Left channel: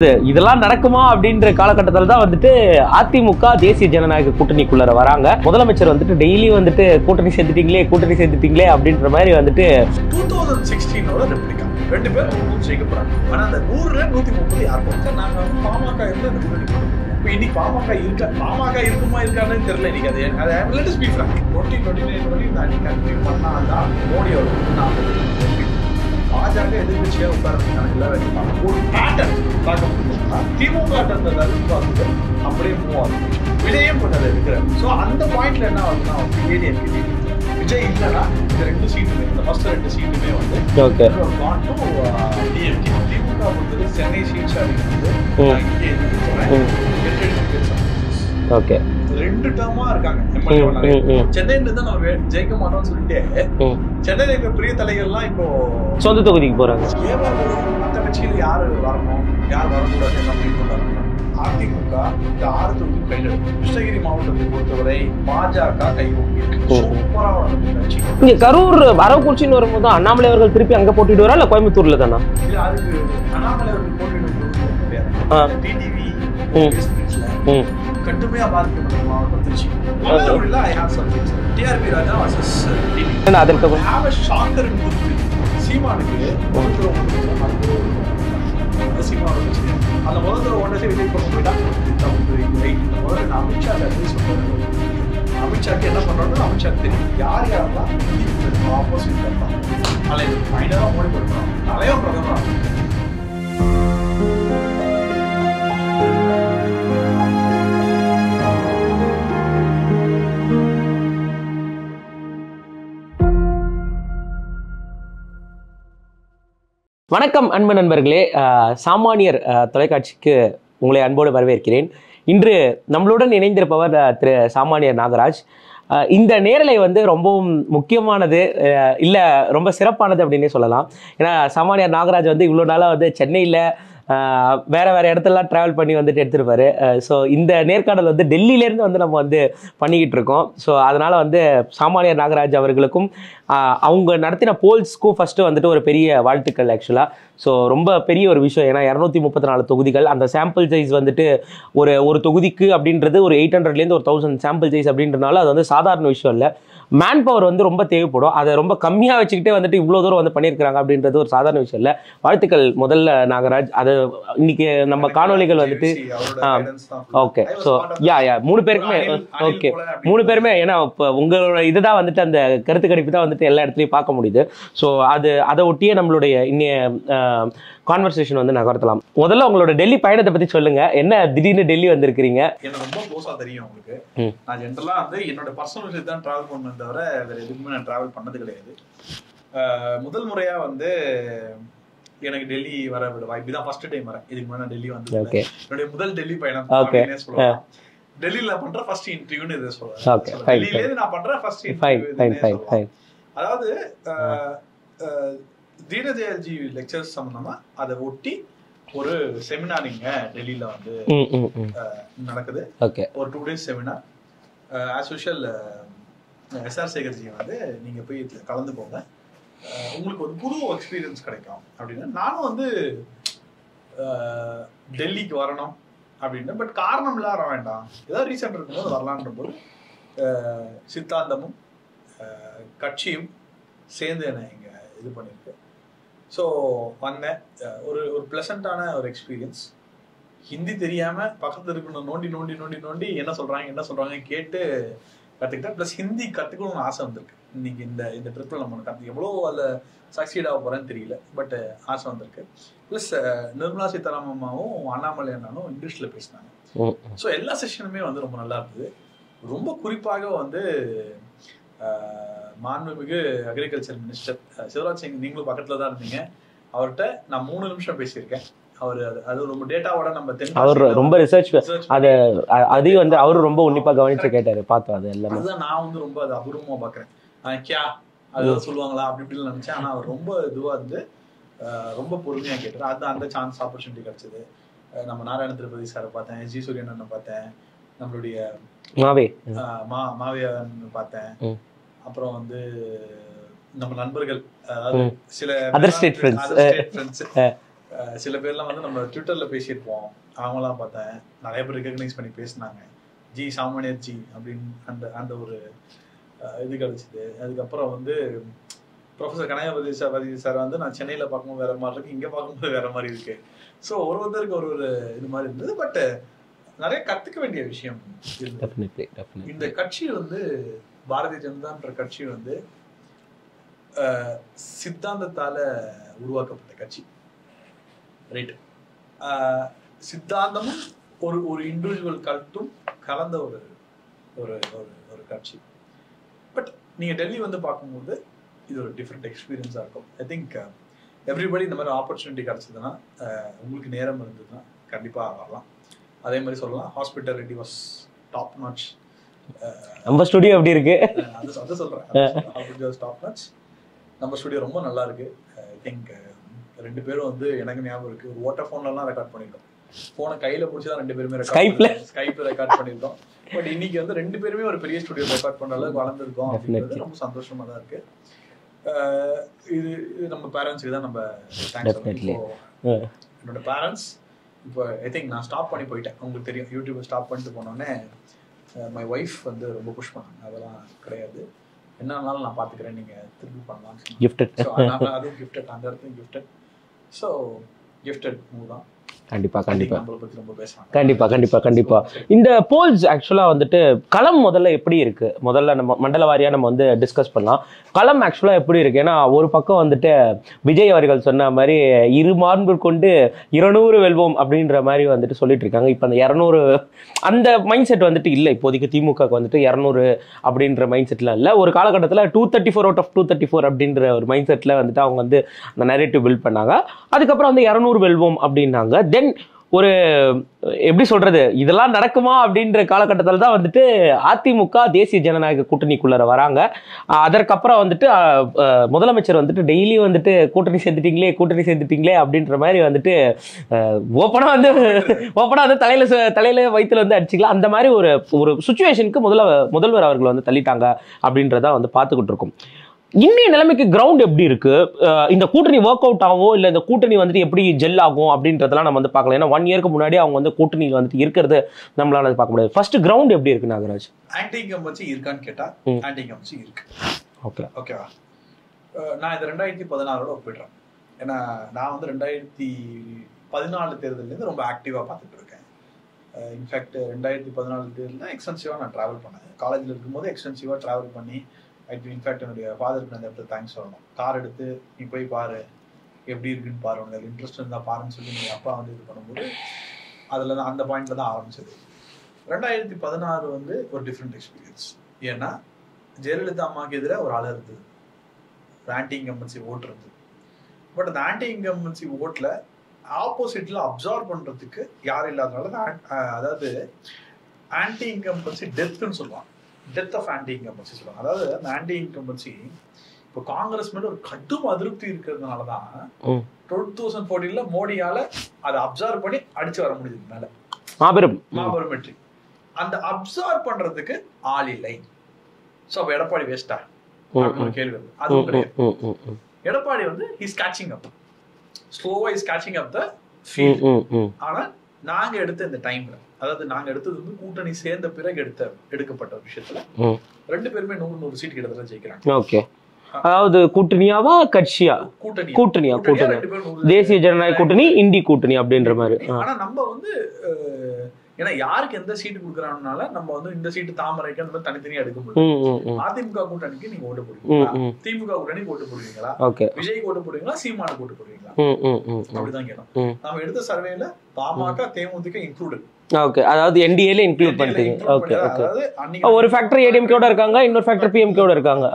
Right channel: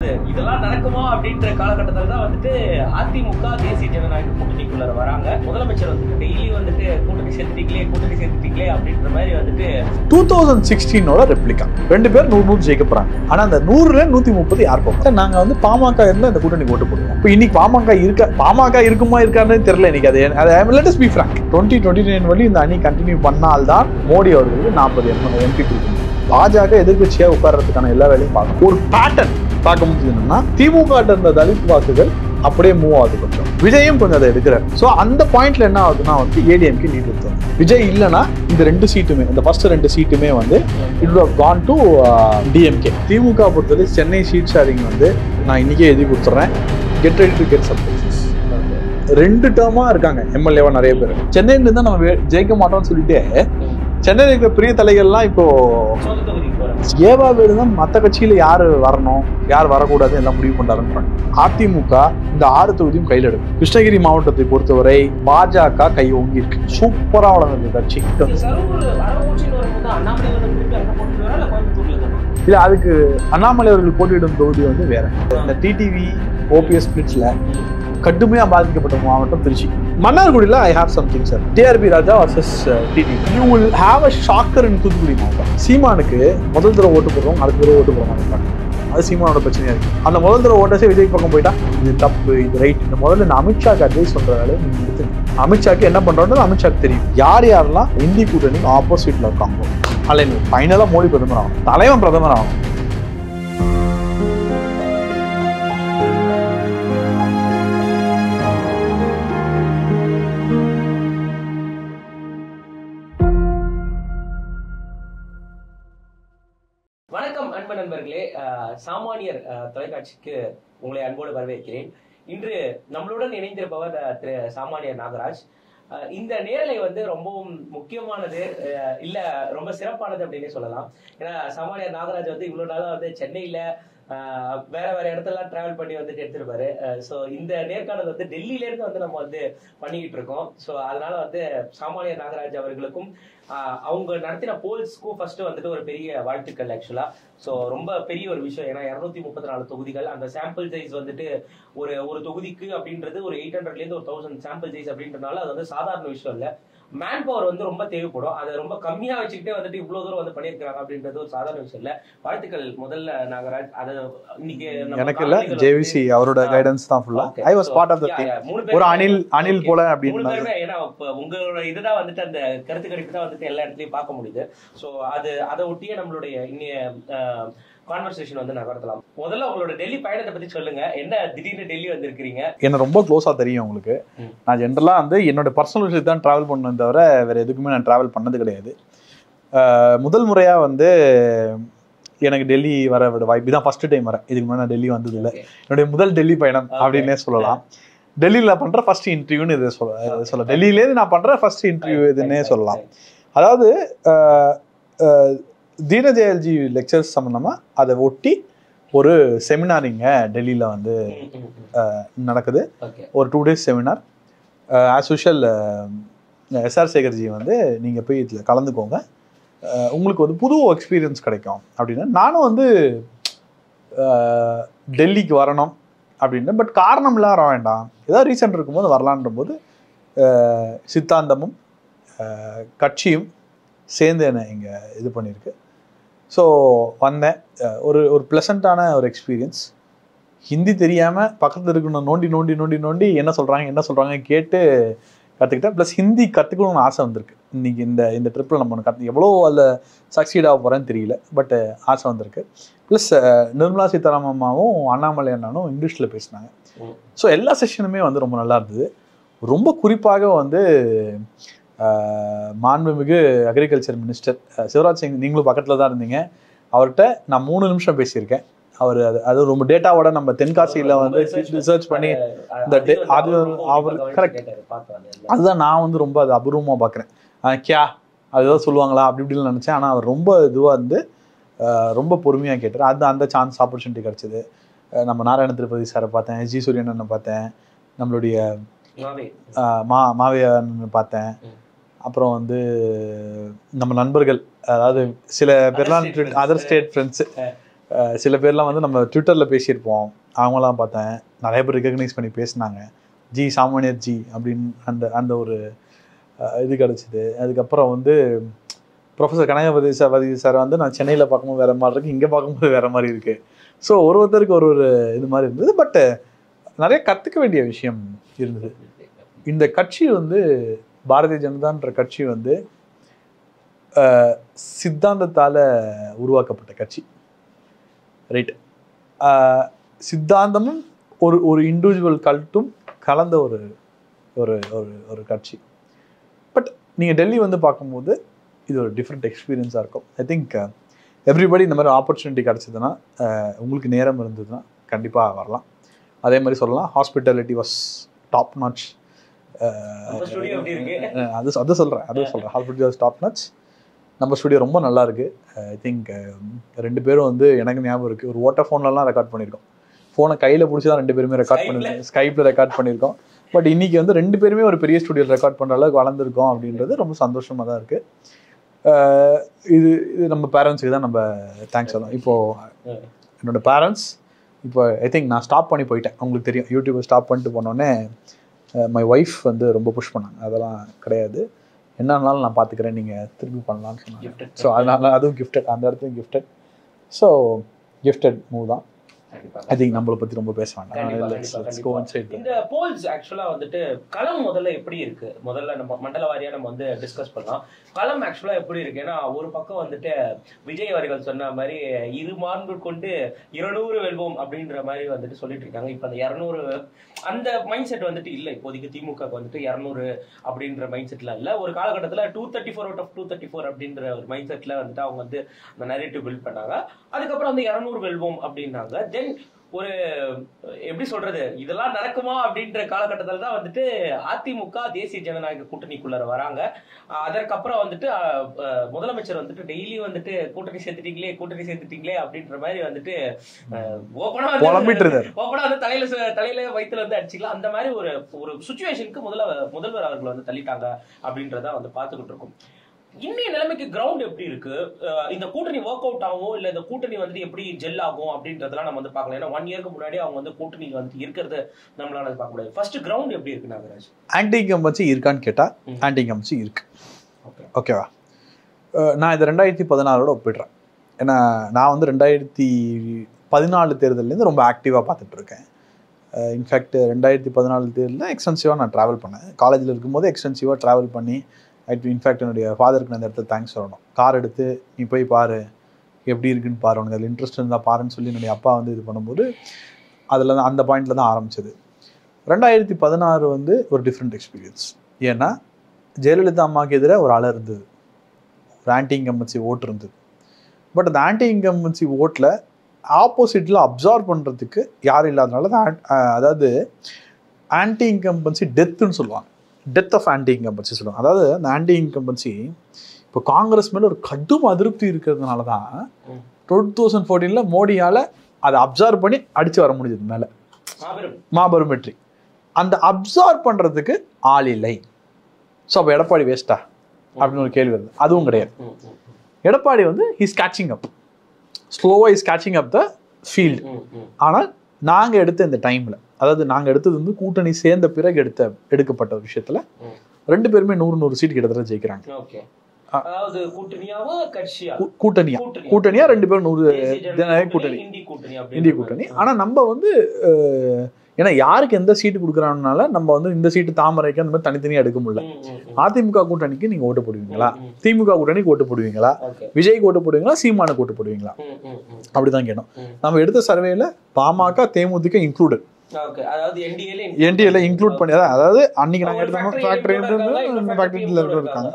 இதெல்லாம் நடக்குமா அப்படின்ற காலகட்டத்தில் தான் வந்துட்டு அதிமுக தேசிய ஜனநாயக கூட்டணிக்குள்ள வராங்க. முதலமைச்சர் வந்துட்டு டெய்லி வந்துட்டு கூட்டணி சேர்த்துட்டீங்களே அப்படின்ற மாதிரி வந்துட்டு 2016 ரெப்ளிகா 2 பேர் 100 ஜெயிக்க போறாங்க. ஆனா அந்த 100ல 130 யார் போறாங்க? நாங்க வந்து பாமக இருந்தா இந்த கூட்டணி ஓட்டு போடுவோம். இப்போ இன்னைக்கு பாமக இருக்குமா இருக்கான்னு தெரியல. இன்னைக்கு அது let us be frank. 2029 வரை இந்த அணி கண்டினியூ பண்ணால்தான் மோடி அவர்களுக்கு 40 எம்பி பாஜக எதிர்கட்சியா உட்கார்றதுக்கான எல்லா வேலையும் பார்க்கும். ஒரு பேட்டர்ன் பார்க்க முடியுதுன்னா திமுக இருந்த தலித் வாக்குகள் அப்படியே மூவ் ஆகுது. கொஞ்சம் விஜயும் கொஞ்சம் அதை எடுக்கிறார். ஸோ அந்த பாயிண்ட்ல என்ன ஆகுதுன்னா வந்து ஏடிஎம்கே லீட் எடுத்தார். விஜய் இல்லைன்னா இந்த 2 சீட்டுமே, இந்த ஃபர்ஸ்ட் 2 சீட்டுமே வந்து கான் டு டிஎம்கே. திமுக பொறுத்தவரை சென்னை சீட் ஷேரிங் வந்து நான் இன்னைக்கே எழுதி கொடுத்துறேன். Get ready to get subject. Okay 2 டேர்மா இருக்காங்க எம்எல்ஏவா நிறைய பேர். சென்னையில இருந்தா நம்ம ஜெயிக்க மாட்டோம்னு சொல்லிட்டு சென்னையில இருக்கிற பெரிய தலைகள்லாம் இப்போ சொந்த தொகுதிக்கு போறாங்க. ஏவாதான் மற்ற கட்சியில யாரு வரணும் யார் வரக்கூடாது எல்லாம் முடிவு பண்றாருன்னு. அதிமுக இந்த 6 தொகுதியும் கையில் எடுக்கும். கிருஷ்ணகிரி மாவட்டத்தை பொறுத்தவரை பாஜக கை ஓங்கி சூப்பரா வளர்ந்த கட்சி. இங்க கரூர் அரவக்குறிச்சின்னு வரும்போது அண்ணாமலை அவர்கள் திருப்பி அங்க போட்டிடுவாரா இல்ல கோயம்புத்தூர்ல தானா? இல்ல, அதுக்கு அண்ணாமலை அவர்கள் போட்டியிடும் தொகுதி வந்து வேற. டிடிவி ஓபிஎஸ் பிரிட்ஜ்ல கடுமையா பாதிக்கப்பட்ட மாவட்டம் திருச்சி. மன்னார்குடியில I have something sir. TRB Raja versus TTV. Have a shocker in Thoothukudi. சீமானுக்கு முதல் தடவை ஓட்டு போடுவோம், அடுத்த தடவை ஓட்டு போடுவாங்க. அது சீமானோட பிரச்சனையா இருக்கு. அந்த முதல் தடவை ஓட்டே விஜய் பக்கம் போயிட்டா இது தப்பு, இது ரைட். இந்த முதல்ல நான் அமித்ஷாக்கு அட்வைஸ் பண்றதால அமித்ஷாக்கு என்ன பண்றோம்னு அமித்ஷாக்கு தெரியும். யாரெல்லாம் இந்தி கூட்டணிக்கு ஆப்போசிட்ல இருக்காங்க. அல்ல ஃபைனலா மோடி பிரதமர் ஆகும், தலைவன் பிரதமர் ஆகும். வணக்கம் அன்பு நண்பர்களே, சாமானியர் தொலைக்காட்சிக்கு உங்களை அன்போடு வரவேற்கிறேன். இன்று நம்மளுடன் இணைந்திருப்பவர் திரு சாமானியர் நாகராஜ். இந்த நேரலை வந்து ரொம்பவும் முக்கியமானது, இல்லை ரொம்ப சிறப்பானது அப்படின்னே சொல்லலாம். ஏன்னா சாமானியர் நாகராஜ் வந்து இவ்வளோ நாளாக வந்து சென்னையில் வேறு இடத்துலலாம் ட்ராவல் பண்ணி வந்துட்டு எடுத்துருப்பாரு. ஸோ இந்த நேர்காணல் வந்து டெல்லியிலேருந்து வந்து நம்ம வந்து பண்ணிக்கிட்டு இருக்கோம். ஸோ அதனால் வந்து சாமானியர் நாகராஜ் அவர்களுக்கும் அவங்க நடத்தின போல்ஸ்க்கும் ஃபஸ்ட்டு வந்துட்டு ஒரு பெரிய வாழ்த்துக்கள் ஆக்சுவலாக. ஸோ ரொம்ப பெரிய ஒரு விஷயம். ஏன்னா 234 தொகுதிகள், அந்த சாம்பிள் சைஸ் வந்துட்டு ஒரு தொகுதிக்கு அப்படின்றது ஒரு 800லேருந்து 1000 சாம்பிள் சைஸ் அப்படின்றனால அது வந்து சாதாரண விஷயம் இல்லை. மேன் பவர் வந்து ரொம்ப தேவைப்படும். அதை ரொம்ப கம்மியாக வச்சுக்கிட்டே வந்துட்டு இவ்வளோ தூரம் வந்து பண்ணியிருக்கிறாங்க அப்படின்றது ஒரு சாதாரண விஷயம் இல்லை. வாழ்த்துக்கள் முதல்ல நாகராஜ். அது இன்னைக்கு நம்ம காணொலிகள் ஓகே 3 பேருமே, ஏன்னா இப்போ உங்களோட இதுதான் வந்துட்டு அந்த கருத்து கணிப்பு தான் வந்துட்டு எல்லா இடத்துலையும் பார்க்க முடியுது. ஸோ அதை ஒட்டியே நம்மளுடைய இன்னைய கான்வர்சேஷன் வந்து நகர்த்தலாம். முதல்ல உங்களோட டெல்லி பயணத்தை பத்தி சொல்லுங்க. என்ன திடீர்னு டெல்லி வந்திருக்கிறீங்க? என்ன ரொம்ப க்ளோஸா தெரியும் உங்களுக்கு. நான் ஜென்ரலா வந்து என்னோட பர்சனல் விஷயத்தை தான் டிராவல் பண்ணேன் தவிர வேற எதுக்குமே நான் டிராவல் பண்ணது கிடையாது. முதல் முறையா வந்து எனக்கு டெல்லி வர வாய்ப்பு தான். ஃபர்ஸ்ட் டைம் வரேன். இதுக்கு முன்னாடி நான் டெல்லி வந்தது இல்லை. என்னுடைய முதல் டெல்லி பயணம் அப்படின்னே சொல்லலாம். டெல்லியில பண்ற ஃபர்ஸ்ட் இன்டர்வியூன்னு இதை சொல்ல டெல்லியிலேருந்து நான் பண்ற ஃபர்ஸ்ட் இன்டர்வியூ இதுன்னே சொல்லலாம். அதாவது தீனதயாள்ஜி லெக்சர்ஸ் சம்பந்தமா அதை ஒட்டி ஒரு செமினார் இங்க டெல்லியில வந்து நடக்குது. ஒரு 2 days seminar. As usual SR சேகர்ஜி வந்து நீங்க போய் இதுல கலந்துக்கோங்க, உங்களுக்கு வந்து புது எக்ஸ்பீரியன்ஸ் கிடைக்கும் அப்படின்னு. நானும் வந்து டெல்லிக்கு வரணும் அப்படின்னு, பட் காரணம் இல்லாத வர வேண்டாம், ஏதாவது ரீசன் இருக்கும்போது வரலான்ற போது சித்தாந்தமும் கட்சியும் சேர்ந்து என்னை இங்கே இது பண்ணியிருக்கு. ஸோ வந்தேன். ஒரு ப்ளசண்ட்டான ஒரு எக்ஸ்பீரியன்ஸ். ஹிந்தி தெரியாமல் பக்கத்தில் இருக்கணும் நோண்டி என்ன சொல்கிறாங்க கேட்டு கற்றுக்கிட்டேன். ப்ளஸ் ஹிந்தி கற்றுக்கணும்னு ஆசை வந்திருக்கு. இன்றைக்கி இந்த ட்ரிப்பில் நம்ம எவ்வளோ அதில் சக்சீட் ஆக போகிறேன்னு தெரியல, பட் ஆசை வந்திருக்கு. ப்ளஸ் நிர்மலா சீதாராமன் அம்மாவும் அண்ணாமலை அண்ணனும் இங்கிலீஷில் பேசினாங்க. ஸோ எல்லா செஷனுமே வந்து ரொம்ப நல்லா இருந்தது. ரொம்ப குறிப்பாக வந்து மாண்புமிகு அக்ரிகல்ச்சர் மினிஸ்டர் சிவராஜ் சிங், நீங்களும் பக்கத்தில் தான் இருந்தீங்க, அவர்கிட்ட நான் 3 நிமிஷம் பேசியிருக்கேன். அவர் அது ரொம்ப டேட்டாவோட நம்ம தென்காசியில் ரொம்ப ரிசர்ச் பண்ணி அவரு ரொம்ப உன்னிப்பாக கவனிச்சு கேட்டாரு, பார்த்தோம். அதுதான் நான் வந்து ரொம்ப அது அபூர்வமாக பார்க்குறேன். கியா அதுதான் சொல்லுவாங்களா அப்படி இப்படின்னு நினச்சேன். ஆனால் அவர் ரொம்ப இதுவாக இருந்து ரொம்ப பொறுமையாக கேட்டார். அந்த சான்ஸ் ஆப்பர்ச்சுனிட்டி கிடச்சிது. நம்ம நாராயண திருப்பதி சாரை பார்த்தேன், ஜி சூரியன் அண்ணனை பார்த்தேன், நம்மளுடைய மாவே பார்த்தேன். அப்புறம் வந்து நம்ம நண்பர்கள், அதாவது சில அதர் ஸ்டேட் ஃப்ரெண்ட்ஸ் சில பேர்லாம் வந்து நம்ம ட்விட்டரில் பேசியிருப்போம், அவங்களாம் பார்த்தேன் நிறைய பேர் ரெகக்னைஸ் பண்ணி பேசினாங்க, ஜி சாமானியர் ஜி அப்படின்னு அந்த ஒரு இது கிடச்சிது. அதுக்கப்புறம் வந்து ப்ரொஃபஸர் கனகபதி சார் வந்து நான் சென்னையில் பார்க்கும்போது வேறு மாதிரி இருக்குது, இங்கே பார்க்கும்போது வேறு மாதிரி இருக்குது. ஸோ ஒருத்தருக்கு ஒரு இது மாதிரி இருந்தது. பட் நிறைய கற்றுக்க வேண்டிய விஷயம் இருந்தது. இந்த கட்சி வந்து பாரதிய ஜனதான்ற கட்சி வந்து சித்தாந்தத்தால் உருவாக்கப்பட்ட கட்சி, ரைட்? சித்தாந்தமும் ஒரு இண்டிவிஜுவல் கல்ட்டும் கலந்த ஒரு ஒரு ஒரு கட்சி. பட் நீங்கள் டெல்லி வந்து பார்க்கும்போது இது ஒரு டிஃப்ரெண்ட் எக்ஸ்பீரியன்ஸாக இருக்கும். ஐ திங்க் எவ்ரிபடி இந்த மாதிரி ஆப்பர்ச்சுனிட்டி கிடச்சிதுன்னா, உங்களுக்கு நேரம் இருந்ததுன்னா கண்டிப்பாக வரலாம். அதே மாதிரி சொல்லலாம், ஹாஸ்பிட்டாலிட்டி வாஸ் டாப் நாட்ச். நம்ம ஸ்டுடியோ எப்படி இருக்கு? அதை சொல்கிறேன் ஹாஸ்பிட்டாலிட்டி வாஸ் டாப் நாட்ச். நம்ம ஸ்டுடியோ ரொம்ப நல்லா இருக்கு. ஐ திங்க் 2 பேரும் வந்து எனக்கு ஞாபகம் இருக்குது, ஒரு வோடாஃபோன்லாம் ரெக்கார்ட் பண்ணியிருக்கோம். ஃபோனை கையில் பிடிச்சி தான் 2 பேருமே ஸ்கைப்பில் ரெக்கார்ட் பண்ணியிருக்கோம். பட் இன்னைக்கு வந்து 2 பேருமே ஒரு பெரிய ஸ்டுடியோ ரெக்கார்ட் பண்ணுற அளவுக்கு வளர்ந்துருக்கோம் அப்படின்றது ரொம்ப சந்தோஷமாக தான் இருக்குது. இது நம்ம பேரண்ட்ஸுக்கு தான் நம்ம தேங்க்ஸ் சொல்லணும். இப்போது என்னோட பேரண்ட்ஸ் இப்போ ஐ திங்க் நான் ஸ்டாப் பண்ணி போயிட்டேன், உங்களுக்கு தெரியும், யூடியூப்பை ஸ்டாப் பண்ணிட்டு போனோடனே மை ஒய்ஃப் வந்து ரொம்ப புஷ் பண்ணாங்க, அதெல்லாம் கிடையாது, என்னன்னாலும் நான் பார்த்துக்கிறேன், நீங்கள் திருப்பி பண்ணலாம்னு சொன்னாங்க. கிஃப்டட். ஸோ அதனால அதுவும் கிஃப்டட், அந்த இடத்துலையும் கிஃப்டட். ஸோ கிஃப்டட் மூவ் தான். நம்மளை பத்தி ரொம்ப பேசுவாங்க. கண்டிப்பா. இந்த போல்ஸ் ஆக்சுவலா வந்துட்டு களம் முதல்ல எப்படி இருக்கு, முதல்ல நம்ம மண்டல வாரியா நம்ம வந்து டிஸ்கஸ் பண்ணலாம். களம் ஆக்சுவலா எப்படி இருக்கு? ஏன்னா ஒரு பக்கம் வந்துட்டு விஜய் அவர்கள் சொன்ன மாதிரி 2 மாண்பு கொண்டு 200 வெல்வோம் அப்படின்ற மாதிரி வந்துட்டு சொல்லிட்டு இருக்காங்க. இப்ப அந்த 200 அந்த மைண்ட் செட் வந்துட்டு இல்லை இப்போதைக்கு. திமுக வந்துட்டு 200 அப்படின்ற மைண்ட் செட்லாம் இல்லை. ஒரு காலகட்டத்தில் 234 அவுட் ஆஃப் 234 அப்படின்ற ஒரு மைண்ட் செட்ல வந்துட்டு அவங்க வந்து அந்த நரேட்டிவ் பில்ட் பண்ணாங்க. அதுக்கப்புறம் வந்து 200 வெல்வோம் அப்படின்னாங்க. தென் ஒரு எப்படி சொல்றது, இதெல்லாம் நடக்குமா அப்படின்ற காலகட்டத்தில் தான் வந்துட்டு அதிமுக தேசிய ஜனநாயக கூட்டணிக்குள்ள வராங்க. அதற்கப்புறம் வந்துட்டு முதலமைச்சர் வந்துட்டு டெய்லி வந்துட்டு கூட்டணி சேர்ந்துட்டீங்களே அப்படின்ற மாதிரி வந்துட்டு ஓப்பனா வந்து தலையில வயிற்றுல வந்து அடிச்சுக்கலாம். அந்த மாதிரி ஒரு சுச்சுவேஷனுக்கு முதல்வர் அவர்கள் வந்து தள்ளிட்டாங்க அப்படின்றத வந்து பார்த்துக்கிட்டு இருக்கோம். இன்னைய நிலைமைக்கு கிரவுண்ட் எப்படி இருக்கு? இந்த கூட்டணி ஒர்க் அவுட் ஆகும் இல்ல இந்த கூட்டணி வந்துட்டு எப்படி ஜெல் ஆகும் அப்படின்றதெல்லாம் நம்ம வந்து பார்க்கலாம். ஏன்னா 1 இயருக்கு முன்னாடி அவங்க வந்து கூட்டணியில் வந்துட்டு இருக்கிறது நம்மளால பார்க்க முடியாது. ஃபர்ஸ்ட் கிரவுண்ட் எப்படி இருக்கு நாகராஜ்? ஆன்டி இன்கம்பன்சி இருக்கான்னு கேட்டா ஆன்டி இன்கம்பன்சி இருக்கு. ஓகேவா? நான் இதை 2016 ஒப்பிடுறேன். ஏன்னா நான் வந்து 2014 தேர்தலேருந்து ரொம்ப ஆக்டிவாக பார்த்துட்டு இருக்கேன். இன்ஃபேக்ட் 2014 தேர்தலில் எக்ஸ்டென்சிவாக நான் ட்ராவல் பண்ணேன். காலேஜில் இருக்கும்போது எக்ஸ்டென்சிவாக ட்ராவல் பண்ணி, இன்ஃபேக்ட் என்னுடைய ஃபாதருக்கு நான் அந்த இடத்துல தேங்க்ஸ் சொல்லணும். கார் எடுத்து நீ போய் பாரு, எப்படி இருக்குன்னு பாரு, உனக்கு அதில் இன்ட்ரெஸ்ட் இருந்தால் பாருன்னு சொல்லி என்னுடைய அப்பா வந்து இது பண்ணும்போது அதில் தான் அந்த பாயிண்டில் தான் ஆரம்பிச்சது. 2016 வந்து ஒரு டிஃப்ரெண்ட் எக்ஸ்பீரியன்ஸ். ஏன்னா ஜெயலலிதா அம்மாவுக்கு எதிராக ஒரு அலை இருந்தது, ஒரு ஆன்டி இன்கம்பன்சி ஓட்டு இருந்தது. பட் அந்த ஆன்டி இன்கம்பன்சி ஓட்டில் ஆப்போசிட்டில் அப்சார்வ் பண்ணுறதுக்கு யாரும் இல்லாதனால தான் அதாவது ஆன்டி இன்கம்பன்சி டெத்துன்னு சொல்லுவாங்க. டெத் ஆஃப் ஆன்டி இன்கம்பன்சி சொல்லுவாங்க. அதாவது அந்த ஆன்டி இன்கம்பன்சி இப்போ காங்கிரஸ் மேலே ஒரு கடும் அதிருப்தி இருக்கிறதுனால தான் 2014 மோடியால் அதை அப்சார்வ் பண்ணி அடித்து வர முடிஞ்சது மேலே. மாபெரும் வெற்றி. அந்த அப்சார்வ் பண்ணுறதுக்கு ஆள் இல்லை. ஸோ அப்போ எடப்பாடி வேஸ்டா அப்படின்னு ஒரு கேள்வி வருது. அதுவும் கிடையாது. எடப்பாடி வந்து ஹிஸ் கேச்சிங் அப், ஸ்லோவாக is catching up the field. ஆனால் நாங்கள் எடுத்த இந்த டைமில், அதாவது நாங்கள் எடுத்தது வந்து கூட்டணி சேர்ந்த பிறகு எடுக்கப்பட்ட விஷயத்தில் 2 பேருமே 100 சீட் கிட்டத்தட்ட ஜெயிக்கிறாங்க. ஓகே, அதாவது கூட்டணியாவா கட்சியா? கூட்டணியா 2 பேரும் 100 தேசிய ஜனநாயக கூட்டணி, இந்தி கூட்டணி அப்படின்ற மாதிரி. ஆனா நம்ம வந்து ஏன்னா யாருக்கு எந்த சீட்டு கொடுக்குறாங்கனால நம்ம வந்து இந்த சீட்டு தாமரைக்கு அந்த மாதிரி தனித்தனியா எடுக்க முடியல. அதிமுக கூட்டணிக்கு நீங்க ஓட்டு போடுவீங்களா, திமுக கூட்டணிக்கு ஓட்டு போடுவீங்களா, விஜய்க்கு ஓட்டு போடுவீங்களா, சீமானுக்கு ஓட்டு போடுவீங்களா, அப்படிதான் கேட்டோம். நம்ம எடுத்த சர்வேல பாமக தேமுதிக இன்க்ளூடட். ஓகே, அதாவது என்டிஏல இன்க்ளூட் பண்ணி, அதாவது அன்னைக்கு ஒரு ஃபேக்டரி ஏடிஎம்கேட இருக்காங்க, இன்னொரு ஃபேக்டரி பிஎம்கேட இருக்காங்க.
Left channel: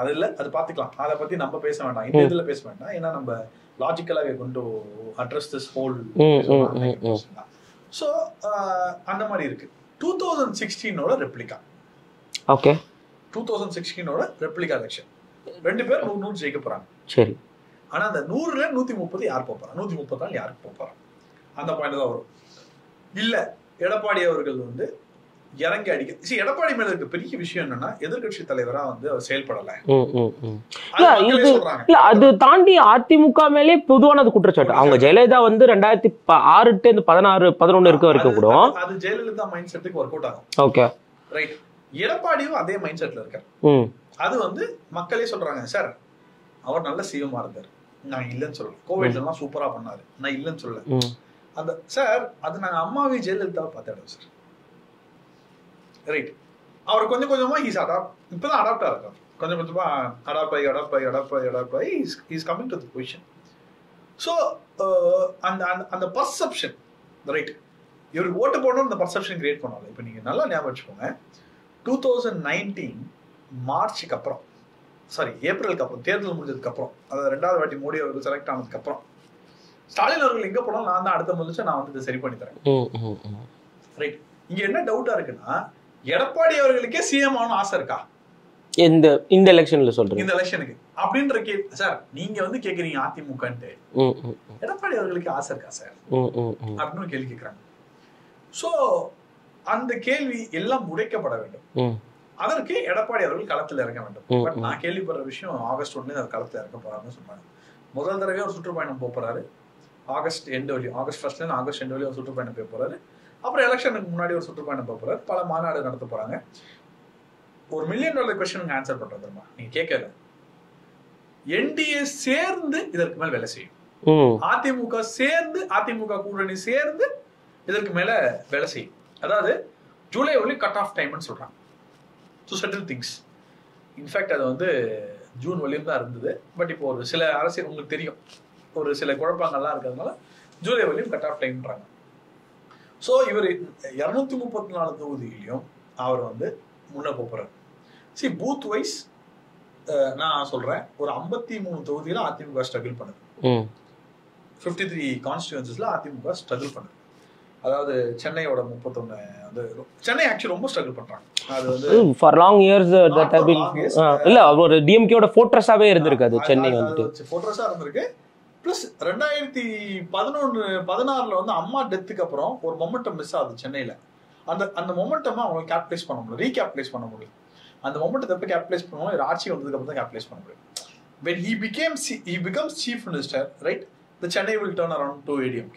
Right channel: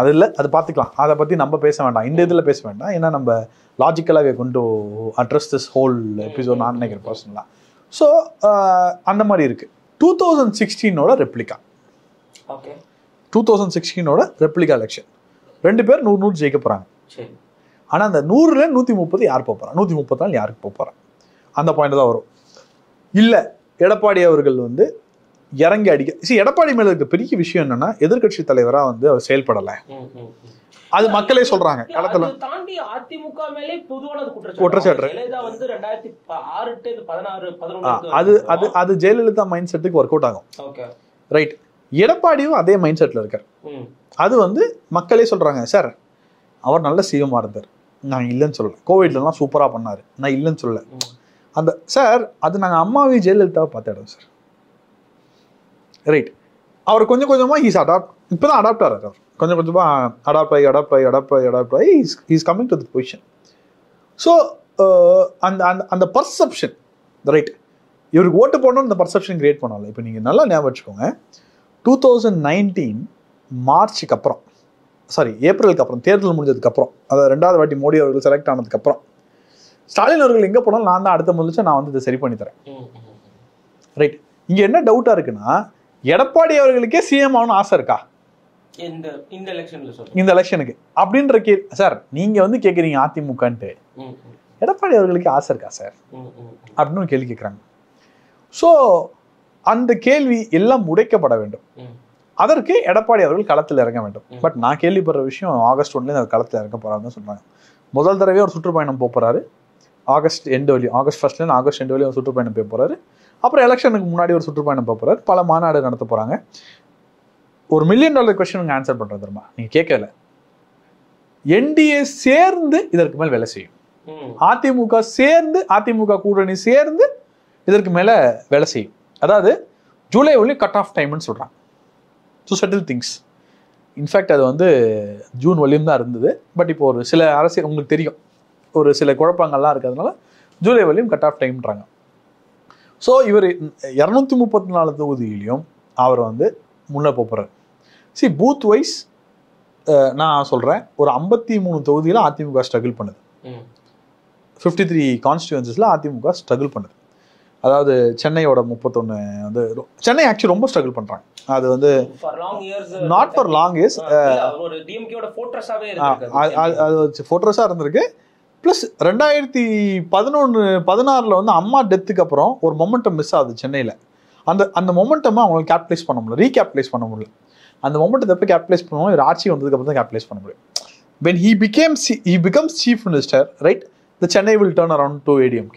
அது இல்ல, அது பாத்துக்கலாம். அதை பத்தி நம்ம பேச வேண்டாம், இந்த இதுல பேச வேண்டாம். ஏன்னா நம்ம லாஜிக்கலாவே கொண்டு அட்ரஸ் திஸ் ஹோல் எபிசோட் நான் நினைக்கிறேன் பர்சனலா. ஸோ அந்த மாதிரி இருக்கு. 2016 ரெப்ளிகா. ஓகே, 2016 ரெப்ளிகா எலெக்ஷன் 2 பேர் 100 ஜெயிக்க போறாங்க. சரி, ஆனா அந்த 100ல 130 யார் போறாங்க, 134 யாருக்கு போறாங்க, அந்த பாயிண்ட் தான் வரும். இல்ல எடப்பாடி அவர்கள் வந்து இறங்கி அடிக்க. எடப்பாடி மேல இருக்க பெரிய விஷயம் என்னன்னா எதிர்கட்சி தலைவரா வந்து அவர் செயல்படல. அது மக்களே சொல்றாங்க. அது தாண்டி அதிமுக மேலே பொதுவான குற்றச்சாட்டு. ஜெயலலிதா வந்து 2006 to 16 11 இருக்கு. அது ஜெயலலிதா மைண்ட் செட்டுக்கு ஒர்க் அவுட் ஆகும். ஓகே ரைட். எடப்பாடியும் அதே மைண்ட் செட்ல இருக்காரு. அது வந்து மக்களே சொல்றாங்க சார் அவர் நல்ல சிஎம்மா இருந்தார், நான் இல்லைன்னு சொல்லல. கோவிட்ல எல்லாம் சூப்பரா பண்ணாரு, நான் இல்லைன்னு சொல்லல. அந்த சார் அது நாங்க அம்மாவே ஜெயலலிதாவை பார்த்த இடம் சார். ரைட். அவர் கொஞ்சம் கொஞ்சமா இப்பதான் அடாப்ட் ஆகிறார். கொஞ்சம் கொஞ்சமா அடாப்ட் ஆகி is coming to the position. So அந்த பர்செப்ஷன் ரைட், இவருக்கு ஓட்டு போடணும் அந்த பர்செப்ஷன் கிரியேட் பண்ணல. இப்போ நீங்க நல்லா ஞாபகம் வச்சுக்கோங்க, 2019 மார்ச்சுக்கு அப்புறம், சாரி ஏப்ரலுக்கு அப்புறம், தேர்தல் முடிஞ்சதுக்கு அப்புறம், அதாவது 2வது வாட்டி மோடி அவர்கள் செலக்ட் ஆனதுக்கு அப்புறம் ஸ்டாலின் அவர்கள் எங்க போனாலும் நான் தான் அடுத்த முதலமைச்சர், நான் வந்து இதை சரி பண்ணி தரேன். ரைட். இங்க என்ன டவுட்டா இருக்குன்னா எடப்பாடி அவர்களுக்கே சிஎம் ஆகணும் ஆசை இருக்கா இந்த எலெக்ஷன்ல சொல்றேன், இந்த எலெக்ஷனுக்கு அப்படின்ற சார் நீங்க வந்து கேக்குறீங்க அதிமுகன்ட்டு, எடப்பாடி அவர்களுக்கு ஆசை இருக்கா சார் அப்படின்னு கேள்வி கேட்கறாங்க. ஸோ அந்த கேள்வி எல்லாம் உடைக்கப்பட வேண்டும். அதற்கு எடப்பாடி அவர்கள் களத்தில் இறங்க வேண்டும். பட் நான் கேள்விப்படுற விஷயம் ஆகஸ்ட் 1 களத்தில் இறங்க போறாருன்னு சொல்றாங்க. முதல் தடவை ஒரு சுற்றுப்பயணம் போறாரு ஆகஸ்ட் 1 வரையும் ஒரு சுற்றுப்பயணம் போக போறாரு. அப்புறம் எலெக்ஷனுக்கு முன்னாடி ஒரு சுற்றுப்பயணம் போக போறாரு. பல மாநாடு நடத்த போறாங்க. ஒரு $1 மில்லியன் கொஸ்டின் ஆன்சர் பண்றது தெரியுமா? நீங்க கேட்கல. என்டிஏ சேர்ந்து இதற்கு மேல் வேலை செய்யும். அதிமுக சேர்ந்து, அதிமுக கூட்டணி சேர்ந்து இதற்கு மேல வேலை செய்யும். அதாவது ஜூலை ஒன்லி கட் ஆஃப் டைம்னு சொல்றாங்க டு செட்டில் திங்ஸ். இன்ஃபேக்ட் அது வந்து ஜூன் வரையும் தான் இருந்தது. பட் இப்போ ஒரு சில அரசியல் உங்களுக்கு தெரியும், ஒரு சில குழப்பங்கள்லாம் இருக்கிறதுனால ஜூலை வரையும் கட் ஆஃப் டைம்ன்றாங்க. ஸோ இவர் 234 தொகுதியிலையும் அவர் வந்து முன்ன போறாரு. பூத் வைஸ் நான் சொல்றேன், ஒரு 53 தொகுதியில அதிமுக ஸ்ட்ரகிள் பண்ணுது. 53 கான்ஸ்டிட்யூன்சிஸ்ல அதிமுக ஸ்ட்ரகிள் பண்ணுது. அதாவது சென்னையோட 31 வந்து சென்னை ஆக்சுவலி ரொம்ப ஸ்ட்ரகிள் பண்றாங்க. அது வந்து for long years, not for long years, இல்ல ஒரு டிஎம்கேயோட ஃபோர்ட்ரஸாவே இருந்திருக்கு. அது ஃபோர்ட்ரஸா இருந்திருக்கு. பிளஸ் 2011-16 வந்து அம்மா டெத்துக்கு அப்புறம் ஒரு மொமெண்டம் மிஸ் ஆகுது சென்னையில. அந்த மொமெண்டம் அவங்க கேபிடலைஸ் பண்ண முடியல, ரீகேபிடலைஸ் பண்ண முடியல. அந்த மொமெண்ட்டை எப்போ கேபிடலைஸ் பண்ணுவோம், ஒரு ஆட்சி வந்ததுக்கு அப்புறம் தான் கேபிடலைஸ் பண்ண முடியும். when he becomes chief minister, right, the Chennai will turn around to ADMK,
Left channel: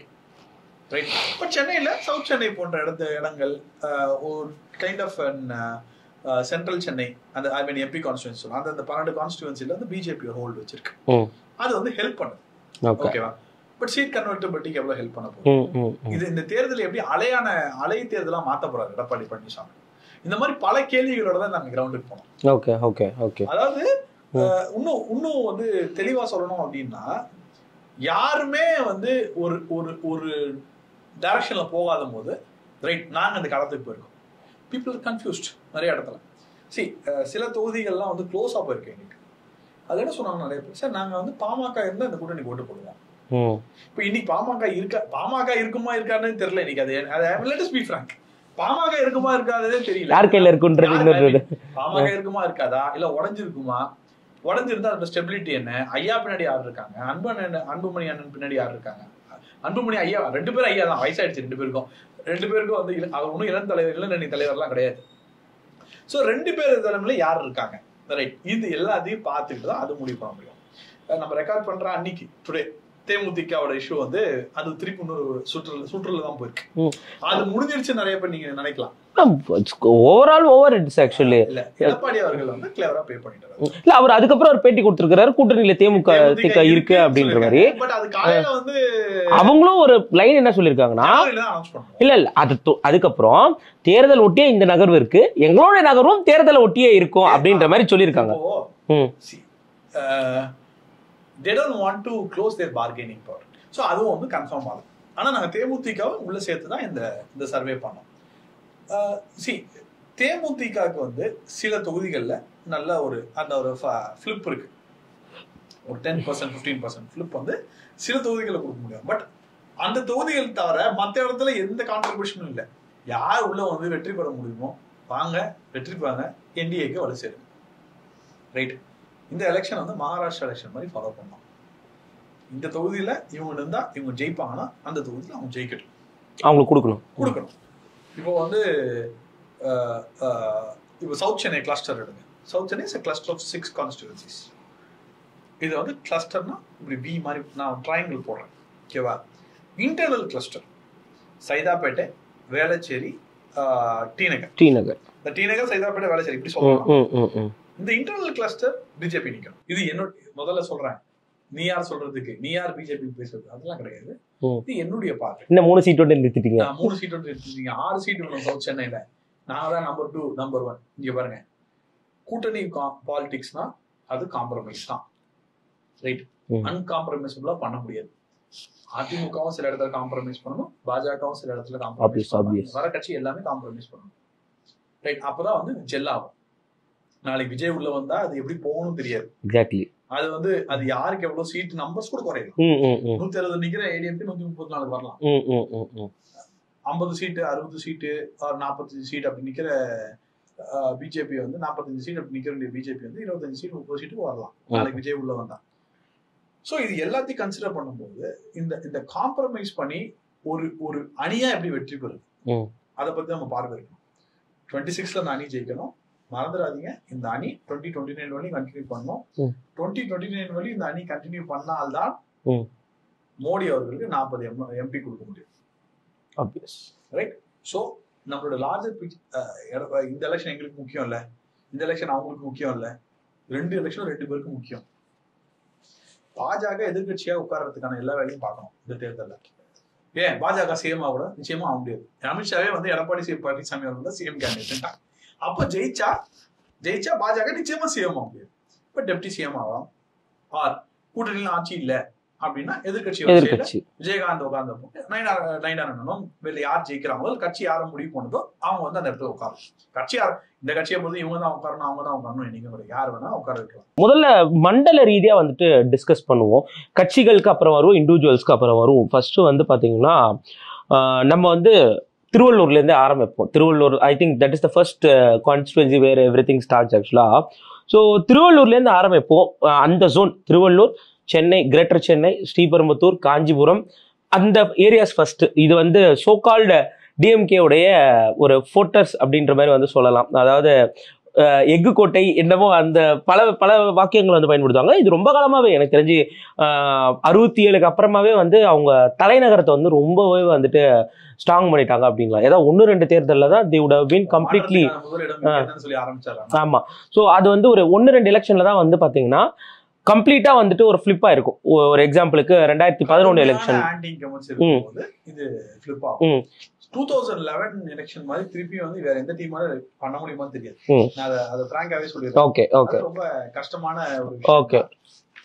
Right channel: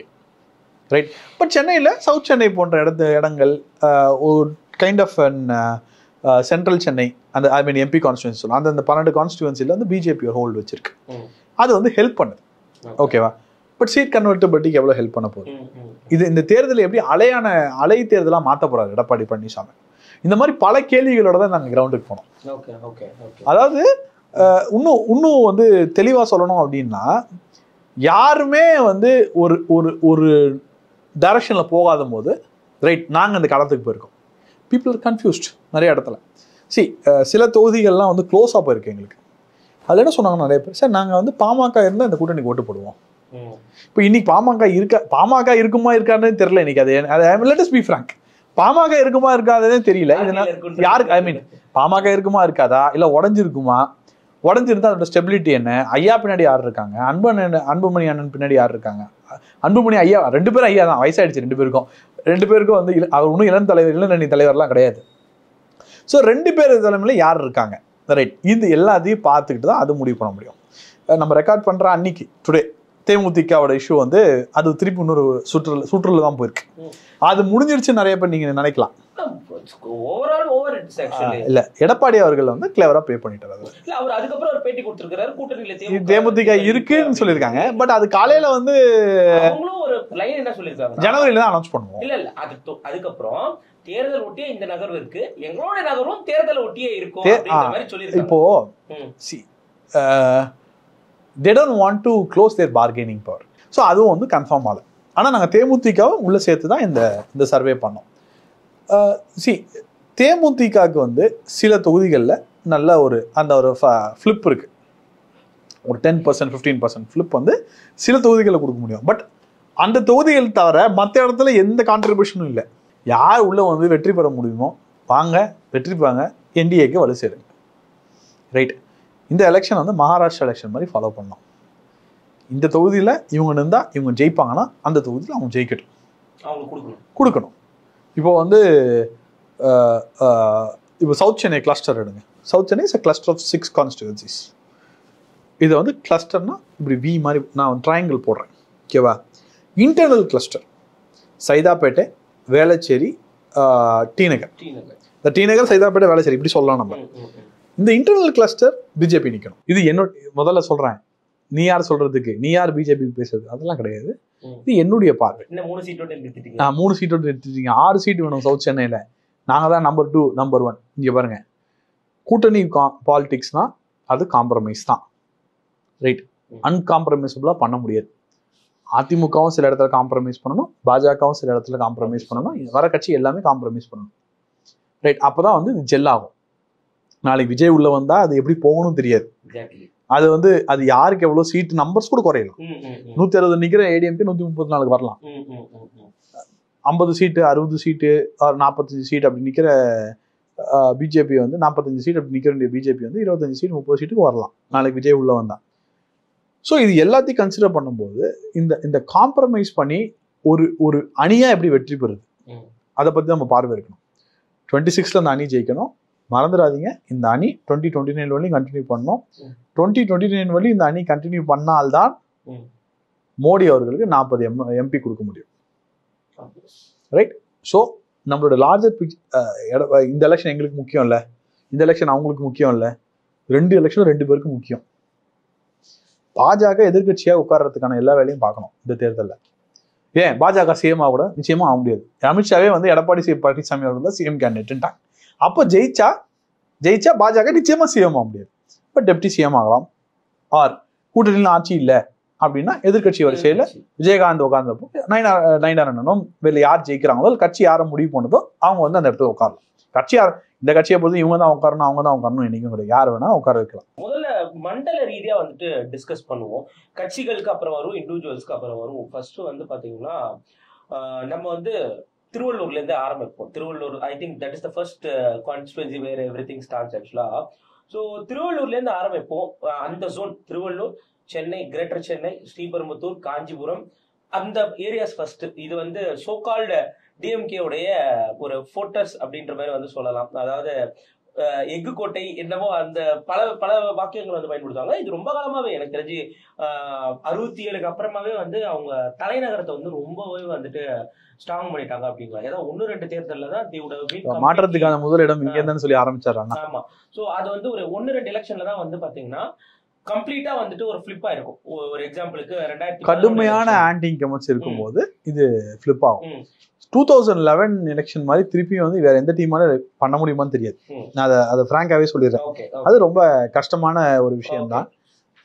right? But சென்னையில் சவுத் சென்னை போன்ற இடங்கள் ஒரு கைண்ட் ஆஃப் சென்ட்ரல் சென்னை, அந்த ஐ மீன் எம்பி கான்ஸ்டியூன்சி சொல்லலாம், அந்த 12 கான்ஸ்டியூன்சியில் வந்து பிஜேபி ஒரு ஹோல்டு வச்சிருக்கு. அது வந்து ஹெல்ப் பண்ணுது. ஓகேவா? பட் சீட் கன்வெர்ட்டபிலிட்டிக்கு எவ்வளவு ஹெல்ப் பண்ண போகுது? இது இந்த தேர்தல் எப்படி அலை தேர்தலா மாத்த போறாரு எடப்பாடி பழனிசாமி? இந்த மாதிரி பல கேள்விகளோட தான் நாங்க கிரவுண்டுக்கு போனோம். Okay okay okay. அதாவது இன்னும் வந்து தெளிவா சொல்லணும் அப்படின்னா, யாருமே வந்து ஒரு ஒரு ஒரு டைரக்ஷன்ல போகாத போது ரைட் நாங்க அந்த களத்துக்கு போயிருக்கோம். பீப்புள் ஆர் கன்ஃபியூஸ்ட் நிறைய இடத்துல. சில தொகுதிகள்லாம் வந்து க்ளோஸா போயிருக்கு எங்களுக்கு. அது என்ன சொன்னாங்க நிறைய பேர், சார் நாங்க வந்து பாமக இருந்தா இந்த கூட்டணிக்கு ஓட்டு போடுவோம். இப்போ இன்னைக்கு பாமக இருக்குமா இருக்கான்னு தெரியல. இன்னைக்கு அது லெட் அஸ் பீ ஃப்ராங்க், பாமக இருக்குமா இருக்காதே தெரியல. பாமக இருக்குமா இருக்காதா, இல்ல உடஞ்சிருந்தா அதோட ஸ்டெபிலிட்டி என்ன? ஐயா பின்னாடி யார் இருக்காங்க? அன்புமணி அண்ணன் பின்னாடி யார் இருக்காங்க? அன்புமணி ஐயா 2 பேரும் ஐயா தான், வயசாயிடுச்சு 2 பேருக்கும் வந்து அவர் ஒன்றும் இளநணி தலைவர்லாம் கிடையாது. ஸோ 2 பேர் தலைமையில யார் இருக்காங்க ரைட், இது எல்லாத்தையும் பார்த்துக்கிட்டு தான் அது முடிவு பண்ண முடியும். நம்ம ரெக்கார்ட் பண்ற அன்னைக்கு டுடே தேமுதிகவோட இஷ்யூ வந்து அது திருப்பி இன்னொரு சுற்றுல தான் போயிருக்கு. அது முடிஞ்சிருச்சு நிறைய பேர் நீங்க நினைக்கலாம். ஓவர் இட்ஸ் ஆக்சுவலி இல்ல, எடப்பாடி அவர்கள் வந்து கிளவரா ப்ளே பண்ணிட்டாரு. இல்ல அவர் அதுக்கப்புறம் ஒரு பேட்டி கொடுத்திருக்காரு, கூட்டணியில தேமுதிக இருக்கு அப்படின்னு சொல்லிருக்காங்க. பட் அது காலையில வந்து அவங்களும் ஒரு லைன் என்ன சொல்லிருக்காங்கன்னா, ஜனவரியில தான் அனௌன்ஸ் பண்ணுவோம். இல்ல அதுக்கப்புறம் தேர்தல் ஒட்டியே இந்த நகர்வு இருக்கு, எங்களோட நகர்வும் தேர்தல் ஒட்டியே இருக்கும் அப்படின்ற மாதிரி சொல்லியிருக்காங்க. இப்போ they don't want to close their bargaining power. So அதுவும் வந்து கன்ஃபார்ம் ஆகுது. ஆனால் நாங்கள் தேமுதிகவை உள்ள சேர்த்து தான் இந்த சர்வே பண்ணோம். தேமுதிகவுக்கு வந்து சில தொகுதிகளில் நல்ல ஒரு ஃபிளிப் இருக்கு. ஒரு 10% 15% ஃபிளிப் வந்து சில தொகுதிகளில் கொடுக்க முடியும். பட் அந்த தொகுதிகள் தவிர மற்ற இடத்துல எந்த கான்ட்ரிபியூஷனும் இல்லை. யார் உள்ள வந்து வெற்றி பெற முடியுமோ வாங்க, வெற்றி பெறாங்க, என்டிஏக்கு வலு சேருங்க. ரைட். இந்த எலெக்ஷன் வந்து மகாராஷ்டிரா எலெக்ஷன் மாதிரி ஃபாலோ பண்ணலாம். இந்த தொகுதியில் இவங்க இருந்தால் இவங்க ஜெயிப்பாங்கன்னா அந்த தொகுதியில் அவங்க ஜெயிக்கட்டும், அவங்களுக்கு கொடுக்கணும். இப்போ வந்து இப்போ சவுத் சென்னை கிளஸ்டர் எடுங்க. South Chennai is a cluster of 6 constituencies. இது வந்து கிளஸ்டர்னா இப்படி வி மாதிரி நான் ட்ரையாங்கிள் போடுறேன், ஓகேவா? Internal cluster Saidapet, Velachery, T Nagar. இந்த டி நகர், சைதாப்பேட்டை, வேளச்சேரி இப்படி சொல்லலாம் நம்ம. இந்த இன்டர்னல் கிளஸ்டர் பிஜேபி நிற்கணும். இது என்னோட முதல்ல சொல்றேன். நீ யார் சொல்றதுக்கு, நீ யார் பிஜேபி பேசுறது, அதெல்லாம் கிடையாது. இது என்னுடைய பார்வை. இந்த 3 சீட்டோட நிறுத்திட்டீங்க. 3 சீட்டோட நிறுத்திட்டீங்க. 6 சீட் வேணும் சவுத் சென்னையில. நாங்க தான் நம்பர் 2 நம்பர் 1. இங்க பாருங்க, கூட்டணி பாலிடிக்ஸ்னா அது காம்ப்ரமைஸ் தான், ரைட்? அன்காம்ப்ரமைசபிளா பண்ண முடியாது. அதிமுகவும் சில இடத்துல காம்ப்ரமைஸ் பண்ணணும், பாஜகவும் சில இடத்துல காம்ப்ரமைஸ் பண்ணணும், வர கட்சி எல்லாமே காம்ப்ரமைஸ் பண்ணணும், ரைட்? அப்பதான் வந்து இது ஜெல் ஆகும். நாளைக்கு விஜய் உள்ள வந்தா அது எப்படி போகணும் தெரியாது. எக்ஸாக்ட்லி. அது வந்து அது யாருக்கு எவ்வளவு சீட் நம்பர்ஸ் கூட குறையலாம். 160 நிக்கிற ஏடிஎம்கே 134 வரலாம். 50 சீட்டு, 60 சீட்டு, 45 சீட் அப்படி நிக்கிற பிஜேபி வந்து 45 சீட் அப்படி நிக்கிற பிஜேபி வந்து 25 சீட் 30 சீட்டுக்கு வரலாம் நாளைக்கு விஜய் உள்ள வந்தா. ஸோ இது எல்லாத்தையும் கன்சிடர் பண்ணும்போது இந்த காம்ப்ரமைஸ் பண்ணி ஒரு அணியா எப்படி வெற்றி பெறுது அதை பத்தி நம்ம பார்வை இருக்கணும். 26ல அந்த அணி ஜெயிக்கணும். மறந்துடாதீங்க, இந்த அணி 2029 வரையும் கண்டினியூ பண்ணணும். 2029 வரையும் இந்த அணி கண்டினியூ பண்ணால்தான் மோடி அவர்களுக்கு 40 எம்பி கொடுக்க முடியும், ரைட்? ஸோ நம்மளோட லார்ஜர் இந்த எலெக்ஷன் எங்களுக்கு முக்கியம் இல்லை, இந்த எலெக்ஷன் அவங்களுக்கு முக்கியம் இல்லை. 2 எலெக்ஷனும் 2 பேருக்கு முக்கியம். பாஜக எதிர்கட்சியா உட்கார்றதுக்கான எல்லா வேலையும் பார்க்கணும் இந்த தேர்தலில். ஏன் பாஜக சிஎம் ஆக கூட நிச்சயமா ஆக முடியாது. அமித்ஷாவே வந்து எடப்பாடி பழனிசாமி அவர்கள் தான் சிஎம் கேண்டிடேட். அப்போ ஜெயிச்சா பாஜக நிச்சயமா சிஎம் ஆக முடியாது. இப்போ டெப்டி சிஎம் ஆகலாம். ஆர் கூட்டணியில் ஆட்சி இல்லை அப்படின்னா எதிர்கட்சி வரிசையில விஜயகாந்த் உட்கார்ந்தப்போ நயனாரனும் வெளில யார் ஜெயிக்கிறாங்களோ கட்சி யாரை முடிவு பண்ணதோ அவங்க வந்து அந்த இடத்துல உட்காரலாம். கட்சி யார் இந்த கட்சியை பொறுத்து இவங்க தான் உட்காரணும் அவங்க தான் உட்காரணும் என்னைக்கும் கிடையாது. யார் வேணா உட்கார வைக்கலாம். முதல்ல மண்டல ரீதியா வந்துட்டு டிஸ்கஸ் பண்ணுவோம். கட்சிகளுக்கு அப்புறம் வரும், இண்டிவிஜுவல்ஸ்க்கு அப்புறம் வரும். ஃபர்ஸ்ட் வந்து பாத்தீங்கன்னா நம்ம வந்து திருவள்ளூர்லேருந்து ஆரம்பிப்போம். Tiruvallur I think that is the first constituency where everything starts ஆக்சுவலா. ஸோ திருவள்ளூர்லேருந்து ஆரம்பிப்போம். அந்த ஜோன் திருவள்ளூர், சென்னை, கிரேட்டர் சென்னை, ஸ்ரீபெரும்புத்தூர், காஞ்சிபுரம், அந்த ஏரியாஸ் ஃபர்ஸ்ட். இது வந்து சோகால்டு டிஎம்கேவுடைய ஒரு ஃபோர்டர்ஸ் அப்படின்ற மாதிரி வந்து சொல்லலாம். அதாவது எஃகு கோட்டை என்னமோ அந்த பல வாக்கியங்கள் வந்து பயன்படுத்துவாங்க. இது ரொம்ப காலமாவே எனக்கு தெரிஞ்சு 67க்கு அப்புறமாவே வந்து அவங்க தலைநகரத்தை வந்து ரொம்பவே வந்துட்டு ஸ்ட்ராங் பண்ணிட்டாங்க அப்படிங்களா? ஏதாவது 1-2 தேர்தலில் தான் முதலிடம் சொல்லி ஆரம்பிச்சாங்க. ஆமா. ஸோ அது வந்து ஒரு 1-2 எலெக்ஷன்ல தான் வந்து பாத்தீங்கன்னா கம்ப்ளீட்டா வந்துட்டு ஒரு ஃபிளிப் ஆயிருக்கும். ஒரு எக்ஸாம்பிளுக்கு 2011 எலெக்ஷன் ஆன்டி இன்கம்பன்சி இருக்கும்போது இது ஃபிளிப் ஆகும். 2011 எலெக்ஷன் மாதிரி திருப்பி வந்து வேற எந்த டீமால பண்ண முடியுமான்னு தெரியாது. நான் அதை பிராங்காவே சொல்லிடுறேன். ஓகே, அது ரொம்ப கஷ்டமான ஒரு விஷயம்.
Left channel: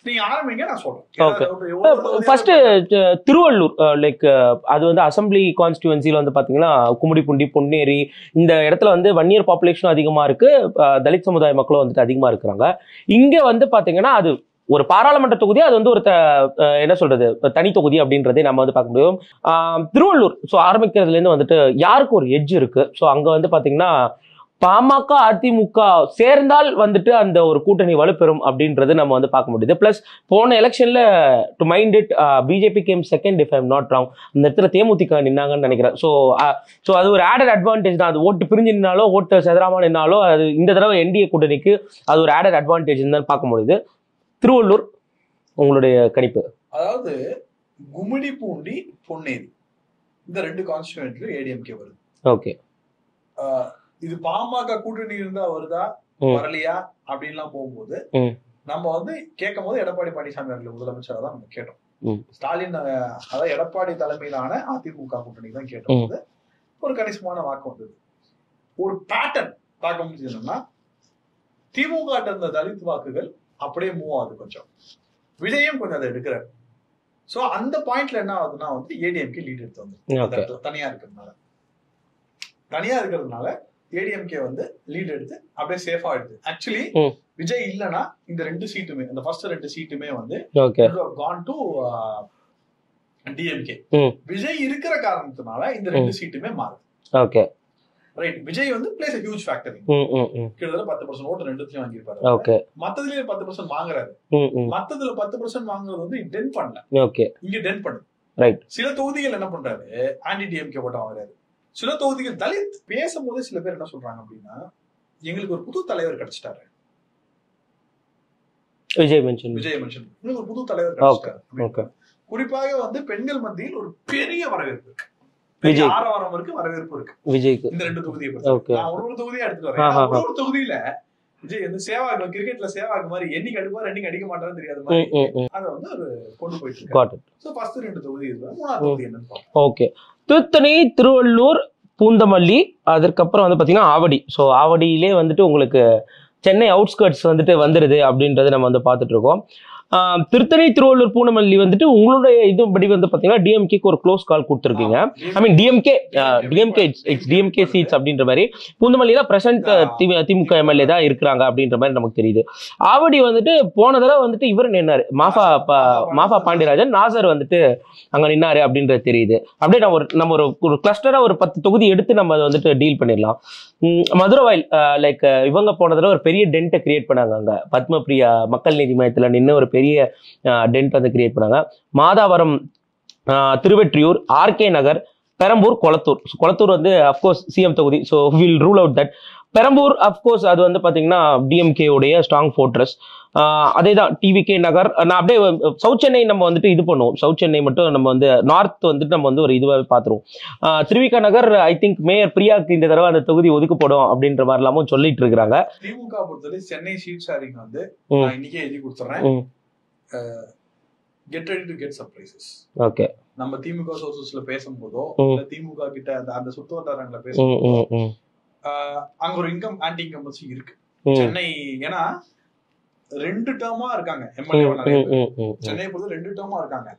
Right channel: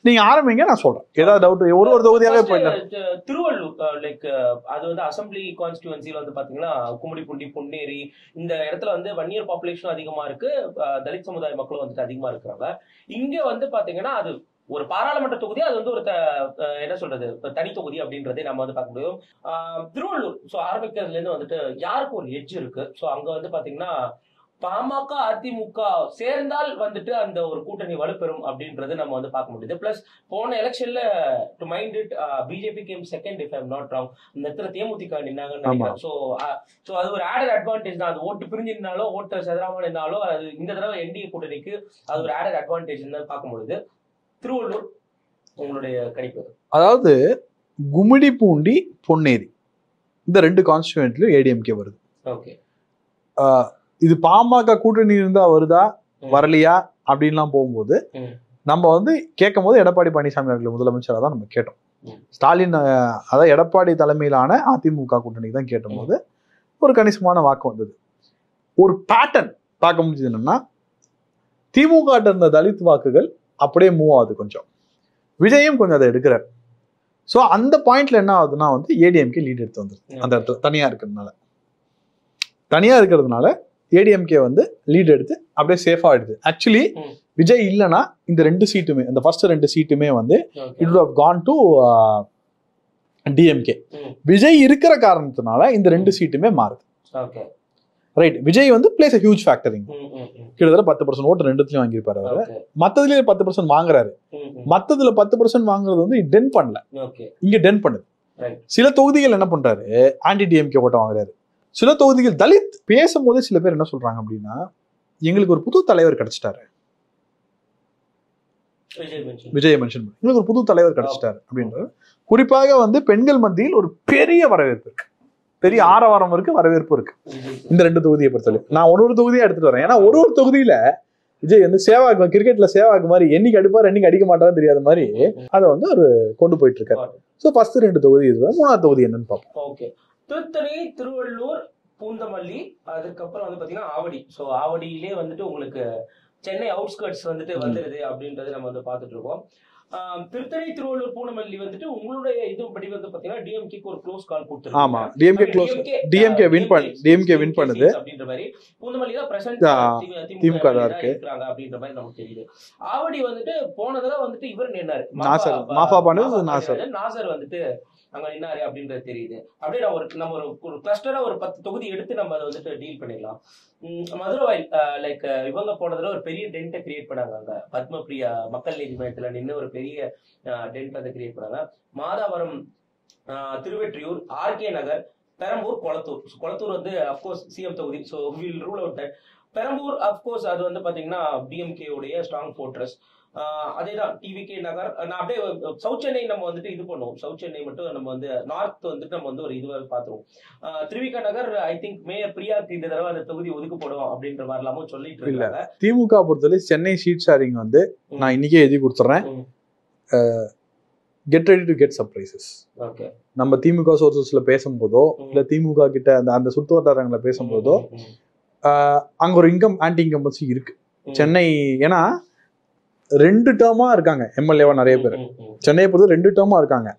நீங்க ஆரம்பிங்க, நான் சொல்றேன். ஏதாவது டவுட்? ஒரு தொகுதி திருவள்ளூர் லைக் அது வந்து அசம்பிளி கான்ஸ்டிடுவன்சில வந்து பாத்தீங்கன்னா கும்மிடிப்பூண்டி, பொன்னேரி இந்த இடத்துல வந்து வன்னியர் பாப்புலேஷனும் அதிகமா இருக்கு, தலித் சமுதாய மக்களும் வந்துட்டு அதிகமா இருக்கிறாங்க. இங்க வந்து பாத்தீங்கன்னா அது ஒரு பாராளுமன்ற தொகுதி, அது வந்து ஒரு என்ன சொல்றது தனி தொகுதி அப்படின்றதே நம்ம வந்து பார்க்க முடியும். திருவள்ளூர் ஸோ ஆரம்பிக்கிறதுல இருந்து வந்துட்டு யாருக்கு ஒரு எட்ஜ் இருக்கு. ஸோ அங்க வந்து பாத்தீங்கன்னா பாமக அதிமுக சேர்ந்தால் வந்துட்டு அந்த ஒரு கூட்டணி வலுப்பெறும் அப்படின்றது நம்ம வந்து பார்க்க முடியுது. பிளஸ் போன எலெக்ஷன்ல to mind it BJP game second if I'm not wrong. அந்த இடத்துல தேமுதிக நின்னாங்கன்னு நினைக்கிறேன். ஸோ அது ஒரு ஆடட் அட்வான்டேஜ் தான். அது ஓட்டு பிரிஞ்சு நின்னாலோ ஓட்டு செதறாம நின்னாலோ அது இந்த தடவை என்டிஏ கூட்டணிக்கு அது ஒரு ஆடட் அட்வான்டேஜ் தான் பார்க்க முடியுது. திருவள்ளூர் உங்களுடைய கணிப்பு? அதாவது கும்மிடிப்பூண்டி, பொன்னேரி இந்த 2 கான்ஸ்டிடுவன்ட்லயும் ஏடிஎம்கே வருது. ஓகே. இது பாமக கூட்டணி இருந்தா வருதா வரலையா அப்படின்லாம் போகும்போது நம்ம வந்து கேட்கும் போது எடப்பாடி பழனிசாமி அவர்கள் முதலமைச்சராக தான் நம்ம கேட்டோம். ஸ்டாலின் அதாவது எடப்பாடி தலைமையிலான அதிமுக கூட்டணி தான் கேட்டபோது ஒரு கணிசமான வாக்கு வந்தது. ஒரு பேட்டர்ன் பார்க்க முடிஞ்சது என்னன்னா, திமுக இருந்த தலித் வாக்குகள் அப்படியே மூவ் ஆகுது. கொஞ்சம் விஜயும் கொஞ்சம் அதை எடுக்கிறார். ஸோ அந்த பாயிண்ட்ல என்ன ஆகுதுன்னா வந்து ஏடிஎம்கே லீட் எடுத்து வந்துருக்கு. அந்த தனியா இருக்கிறதுனால ஏடிஎம்கே வந்து லீட் எடுத்து அப்படியே சேஃபா ஆயிடுது. ஆக்சுவலி விஜய் இல்லைன்னா இந்த 2 சீட்டுமே, இந்த ஃபர்ஸ்ட் 2 சீட்டுமே வந்து it would have gone to DMK. Vijay இருக்கிற காரணத்தினால இந்த 2 சீட்டுமே மாறுது. Okay, right. விஜய் வந்து பிளேஸ் a huge factor. கிட்டத்தட்ட 10% ஓட்டு 2த்துலயும் வாங்கியிருப்பாரு. மத்ததுலயே 10% வாங்குறாரு. மத்ததுல 10% வாங்குறது வந்து டென் பண்ணல, இங்க டென் பண்ணுது. ரைட். சில தொகுதிகள் என்ன பண்றாரு, ஆன்டி டிஎம்கே ஓட்ட வாங்குறாரு. சில தொகுதிகள் தலித் பேசும்போதே சில பேர் என்ன சொல்றாங்க அப்படின்னா, எங்களுக்கு ஒரு புது தலைவர் கிடைச்சிட்டாரு, விஜய் மென்ஷன் எங்களுக்கு ஒரு புது தலைவர் கிடைச்சிட்டாரு அப்படின்னு. குறிப்பாக வந்து பெண்கள் மத்தியில் ஒரு பெரிய வரவேற்பு இருக்கு, பெரிய ஆரவாரம் இருக்கு, வரவேற்பு இருக்கு விஜய்க்கு. இந்த 2 தொகுதியை பொறுத்தவரை நான் ஒரு தொகுதியா எடுத்துட்டு வரேன். ஏன்னா ஒரு தொகுதியில விஜய் வந்து சேவாக்கு, கிரிக்கெட்ல சேவாக்கு மாதிரி என்னைக்கு அடிப்பாரு என்னைக்கு அடிக்க மாட்டாருன்னு தெரியாத மாதிரி அதை வந்து ஒரு கொண்டு போயிட்டு இருக்காரு. சோ ஃபர்ஸ்ட் 2 தொகுதி இது, 3ஆவது தொகுதி என்னன்னு பார்ப்போம். ஓகே, திருத்தணி, திருவள்ளூர், பூந்தமல்லி, அதுக்கப்புறம் வந்து பாத்தீங்கன்னா ஆவடி. ஸோ ஆவடியிலே வந்துட்டு உங்களுக்கு சென்னை அவுட்ஸ்கர்ட்ஸ் வந்துட்டு வந்துருது அப்படின்றத நம்ம வந்து பார்த்துட்டு இருக்கோம். திருத்தணி, திருவள்ளூர், பூந்தமல்லி வந்துட்டு உங்களுடைய இதுபடி வந்து பாத்தீங்கன்னா டிஎம்கேக்கு ஒரு க்ளோஸ் கால் கொடுத்துருக்கீங்க. டிஎம்கே சீட்ஸ் அப்படின்ற மாதிரி. பூந்தமல்லியில பிரசன்ட் திமுக எம்எல்ஏ தான் இருக்கிறாங்க அப்படின்ற மாதிரி நமக்கு தெரியுது. ஆவடி வந்துட்டு போன தடவை வந்துட்டு இவர் நின்னாரு, மாஃபா பாண்டியராஜன், நாசர் வந்துட்டு அங்க நின்னாரு அப்படின்றது தெரியுது. அப்படியே நம்ம ஒரு கிளஸ்டரா ஒரு 10 தொகுதி எடுத்து நம்ம வந்துட்டு டீல் பண்ணிடலாம். மதுரவாயில் லைக் இவங்க போன தடவை ஒரு பெரிய டென்ட்டை கிரியேட் பண்ணாங்க. அங்க பத்மபிரியா மக்கள் நீதி மையத்துல நின்று ஒரு பெரிய டென்ட் வந்து கிரியேட் பண்ணாங்க. மாதாவரம், திருவெற்றியூர், ஆர்கே நகர், பெரம்பூர், கொளத்தூர் வந்து அப்கோர்ஸ் சிஎம் தொகுதி. So will rule out that. Perambur of course அது வந்து பாத்தீங்கன்னா டிஎம்கே உடைய ஸ்ட்ராங் ஃபோர்ட்ரஸ். அதே தான் டிவிகே நகர். நான் அப்படியே சவுத் சென்னை நம்ம வந்துட்டு இது பண்ணுவோம். சவுத் சென்னை மட்டும் நம்ம வந்து நார்த் வந்துட்டு நம்ம வந்து ஒரு இதுவாக பார்த்துருவோம். Thiruvika Nagar I think mayor பிரியாக்கு இந்த தடவை அந்த தொகுதி ஒதுக்கப்படும் அப்படின்ற மாதிரி எல்லாமும் சொல்லிட்டு இருக்கிறாங்க. திமுக பொறுத்தவரை சென்னை சீட் ஷேரிங் வந்து நான் இன்னைக்கே எழுதி கொடுத்துறேன். Get ready to get surprises. Okay, நம்ம திமுக சோர்சஸ்ல பேசும்போதோ இல்ல திமுக கிட்ட அந்த சுத்து வட்டாரங்களை பேசும்போதோ அங்க ஒரு ஆன்டி இன்கம்பன்சி இருக்கு சென்னை. ஏன்னா 2 டேர்மா இருக்காங்க எம்எல்ஏவா நிறைய பேர். சென்னையை பொறுத்து 2 டேர்மா இருக்காங்க.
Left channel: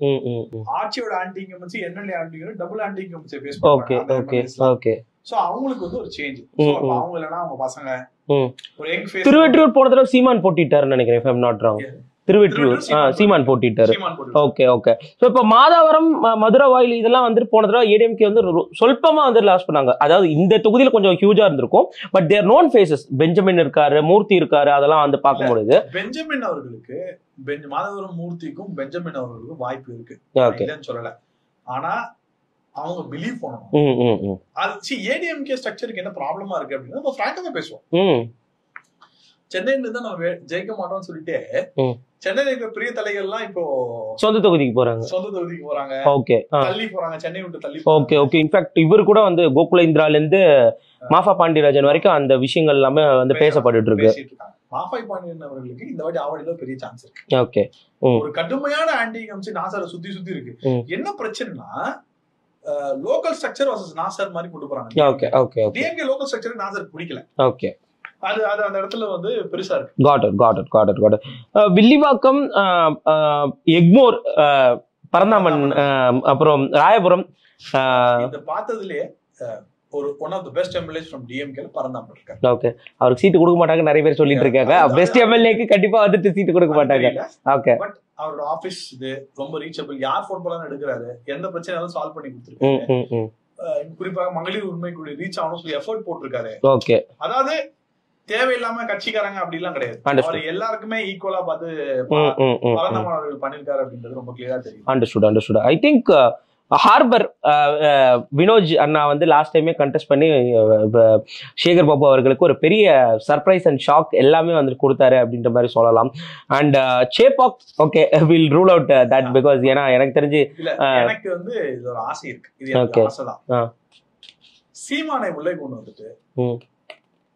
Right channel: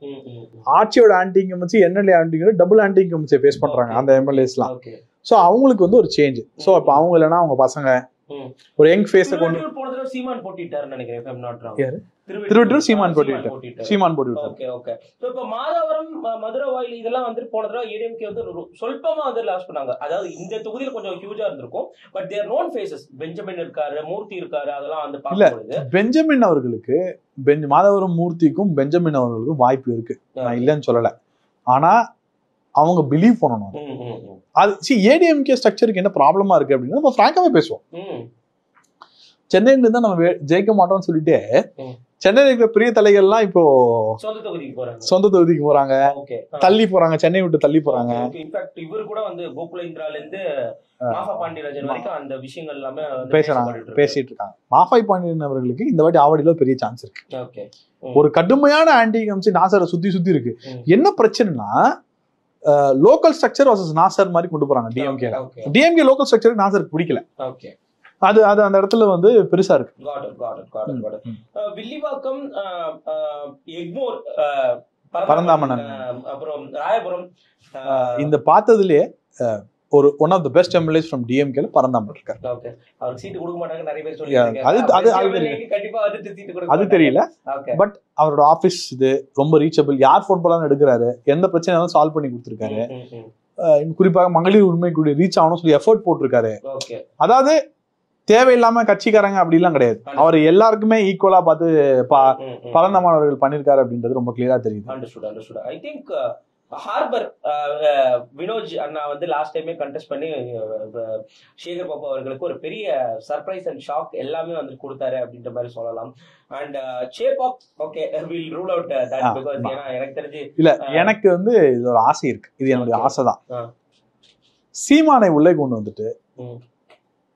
ஆட்சியோட anti incumbency, MLA anti double anti incumbency face பண்றாங்க அந்த எம்எல்ஏஸ்லாம். சோ அவங்களுக்கு வந்து ஒரு சேஞ்ச். சோ அப்ப அவங்க இல்லைன்னா அவங்க பசங்க ஒரு யங் ஃபேஸ். திருவெற்றியூர் போன தடவை சீமான் போட்டிட்டாருன்னு நினைக்கிறேன், if I'm not wrong. Thiruvottiyur Seeman போட்டிட்டாரு. Okay okay. சோ இப்ப மாதாவரம், மதுரவாயில் இதெல்லாம் வந்துட்டு போன தடவை ஏடிஎம்கே வந்து சொல்பமா வந்து லாஸ் பண்ணாங்க. அதாவது இந்த தொகுதியில கொஞ்சம் ஹியூஜா இருந்திருக்கும். But they're known faces. Benjamin இருக்காரு, மூர்த்தி இருக்காரு, அதெல்லாம் வந்து பார்க்க முடியுது. பெஞ்சமின் அவர்களுக்கு, மாதாவரம் மூர்த்திக்கும் பெஞ்சமின் அவர்களுக்கும் வாய்ப்பு இருக்கு, இல்லைன்னு சொல்லல. ஆனா அவங்க பிலீவ் பண்ணணும். அது ஏடிஎம்கே ஸ்ட்ரக்சருக்கு என்ன ப்ராப்ளமா இருக்கு அப்படின்னா நம்ம பிராங்காவே பேசுவோம். சென்னையில தான் நம்ம ஜெயிக்க மாட்டோம்னு சொல்லிட்டு சென்னையில இருக்கிற பெரிய தலைகள்லாம் இப்போ சொந்த தொகுதிக்கு போறாங்க. ஓகே, தள்ளி போறாங்க, சென்னை விட்டு தள்ளி போறாங்க. Okay okay. இன்ஃபேக்ட் இவர் கூட வந்து கோகுலேந்திரால இருந்து மாஃபா பாண்டியராஜன் வரைக்கும் அந்த விஷயங்கள் எல்லாமே வந்து பேசிட்டு இருக்காங்க. மாஃபா பாண்டியன் அவர்களுக்கு இந்த வாட்டி ஆவடியில பெரிய சான்ஸ் இருக்கு. ஓகே, ஒரு கடுமையான ஆன்டி இன்கம்பன்சி நாசரை சுத்தி இருக்கு. என்ன பிரச்சனைனா லோக்கல் ஸ்ட்ரக்சர் வர்சஸ் நாசர் மாதிரி கொண்டு போறாங்க. டிஎம்கே லோக்கல் ஸ்ட்ரக்சர் நாசருக்கு பிடிக்கல. ஓகே, அது அந்த இடத்துல வந்து பெருசா இருக்கு. Got it. வில்லிவாக்கம், எக்மோர், பரந்தாமன், அப்புறம் ராயபுரம், இந்த பார்த்ததுலயே ஒரு one of the best MLAs from டிஎம்கேல பரந்தாமன் இருக்காரு. ஓகே, அவருக்கு சீட் கொடுக்க மாட்டாங்க நிறைய பேர் சொல்லிட்டு இருக்காங்க. பெஸ்ட் எம்எல்ஏக்கு கண்டிப்பா வந்துட்டு சீட் கொடுக்க மாட்டாங்க. ஓகே, பட் அவரோட ஆபீஸ் இது ரொம்ப ரீச்சபிள். யார் ஃபோன் பண்ணாலும் எடுக்கிறாரு, எந்த பிரச்சனையும் சால்வ் பண்ணி கொடுத்துருக்காரு. குறிப்பாக மகளிர் உரிமை கூட ரீச் ஆகணும்னு சொல்லி எஃபோர்ட் போட்டிருக்காரு. ஓகே, அதாவது தேவையில்லாம கட்சிக்காரங்க அப்படி எல்லாம் கிடையாது. அவர் எல்லாருக்குமே ஈக்குவலா பார்த்து பரந்தமானவர்கள் பண்ணிருக்காரு அப்படின்றது ரொம்ப கிளியரா தெரியும். Understood. I think Harbour Vinoj அண்ணா வந்து லாஸ்ட் டைமே கண்டெஸ்ட் பண்ணி சேகர் பாபு அவர்களுக்கு ஒரு பெரிய சர்ப்ரைஸ் அண்ட் ஷாக் எல்லாமே வந்து கொடுத்தாரு அப்படின்ற மாதிரி சொல்லலாம். And Chepauk okay will rule out that because ஏன்னா எனக்கு தெரிஞ்சு இல்ல, எனக்கு வந்து இது ஒரு ஆசை இருக்கு. இது எனக்கு ஆசைதான். சீமானை உள்ளே கொண்டு வந்துட்டு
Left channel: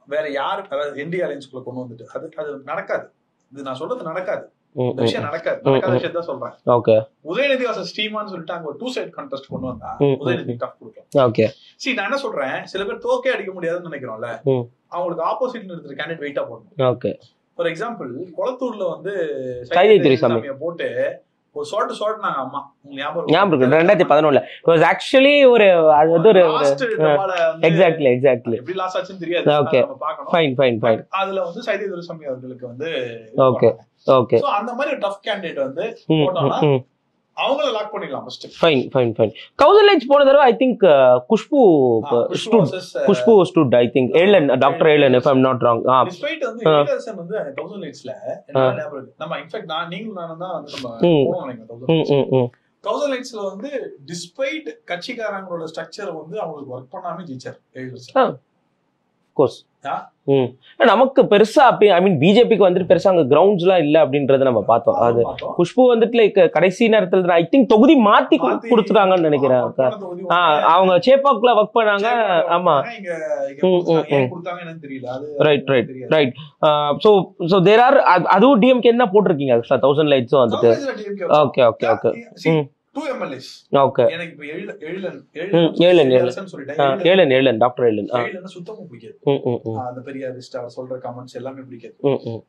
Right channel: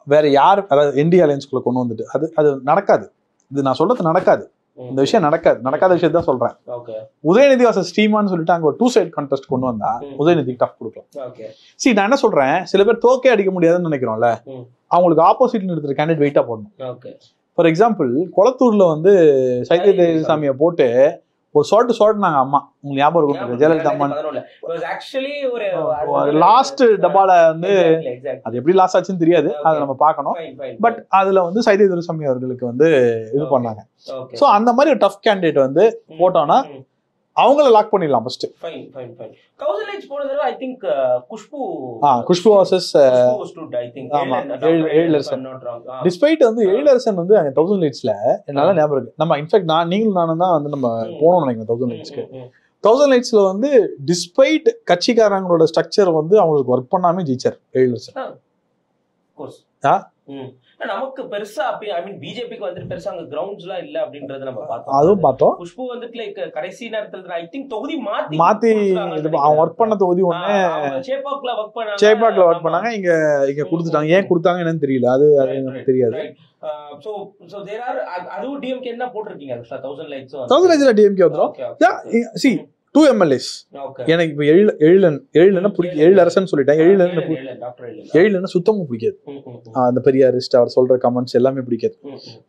வேற யார், அதாவது என்டிஏ அலையன்ஸ்குள்ள கொண்டு வந்துட்டு அது நடக்காது. இது நான் சொல்றது நடக்காது. இந்த விஷயம் நடக்காத விஷயம் தான் சொல்றேன். ஓகே, உதயநிதி வாசல் ஸ்ரீமான்னு சொல்லிட்டு அங்க ஒரு 2 சைட் கான்டெஸ்ட் கொண்டு வந்தா உதயநிதி டஃப் கொடுக்கலாம். ஓகே, நான் என்ன சொல்றேன், சில பேர் தோக்கே அடிக்க முடியாதுன்னு நினைக்கிறோம்ல, அவங்களுக்கு ஆப்போசிட்ல இருக்கிற கேண்டிடேட் வெயிட்டா போடணும். ஓகே, ஃபார் எக்ஸாம்பிள் கொளத்தூர்ல வந்து சையத் ஒரு நாங்க அம்மா உங்களுக்கு ஞாபகம் 2011 ஆக்சுவலி ஒரு லாஸ்ட் டபால எக்ஸாக்ட்லி எப்படி லாஸ் ஆச்சுன்னு தெரியாது, நம்ம பார்க்கணும். பட் அதுல வந்து சையத் துரைசாமி அவர்களுக்கு வந்து ஓகே, சோ அந்த மாதிரி ஒரு டஃப் கேண்டிடேட் வந்து போட்டோம்னா அவங்கள லாக் பண்ணிடலாம் ஃபர்ஸ்ட். ஃபைன். கவுன்சிலேஜ் போன தடவை I think Khushbu stood I think doctor Alan if I'm not wrong. Despite வந்து ஏலர்சன் வந்து அந்த 1000 லைட்ஸ்ல என்னால ஞாபகம் இருக்கு. நம்ம இன்ஃபேக்ட் நீங்களும் நானும் தான் வந்து நம்ம போனோம் நினைக்கிறேன் 1000 லைட்ஸ். 2008 வந்து டிஸ்பைட் கட்சிக்காரங்களோட ஸ்ட்ரக்சர் வந்து அவங்களுக்கு ஒர்க் பண்ணாம ஜெயிச்சார் 7 வருஷம். கோர்ஸ் நமக்கு பெருசா அப்படி ஐ மீன் பிஜேபிக்கு வந்துட்டு பெருசா அங்க கிரவுண்ட்ஸ் எல்லாம் இல்ல அப்படின்றத நம்ம பார்த்தோம். குஷ்பு வந்துட்டு லைக் கடைசி நேரத்துல ஐ திங்க் தொகுதி மாத்தி கொடுத்துருக்காங்கன்னு நினைக்கிறேன். ஒர்க் பண்ண தொகுதி அவங்க சேப்பாக்ல ஒர்க் பண்ணாங்க, இங்க கொடுத்துட்டாங்க. ஏன் கொடுத்தாங்க என்னன்னு தெரியல. அது ரைட். சோ தேர் ஆர் அதுவும் டிஎம்கே என்ன போட்டிருக்கீங்க 1000 லைட்ஸ் வந்து 1000 லைட்ஸ்ல DMK. Okay okay okay. see 2 MLAs. Okay. எனக்கு இப்ப எழிலரசன் சொல்லிட்டேன். எழிலன் சுத்தமா பிடிக்காது. அந்த பெரியாரிஸ்ட் அவர் சொல்ற கமெண்ட்ஸ் எல்லாமே பிடிக்காது.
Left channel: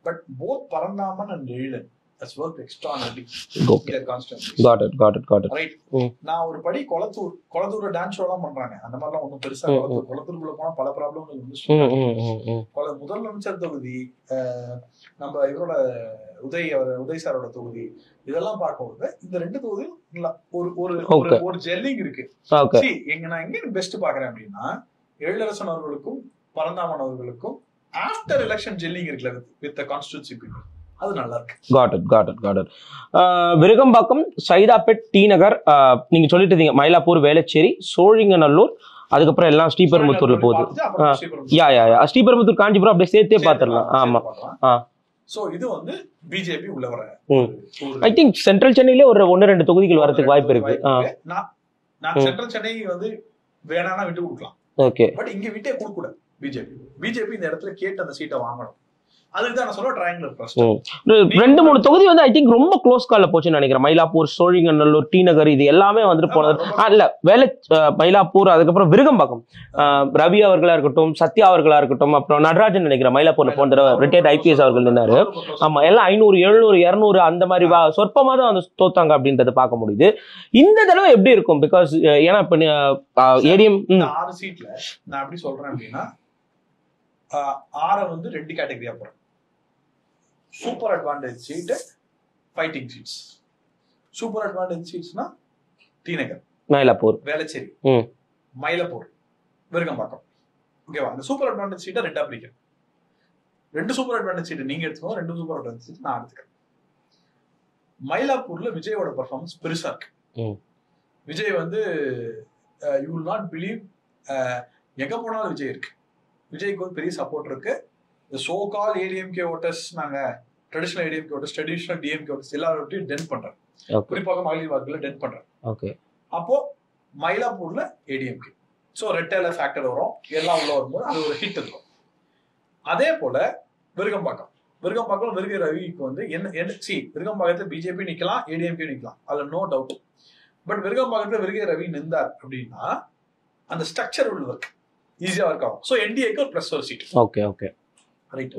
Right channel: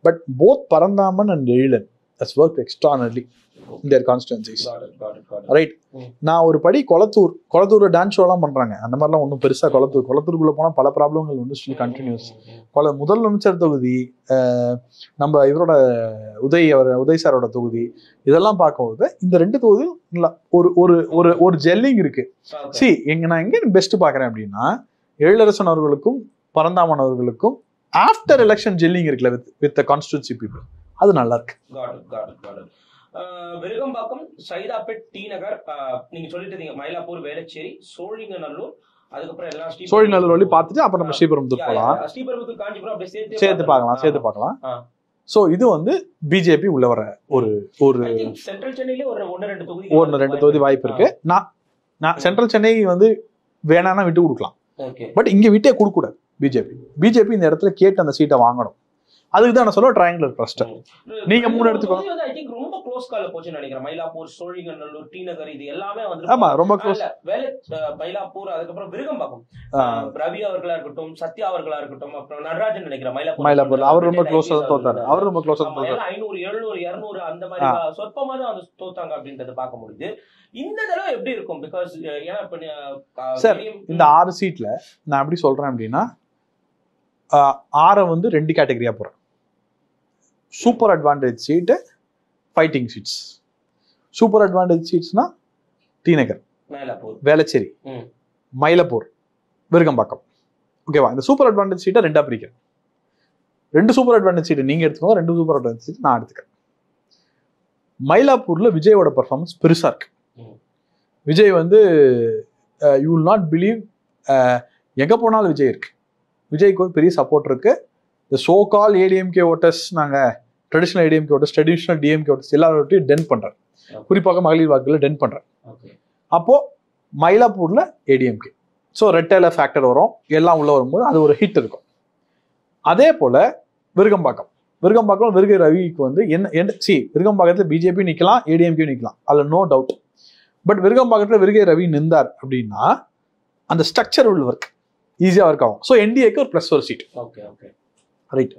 But both Paranthaman and Ezhilan has worked extraordinarily in their constituencies. Got it. Right. நான் ஒரு படி கொளத்தூர் டான்ஸ் ஷோ எல்லாம் பண்றாங்க. அந்த மாதிரி எல்லாம் ஒன்றும் பெருசா கொளத்தூருக்குள்ள போனா பல ப்ராப்ளங்கள் வந்து முதல் அமைச்சர் தொகுதி, நம்ம இவரோட உதய் சாரோட தொகுதி, இதெல்லாம் பார்க்கும்போது இந்த 2 தொகுதியும் ஒரு ஜெல்லிங் இருக்கு. நான் எங்க பெஸ்ட் பாக்குறேன் அப்படின்னா எழிலரசன் அவர்களுக்கும் பரந்தாமன் அவர்களுக்கும் ஆஃப்டர் எலெக்ஷன் ஜெல்லிங் இருக்குல்ல வித் த கான்ஸ்டிட்யூன்சி பீப்புள், அது நல்லா இருக்கு. got it. விருகம்பாக்கம், சைதாப்பேட், டி நகர், நீங்க சொல்லிட்டு இருந்தீங்க மயிலாப்பூர், வேளச்சேரி, சோழிங்கநல்லூர், அதுக்கப்புறம் எல்லாம் ஸ்ரீபெரும்புத்தூர், காஞ்சிபுரம் அப்படியே சேர்த்தே பார்க்கலாம். சோ இது வந்து பிஜேபி உள்ள வர ஒரு ஐ திங்க் சென்ட்ரல் சென்னையில ஒரு 1-2 தொகுதிகள் வரதுக்கு வாய்ப்பு இருக்கு. நான் சென்ட்ரல் சென்னை வந்து வேணானா விட்டு கொடுக்கலாம். ஓகே. பட் இங்க விட்டே கொடுக்க கூடாது. பிஜேபி இந்த இடத்துல கேட்டு அந்த சீட்டை வாங்கணும். அதுக்கு தான் நான் சொல்ல ட்ரையாங்குலர் ட்ரஸ்ட். 2-3 தொகுதி வந்து ஐ திங்க் ரொம்ப க்ளோஸ் கால்ல போச்சுன்னு நினைக்கிறேன். மயிலாப்பூர், சோழிங்கநல்லூர், டி நகர், இது எல்லாமே வந்துட்டு இல்ல மயிலாப்பூர், அதுக்கப்புறம் விருகம்பாக்கம் ரவி அவர்களா இருக்கட்டும், சத்யா அவர்களா இருக்கட்டும், அப்புறம் நடராஜன் நினைக்கிறேன் மயிலாப்பூர் IPS அவர்கள் நின்னாரு. ஆமா, எல்லாம் 500, 700, 200 அந்த மாதிரி சொற்பமா தான் வந்து தோத்தாங்க அப்படின்றத பார்க்க முடியுது. இந்த தடவை எப்படி இருக்கும்? பிகாஸ் ஏன்னா இப்ப ஏடிஎம் இந்த 6 சீட்ல நான் எப்படி சொல்றேன் அப்படின்னா 6 வந்து 2 கேட்டகரியா போறேன். Super advantage seat, fighting seats. Super advantage சீட்ஸ்னா டி நகர், மயிலாப்பூர், வேளச்சேரி, மயிலாப்பூர், விருகம்பாக்கம். ஓகேவா? இந்த சூப்பர் அட்வான்டேஜ் சீட்டை 2ஆ பிரிக்கிறேன். 2 சூப்பர் அட்வான்டேஜ் சீட் நீங்க எடுத்துக்கோங்க, 2 சூப்பர் அட்வான்டேஜ் சீட் நான் எடுத்துக்கிறேன். மயிலாப்பூர்ல விஜயோட பெர்ஃபார்மன்ஸ் பெருசா இருக்கு. விஜய் வந்து யூ வில் நாட் பிலீவ், எங்க போனாலும் விஜய் இருக்கு. விஜய்க்கு ஒரு பெரிய சப்போர்ட் இருக்கு. இந்த சோ கால் ஏடிஎம்கே ஓட்டர்ஸ், நாங்க traditional ADMK voters, traditional DMK voters எல்லாரோட்டையும் டென் பண்றேன். குறிப்பாக மகளிர் வாக்குகளை டென் பண்றேன். ஓகே. அப்போ மயிலாப்பூர்ல ஏடிஎம்கே, ஸோ ரெட்டேல ஃபேக்டர் வரும், எல்லாம் உள்ள வரும்போது அது ஒரு ஹிட் இருக்கும். அதே போல விருகம்பாக்கம் விருகை ரவிக்கு வந்து விருகம்பாக்கத்துல பிஜேபி நிக்கலாம், ஏடிஎம்கே நிக்கலாம், அதுல நோ டவுட். பட் விருகம்பாக்கத்துல விருகை ரவி நின்றார் அப்படின்னா அந்த ஸ்ட்ரக்சர் உள்ள ஒர்க் ஈஸியா ஒர்க் ஆகும். ஸோ என்டிஏக்கு ஒரு ப்ளஸ் ஒரு சீட். Okay right.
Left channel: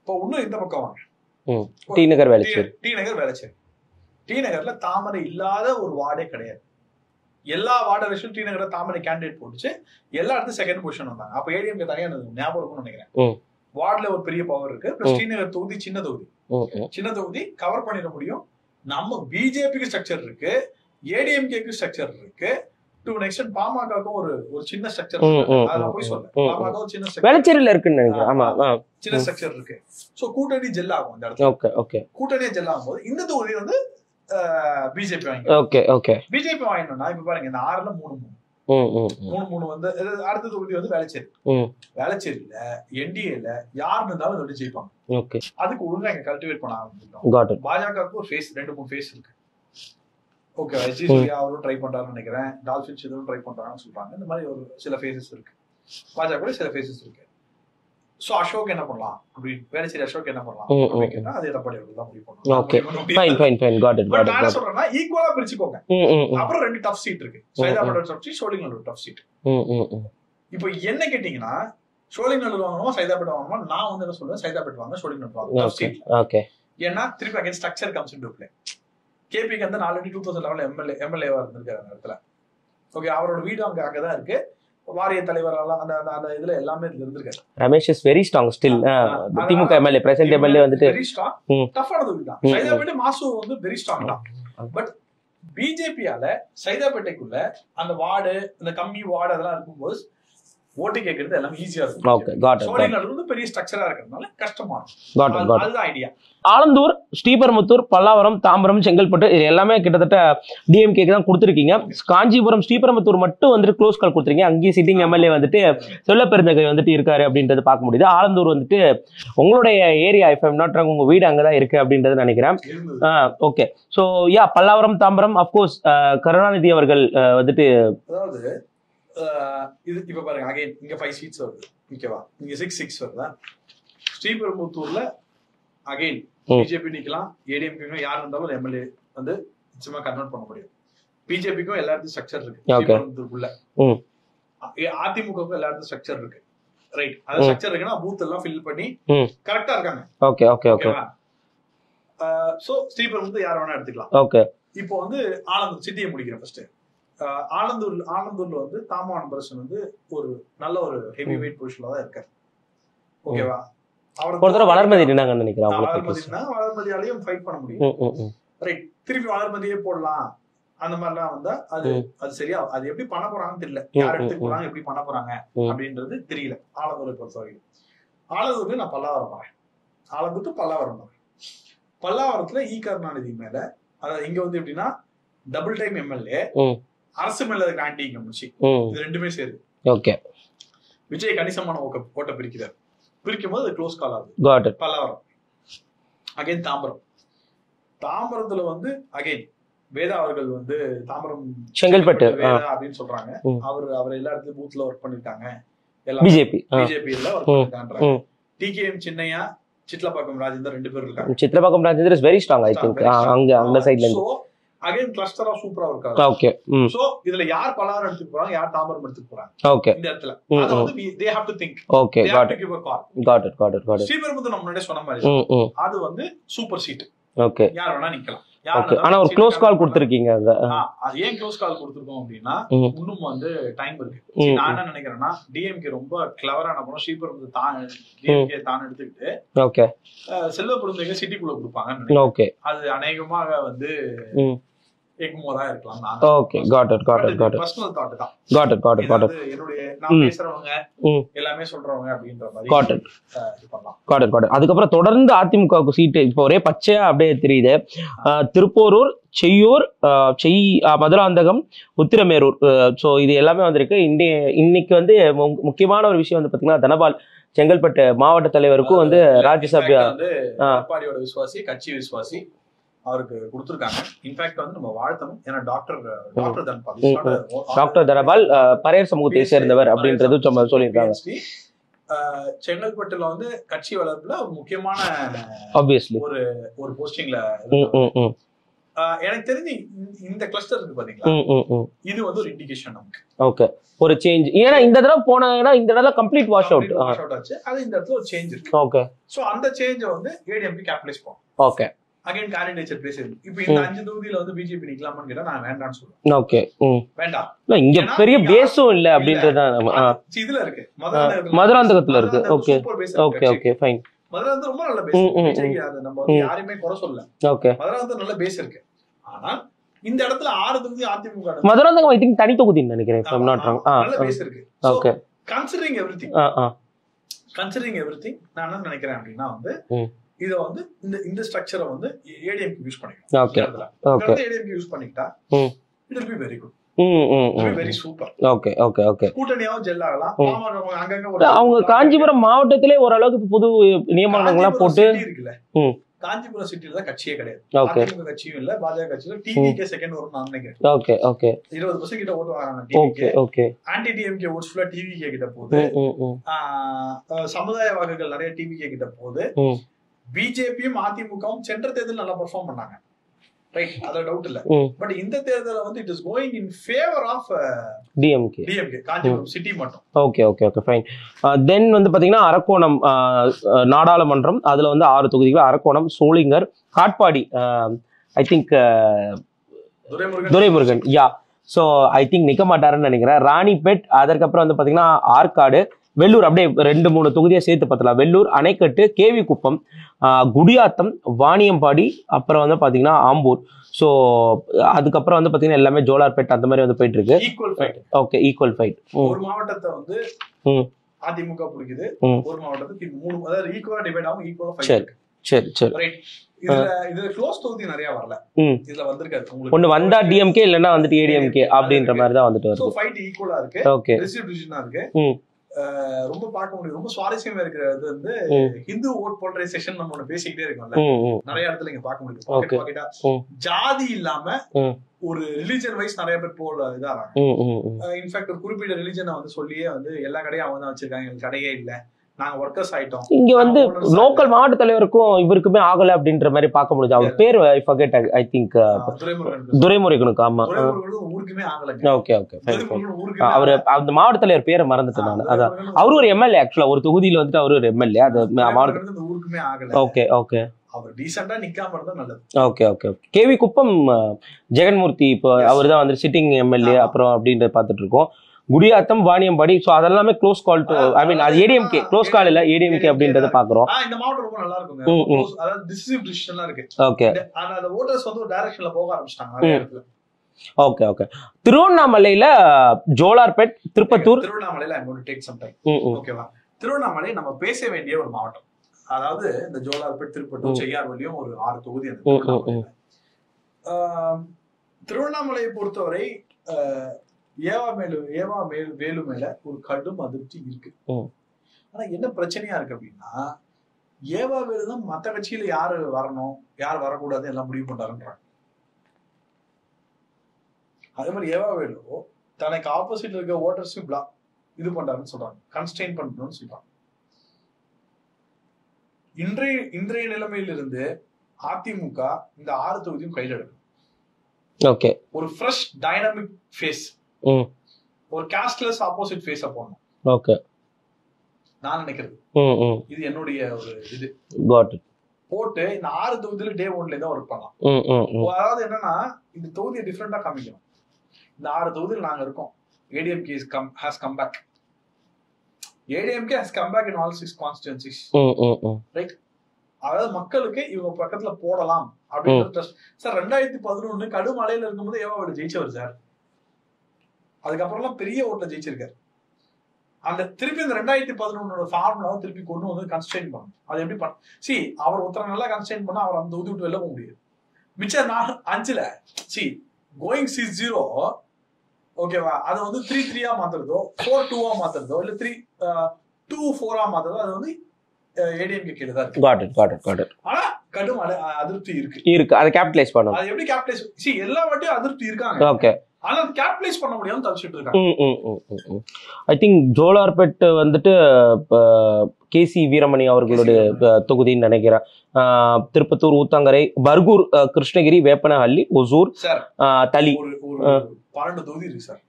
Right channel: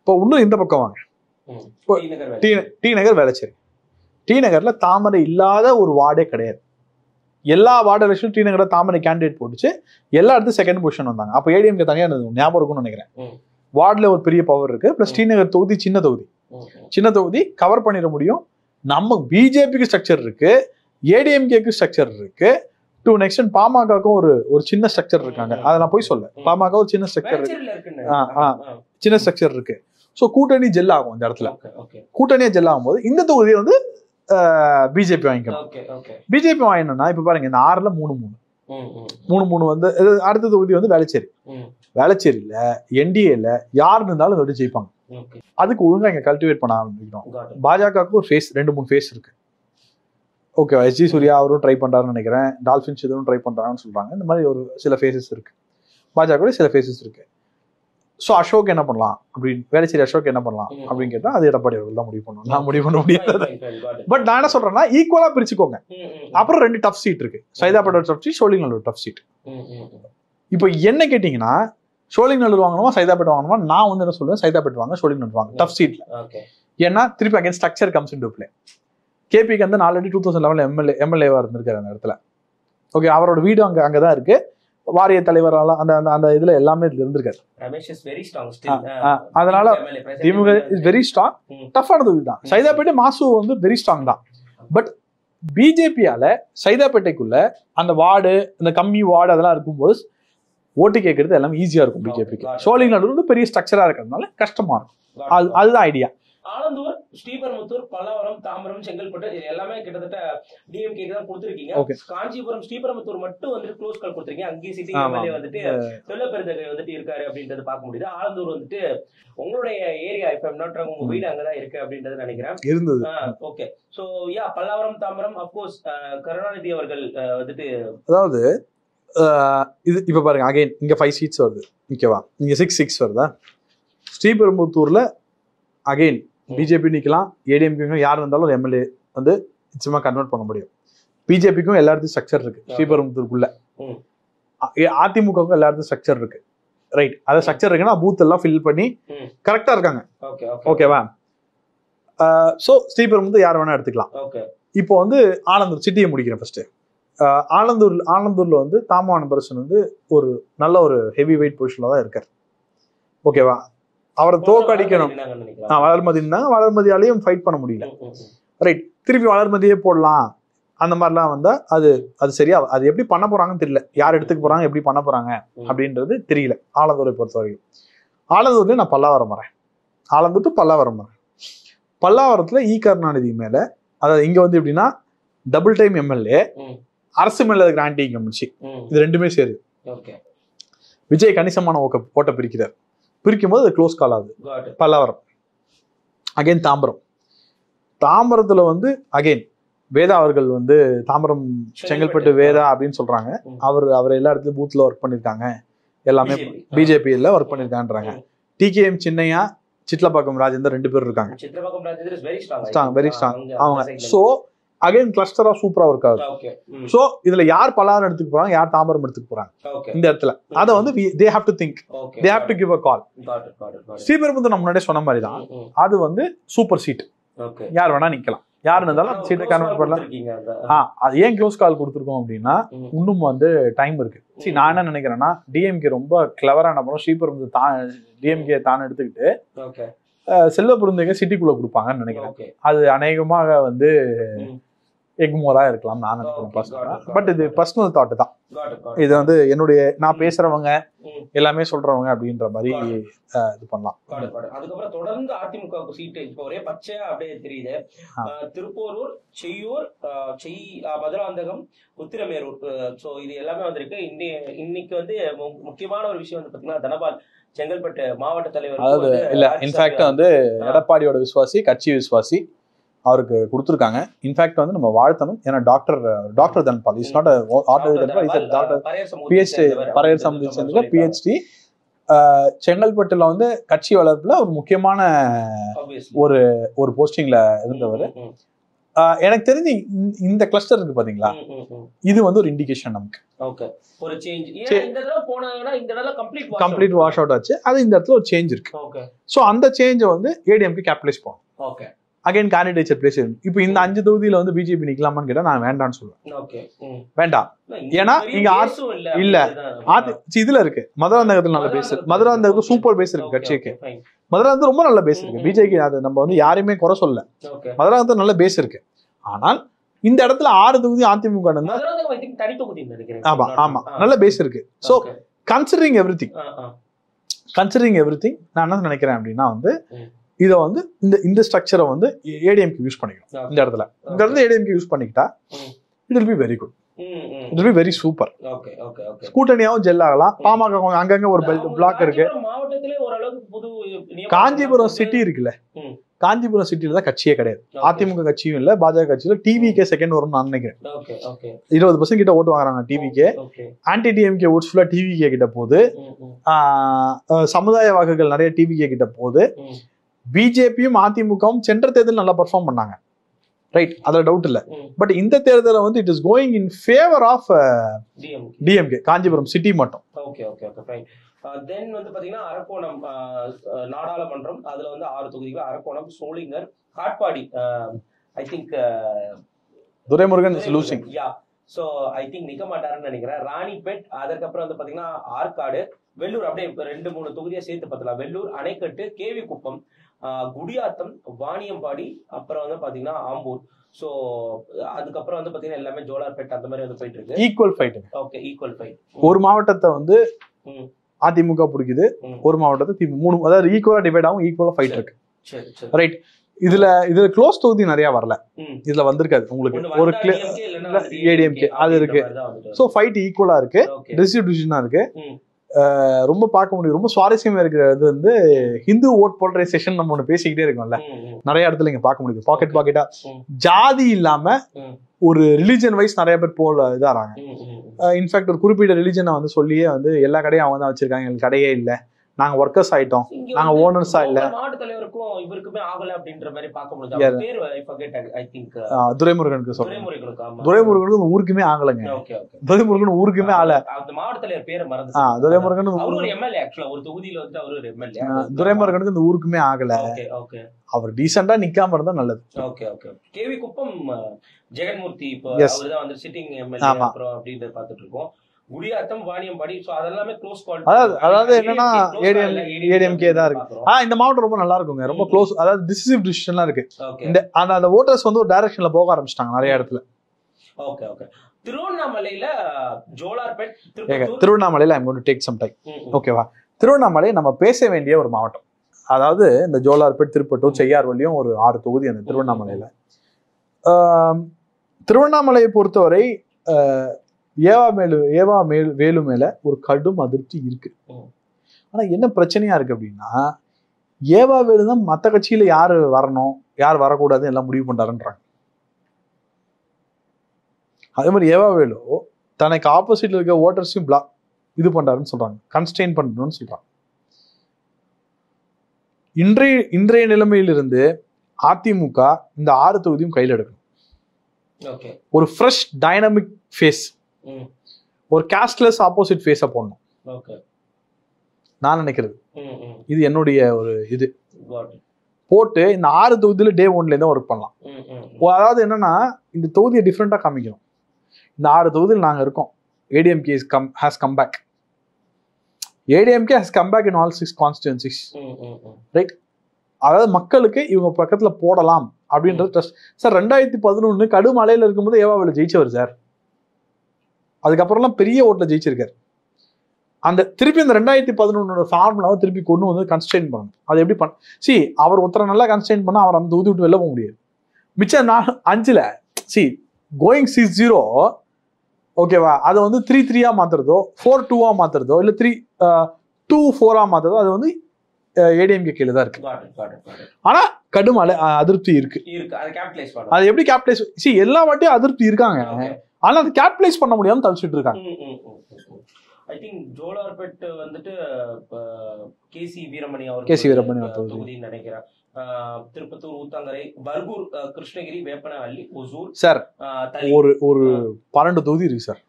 இப்போ இன்னும் இந்த பக்கம் வாங்க, டி நகர் வேளச்சேரி. டி நகர்ல தாமரை இல்லாத ஒரு வார்டே கிடையாது. எல்லா வார்டு எலெக்ஷன் டி நகர்ல தாமரை கேண்டிடேட் போட்டுச்சு, எல்லா இடத்தும் செகண்ட் பொசிஷன் வந்தாங்க. அப்போ ஏடிஎம்கே தனியா ஞாபகம் இருக்கும்னு நினைக்கிறேன். வார்டுல ஒரு பெரிய பவர் இருக்கு. பிளஸ் டி நகர் தொகுதி சின்ன தொகுதி கவர் பண்ணிட முடியும். நம்ம பிஜேபிக்கு ஸ்ட்ரக்சர் இருக்கு, ஏடிஎம்கேக்கு ஸ்ட்ரக்சர் இருக்கு, டு நெக்ஸ்ட் பாமகவுக்கும் ஒரு சின்ன ஸ்ட்ரக்சர் இருக்கு. அதை நான் போய் சொல்ல, பாமக ஒரு சின்ன ஸ்ட்ரக்சர் இருக்கு. சோ கூட்டணி ஜெல் ஆகும் இந்த இடத்துல. கூட்டணியா ஜெல் ஆகும் போது இந்த தொகுதியை வந்து பிஜேபி வாங்கிக்கலாம். பிஜேபி வாங்கினோம்னா இப்ப பாருங்க, இந்த 6ல 3 வந்து அடுத்த தொகுதி வந்து வேளச்சேரியில என்டிஏல யாரு இருந்தாலும் வந்து ஜெயிப்பாங்க. அதுக்கு ஒழுங்கா இங்க கல்டிவேட் பண்ண ஆரம்பிக்கணும். பாஜகவுக்கு ஒரு ஃபேஸ் 2-3 ஃபேஸ் இருக்கு. ஓகே, எஸ்ஜி சூர்யா அவரும் ட்ரை பண்றாருன்னு நினைக்கிறேன், டால்பின்ஸ் இதுவும் ட்ரை பண்றாங்கன்னு சொல்றாங்க. இந்த மாதிரி ஒரு சில ஃபேஸஸ் இருக்கு, பாஜக சில ஃபேஸஸ் இருக்கு. ஸோ அசோக் என்ன பண்ணலாம் அப்படின்னு, வேளச்சேரி அசோக் என்ன பண்ணலாம் அப்படின்னு கேட்டா அது எடப்பாடி அவர்கள் தான் முடிவு பண்ணணும். பட் நான் என்ன சொல்றேன்னா ஈக்குவலா பிரிச்சுக்கோங்க. அப்புறம் 2 டஃப் சீட் இருக்கு, Saidapet tough seat, Sholinganallur tough seat. இப்போ என்ன கேட்டீங்கன்னா சோழிங்கநல்லூர் வாங்கணுமா சைதாப்பேட் வாங்கணுமா? நான் வந்து என்ன சொல்லுவேன், சைதாப்பேட் வாங்க, சோழிங்கநல்லூர் வாங்க டஃப் சீட்ல. ஏன்னா திருப்பி again structure comes into play. கேபிக்கு வந்து ஆல்ரெடி 2011 எம்எல்ஏவா இருந்திருக்காரு அந்த இடத்துல. ஓகே, அவரோட வீடு அங்கதான் இருக்கு. வாரிய தலைவரால அந்த இதுல எல்லாமே இருந்திருக்காரு. Ramesh is very strong still. அதனால எம்எல்ஏ பிரசன்ட் எம்எல்ஏ வந்து வெரி ஸ்ட்ராங், டஃப்பான தொகுதி தான். சைதாப்பேட்டை மாசு வந்து வெரி ஸ்ட்ராங் தான். பட் பிஜேபியால சைதாப்பேட்டைக்குள்ள அந்த வார்டு, இந்த கம்மி வார்டு அதெல்லாம் இருக்கும்போது ஓட்டு கேட்கறது எல்லாம் ஈஸியா இருக்கும். சோழிங்கநல்லூர் வந்து பெரிய ஸ்ட்ரக்சரா இருக்கிறதுனால கஷ்டமா இருக்கும். அதுதான் ஐடியா. ஆலந்தூர், ஸ்ரீபெரும்புத்தூர், பல்லாவரம், தாம்பரம், செங்கல்பட்டு இது எல்லாமே கிட்டத்தட்ட டிஎம்கேக்கு தான் கொடுத்துருக்கீங்க. காஞ்சிபுரம், ஸ்ரீபெரும்புத்தூர் மட்டும் வந்துட்டு க்ளோஸ் கால் கொடுத்துருக்கீங்க. அங்கேயும் சிட்டிங் எம்எல்ஏ வந்துட்டு சொல்லப்பெருந்தகை வந்துட்டு இருக்காரு அப்படின்றது பார்க்க முடியுது. ஆலந்தூர் வந்துட்டு உங்களுடைய area, if I'm not wrong, உங்க வீடு அங்கதான் இருக்கு அப்படின்றது நினைக்கிறேன். Okay. So yeah, Pallavaram, Tambaram, of course Karunanidhi அவர்கள் வந்துட்டு, அதாவது இது இப்ப பாருங்க, அகைன் இங்க 5 சீட்ஸ் வருது, ஓகேவா? இங்க 6 வருதா? ஸ்ரீபெரும்புத்தூர்ல அகைன் பிஜேபி நிக்கலாம், ஏடிஎம்கே யார் இருந்தாலும் ஒரு எம்எல்ஏ வந்து நிச்சயமா கன்வெர்ட் பண்ண முடியும். பிஜேபிக்கும் எல்லா இடத்துக்கும் ஸ்ட்ரக்சர் இருக்கு ஸ்ரீபெரும்புத்தூருக்குள்ள, அதிமுகவுக்கும் எல்லா இடத்துக்கும் ஸ்ட்ரக்சர் இருக்கு. ரைட், அது ஸ்ட்ரக்சர் இருக்குன்னா பூத் எல்லாம் ஃபில் பண்ணி கரெக்டா இருக்காங்க. ஓகேவா? சோ ஸ்ரீபெரும்புத்தூர் யார் வேணா எடுத்துக்கலாம். ஓகே. இப்போ வந்து ஆலந்தூர் சிட்டியை முடிக்கிறேன் ஃபர்ஸ்ட். ஆலந்தூர்ல வந்து தாமவான பர்சன் வந்து ஒரு நல்ல ஒரு ஹெவி வெயிட் பொசிஷன்ல தான் இருக்காரு. ஓகேவா? அவரை வளர்மதியாலையும் ஃபைட் பண்ண முடியும். ரைட், திருப்பி வளர்மதியே போடலாம் அந்த மாதிரிலாம் வந்தா அது சரியா, அது எப்படி பண்ண போறாங்கன்னு தெரியல. யார் எடுத்துக்க போறாங்க, எப்படி பண்ண போறாங்க அப்படின்றது தெரியல. ஆலந்தூரை பொறுத்த வரைக்கும் ஆலந்தூர்ல நான் பல்லாவரம் வரேன். ஆலந்தூர் டு பல்லாவரம் வரேன். பல்லாவரத்துல கருணாநிதி மேல, அதாவது இங்க வந்து எப்படின்னா டபுள் டைம் எம்எல்ஏ, அரசு மேல இருக்கிற ஆன்டி இன்கம்பன்சி, இது ரெண்டுமே சேரு. ஓகே. விஜய் கணிசமான ஓட்ட பிரிக்கிறார். பிரிக்கும் போது அது க்ளோஸ் கால் ஆகுது. பல்லாவரம். அகைன் தாம்பரத்துல வந்து அகைன் வேதா அவர்கள் வந்து தாம்பரம் செங்கல்பட்டு வேதா அப்படின்னு சொல்றாங்க. அவர் எல்லா இடத்துலயும் பூத்ல ஒர்க் பண்ணிருக்காங்க. எல்லாமே பிஜேபியில ஒர்க் பண்ணிருக்கான்றாங்க. டிகேஎம் சின்னையா, சிட்லப்பாக்கம் ராஜேந்தர் 2 பேர் இருக்காங்க. Chitlapakkam Rajender is very strong. So again கிளஸ்டரா சூப்பரா ஒர்க் ஆகுது. ஓகே. சோ இதுல யார் பல்லாவரம் எடுத்துக்க போறாங்க, யார் தாம்பரம் எடுத்துக்க போறாங்க, ஓகே, இந்த இடத்துல அத வந்து they have to think. Okay, they have to give a call. Got it. Sriperumbudur நம்ம முன்னாடியே சொன்ன மாதிரி அது வந்து சூப்பர் சீட். ஓகே, யார் வேணா நிக்கலாம். ஆனா ஒரு க்ளோஸ் கால் கொடுத்திருக்கீங்க. அது ஏன் க்ளோஸ் கால் கொடுத்திருக்கோம் அப்படின்னா இன்னும் வந்து டைம் இருக்கு. நான் என்ன நினைக்கிறேன்னா டிஎம்கே ரொம்ப கிளவரா என்ன பண்ணும், ஸ்ரீபெரும்புத்தூர் டிஎம்கே தான் எடுத்துக்கிட்டு ஓகே செல்வ பெருந்தகை சிட்டிக்குள்ள கொடுப்பாங்கன்னு நினைக்கிறேன். ஓகே, அது அநேகமாக வந்து எக்மோரா இருக்கலாம். பர்சனல் தாட் தான். இது வந்து என்னுடைய நான் பேசுறவங்க எல்லாமே சொல்றவங்க அப்படின்ற மாதிரி இது பண்ணலாம். அதுக்கப்புறம் தொடர்ந்து அதிமுகவுக்கு சீட்டு இப்போ ஒரே பச்சையா அப்படியே தெரியுது. திருப்போரூர், செய்யூர், மதுராந்தகம், உத்திரமேரூர். ஸோ இது எல்லாமே வந்திருக்கு. இன்னைக்கு வந்து முக்கியமான ஒரு விஷயம் வந்து பாத்தீங்கன்னா தனபால் செங்கல்பட்டு மாவட்ட தலைவருக்கும் வந்து ராஜ்யசபா வந்து எடப்பாடியோட விசுவாசி, கட்சி விசுவாசி, அவருக்கு கொடுத்துருக்காங்க. இன்ஃபேக்ட் வந்து நம்ம வாழ்த்தணும். ஏன்னா டாக்டர் தனபால் பரையர் சமூகத்தை சேர்ந்தவர் அப்படின்றது பிஹெச்டி. செங்கல்பட்டுல வந்து கட்சி வளர்ப்புல ஒரு முக்கியமான ஒரு போஸ்டிங்ல எனக்கு தெரிஞ்சு இந்த கிளஸ்டர் இருக்கு பாத்தீங்களா, இது வந்து ஒரு இண்டிகேஷன் நமக்கு. ஓகே, ஒரு சேஞ்ச். ஏன்னா இந்த தடவை போனா இந்த தடவை கம்ப்ளீட் வாஷ் அவுட் ஆச்சு. அது இந்த இடத்துல ஒரு சேஞ்ச் இருக்கு. ஓகே, சோ அந்த சேஞ்ச் வந்து ஏடிஎம்கே கேபிட்டலைஸ் பண்ணும். Okay, again candidate place. இப்போ இந்த 5 தொகுதியில வந்து பிஜேபி நிக்கலாமான்னு கேட்டா நான் வேண்டாம்னு சொல்லுவேன். ஓகே, வேண்டாம். இதுல இருக்கு மதுராந்தகத்துல சூப்பர் பேஸ் இருக்கு. மதுராந்தகம் ரொம்ப நல்ல பேஸ். பிஜேபி அது நம்ம வந்து யாரையுமே குறை சொல்ல. மதுராந்தகம் நல்ல பேஸ் இருக்கு. ஆனால் இந்த இடத்துல 6 தொகுதி அதிமுக மதுராந்தகம் ஐ திங்க் தனி தொகுதி நினைக்கிறேன். நல்ல பேஸ் இருக்கு. சோ கன்சிடரிங் எவ்ரிதிங் நான் என்ன நினைக்கிறேன் அப்படின்னா வந்து இதை வந்து இந்த ஸ்ட்ரக்சரை வந்து ஏடிஎம்கே யூஸ் பண்ணிக்கணும். இந்த இடத்துல ஏடிஎம்கே யூஸ் பண்ணிக்கிட்டா it will be very good, it will be very super. Okay okay okay, கூட்டணியாவும் ஜெல் ஆகலாம். பாமக அங்கங்க ஒரு அவங்க காஞ்சிபுரம் மாவட்டத்திலே ஓரளவுக்கு புது நியமனம் சிட்டி இருக்குல்ல, காஞ்சிபுரம் சிட்டில தான் கட்சியே கிடையாது. அதிமுக கட்சியும் இல்ல, பாஜக கட்சியில டிவிகே செகண்ட் வரும் நான் நினைக்கிறேன். ஓகே ஓகே, 20% கிட்ட ஓட்டு வாங்குறாங்க டிவிகே. ஆன்டி டிஎம்கே ஓட்ஸ் ஃபுல்லா டிவிகே கிட்ட போகுது. சமுதாய வாக்குகள் நிறைய டிவிகே கிட்ட போகுது. பிஜேபியும் அதிமுகவும் சென்ற தேர்தல் நல்லா பெர்ஃபார்ம் பண்ணாங்க. ரைட், அதுல டவுட் இல்ல. பட் இந்த தேர்தல வந்து it is going in favour of DMK Kanchipuram city மட்டும். Okay okay okay, fine. Then வந்து பாத்தீங்கன்னா அரக்கோணம் நாடாளுமன்றம், அதுல வந்து 6 தொகுதிகள். Arakkonam, Sholinghur, Katpadi, I think Duraimurugan yeah. So I think நிக்க மாட்டாருன்னு நினைக்கிறேன். ராணிப்பேட், அதற்கப்புறம் வந்து பாத்தீங்கன்னா ஆற்காடு, வெள்ளூர், அப்படியே 2-3 தொகுதியை சேர்த்து பார்த்தலாம். வெள்ளூர், அணைக்கட்டு, கேவி குப்பம், குடியாத்தம், வாணியம்பாடி, அப்புறம் வந்து பாத்தீங்கன்னா ஆம்பூர். ஸோ அதுக்கப்புறம் வந்து பாத்தீங்கன்னா எல்லாமே ஜோலார்பேட் அந்த மாதிரி வந்து போயிட்டு இருக்கு. Equal fight. Okay, equal fight. ஒரு மாவட்டத்தை வந்து அதிமுக பிடிக்குது, ஒரு மாவட்டத்தை 3, அதாவது ஈக்குவலா டிவைட் ஆகும், ஈக்குவலா ஃபைட் இருக்கு. சரி சரி ரைட். இதுல க்ளோஸ் தொகுதி நிறைய வரல, இதுல வந்திருக்காது உங்களுக்கு. ஒன்னு வந்தா டிஎம்கே இல்லனா வந்துட்டு ஏடிஎம்கே அப்படின்ற மாதிரி தான் வந்துட்டு வருது. சோ ஃபைட் ஈக்குவலா இருக்கு, டிஸ்ட்ரிபியூஷனா இருக்கு. ரொம்ப பார்க்க முடியும். ரொம்ப சுவாரஸ்யமா இருக்கிறது வந்து ஹிந்து ஓட் போலரைசேஷன் நம்ம ஒண்ணு பேசிக்கிட்டே இருக்கோம்ல, நிறைய இடத்துல இங்க பார்க்க முடியுது. பாக்கெட்டா ஜாதி இல்லாம ஒரு ரிலிஜன் வைஸ் நிறைய பேர் போல இதாறாங்க. இன்ஃபேக்ட் ஒரு குறிப்பிட்ட ரிலிஜனை வந்து சொல்லியே வந்து எல்லா கடையும் அவங்க தான் வச்சிருக்காங்க, எங்களுக்கு கடையே இல்ல, நாங்க ஒர்க்கர்ஸ் ஆயிட்டோம். இங்க வந்து லோக்கல் மாவட்ட தலைவருக்கும் இவருக்குமே ஆகல அப்படின்ற மாதிரி பார்க்க முடியுது. அவர் பேர் ஐ திங்க் துரைமுருகனுக்கு. ஆமா, துரைமுருகனுக்கு ஊருக்குமே ஆகலங்க. ஓகே ஓகே, துரைமுருகன் ஊருக்குமே ஆகல. அந்த மாவட்ட தலைவர் பேரை மறந்துட்டாங்க. அவரு ஒரு எம்எல்ஏ, ஆக்சுவலா ஒரு தொகுதியில வந்துட்டு அவரு ஒரு எம்எல்ஏ. துரைமுருகனுக்கு இந்த ஊருக்குமே ஆகல. ஓகே ஓகே, அவர் டீசெண்டா நிக்காம இருந்தா நல்லது. Okay okay. கேவி குப்பம் ஜெகன்மூர்த்தி இப்போ அவர் தான் வந்து சிட்டிங் எம்எல்ஏ அப்புறம் அப்படின்றத பார்த்துட்டு இருக்கோம். குடியாத்தம், வாணியம்பாடி, சோ அதெல்லாமே க்ளோஸ் கால். ஐ மீன் ஏடிஎம்கே க்ளோஸ் கால் இல்ல, ஏடிஎம்கே அப்படின்றத பாக்குறோம். இந்த மாவட்டம் ரொம்ப நல்லா இருக்குங்க, ரொம்ப க்ளோஸ், அதாவது டிசிசிவ் டிசிஷன்லாம் இருக்கு. ஓகே, அந்த வோட்டர்ஸ் வந்து ஒரு டைரக்ஷன்ல போக ஆரம்பிச்சிட்டாங்க நிறைய இடத்துல. Okay okay. திருவண்ணாமலையில ஜோலார்பேட், திருப்பத்தூர். திருவண்ணாமலையில I am going to take some time. ஓகேவா? திருவண்ணாமலை நம்ம பேச வேண்டிய ஒரு மாவட்டம். அதாவது இந்த ஜோலார்பேட், திருப்பத்தூர், செய்யார்வழியும் ஒரு 6 தொகுதி அந்த திருவண்ணாமலையில. திருவண்ணாமலையை பொறுத்தவரை ஏவா வேலு மேல ஒரு கடும் அதிருப்தி இருக்கு. ஆனா என்ன பிரச்சனையா இருக்கு அப்படின்னா, ஏவா வேலு தான் மத்த கட்சியில யாரு வரணும் யார் வரக்கூடாது எல்லாம் முடிவு பண்றாருன்றாங்க. அதே மாதிரி ஏவா வேலு தனக்கு ஆப்போசிட்ல இருக்க ஓட்டர்ஸையும் இது பண்றாருன்னு சொல்றாங்க, கன்ஸ்டெயின் பண்ணணும்னு சொல்றாங்க. இன்றைய நிலைமையிலிருந்து அதிமுக இந்த 6 தொகுதியும் கையில் எடுக்கணும். ஓகே, ஒரு ஃப்ரெஷ் டைனமிக் ஃபேஸ், ஒரு காஸ்ட்லெஸ் ஆப்போசிட் ஃபேஸ போடணும். ஓகே, நான் நினைக்கிறது இது என்னுடைய ஒரு இது போட்டு இந்த 6 தொகுதியில டே 1ல இருந்து ஒர்க் பண்ணலாம். அதாவது என்னன்னா, இந்த தொகுதியை டிஃப்ரெண்டா காமிக்கணும். இந்த 6 தொகுதியில் நாங்க இருக்கோம், ADMK has come back. ADMK has come back in all 6 constituencies. Right. அதாவது மக்களுக்கு இவங்க பக்கத்துல போடலாம் அப்படின்றது ட்ரஸ்ட். சார் 2011 கடுமலையில இருக்கும்போது ஏவாவில் ஜெயிச்சவர் சார். அதுக்கப்புறம்லாம் பெரிய ஓட்டுல ஜெயிச்சிருக்காரு. அந்த திருப்பி இந்த 2011 ஃபார்முலாவை திருப்பி கொண்டு வந்து கன்ஸ்டெயின் பண்ணணும். அது எப்படி பண்ண அவர் ஒருத்தரை நல்லா கன்ஸ்டெயின் பண்ணா அவர் அந்த தொகுதி விட்டு வெளில போக முடியாது. மிச்சம் 5ல கோயிங் 6-0 ஓகேவா, அதை வந்து 3-3 மாத்துறதோ 4-2 மாத்துறதோ இல்ல 3-2-4 மாத்துறதோ அது வந்து ஏடிஎம்கே கீழே தான் இருக்கு. ஆனா கடும் அதிருப்தி இருக்கு. அதை கேபிட்டலைஸ் பண்ணணும். அது எப்படி கேபிட்டலைஸ்? எல்லா வாட்டியும் அதிருப்தி இருக்காங்க. ஓகே, ஆனா அது கேபிட்டலைஸ் பண்ண முடியாம தவிச்சிட்டு இருக்காங்க. ஐ திங்க் ஜோலார்பேட் வந்துட்டு கேசி வீரமணி அவர்களுடைய தொகுதின்னு நினைக்கிறேன். திருப்பத்தூர், ஊத்தங்கரை, பர்கூர், கிருஷ்ணகிரி, வேப்பனஹள்ளி, ஒசூர், சார் தளி ஒரு 12 தொகுதி இருக்கு சார்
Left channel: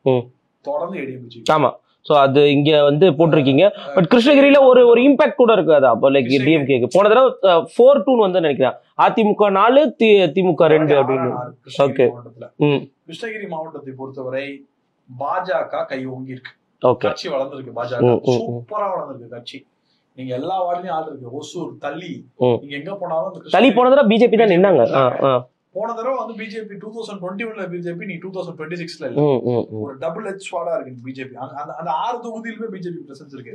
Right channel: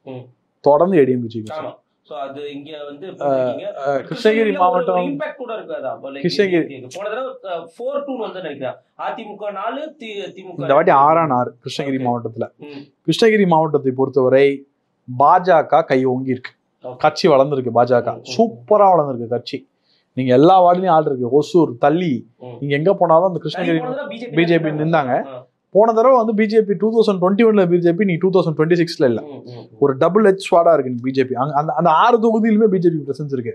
தொடர்ந்து ஏடிஎம்கே. ஆமா, சோ அது இங்க வந்து போட்டிருக்கீங்க. பட் கிருஷ்ணகிரியில ஒரு இம்பாக்ட் கூட இருக்கு. அதான் லைக் டிஎம்கேக்கு போன தடவை 4-2 வந்து நினைக்கிறேன். அதிமுக 4, திமுக 6 கிருஷ்ணகிரி மாவட்டத்துல. கிருஷ்ணகிரி மாவட்டத்தை பொறுத்தவரை பாஜக கை ஓங்கி இருக்கு, கட்சி வளர்ந்துருக்கு. பாஜக சூப்பரா வளர்ந்துருக்கு கட்சி. நீங்க எல்லா வார்டுலயும் ஆள் இருக்கு. ஒசூர், தள்ளி, நீங்க எங்க போனாலும் அந்த கிருஷ்ணகிரி போன தடவை பிஜேபி போன தடவை வந்து பிஜேபி 2021 பிஜேபி, நீ 2026 இல்ல. ஒரு டபுள் ஹெச் ஸ்வாடா இருக்கு பிஜேபி. அந்த 6 தொகுதியிலுமே பிஜேபி பிரசன்ஸ் இருக்கு.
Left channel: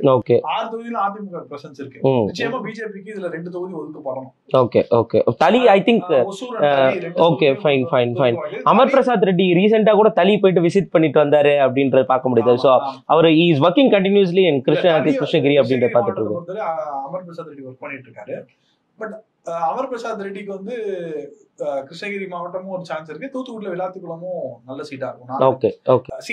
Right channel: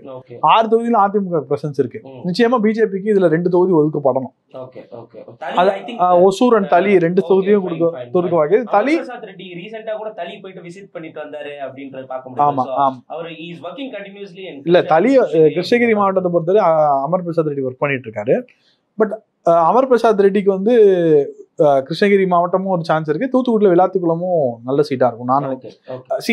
6 தொகுதியில அதிமுக பிரசன்ஸ் இருக்கு. நிச்சயமா பிஜேபிக்கு இதுல 2 தொகுதி ஒதுக்கப்படணும். Okay okay. Thali I think Hosur and Thali 2 தொகுதி. அமர் பிரசாத் ரெட்டி ரீசெண்டா கூட தளி போயிட்டு விசிட் பண்ணிட்டு வந்தாரு அப்படின்றத பார்க்க முடியுது. So he is working continuously in Krishnagiri மாவட்டத்தை பொறுத்தவரை அமர் பிரசாத் ரெட்டி ஒர்க் பண்ணிட்டு இருக்காரு. பட் அமர் பிரசாத் ரெட்டிக்கு வந்து கிருஷ்ணகிரி மாவட்டமும் ஒரு சான்ஸ் இருக்கு, தூத்துக்குடியில விளாத்திக்குளமும் நல்ல சீட்டா இருக்கும்.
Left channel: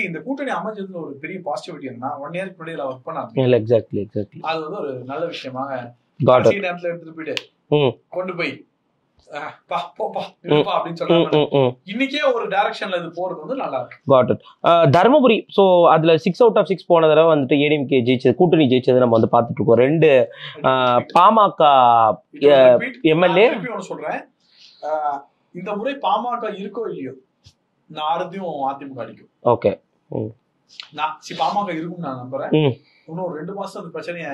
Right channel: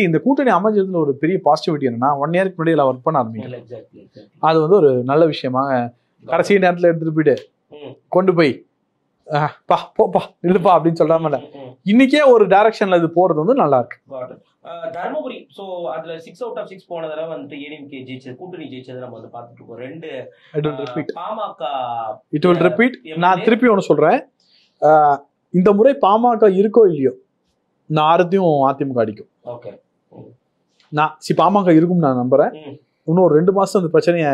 இந்த கூட்டணி அமைஞ்சதுல ஒரு பெரிய பாசிட்டிவிட்டி என்னன்னா, 1 இயருக்கு முன்னாடி எல்லாம் ஒர்க் பண்ண ஆரம்பிச்சு. அது வந்து ஒரு நல்ல விஷயமாக கடைசி நேரத்துல எடுத்துட்டு போயிட்டு கொண்டு போய் அப்படின்னு சொல்றாங்க. இன்னைக்கே ஒரு டைரக்ஷன்ல இது போறது வந்து நல்லா இருக்கு. தர்மபுரி, சோ அதுல 6 out of 6 போன தடவை வந்துட்டு ஏடிஎம்கே ஜெயிச்சது, கூட்டணி ஜெயிச்சது நம்ம வந்து பாத்துட்டு இருக்கோம். 2 பாமக திருப்பி ஒண்ணு சொல்றேன், இந்த முறை பாமக இருக்கோ இல்லையோ நான் 6த்தையும் அதிமுக அடிக்கும். ஓகே, நான் பாமக இருக்கும் நான் நம்புறேன். இன்னும் 2 மாசம் அந்த பிரச்சனைய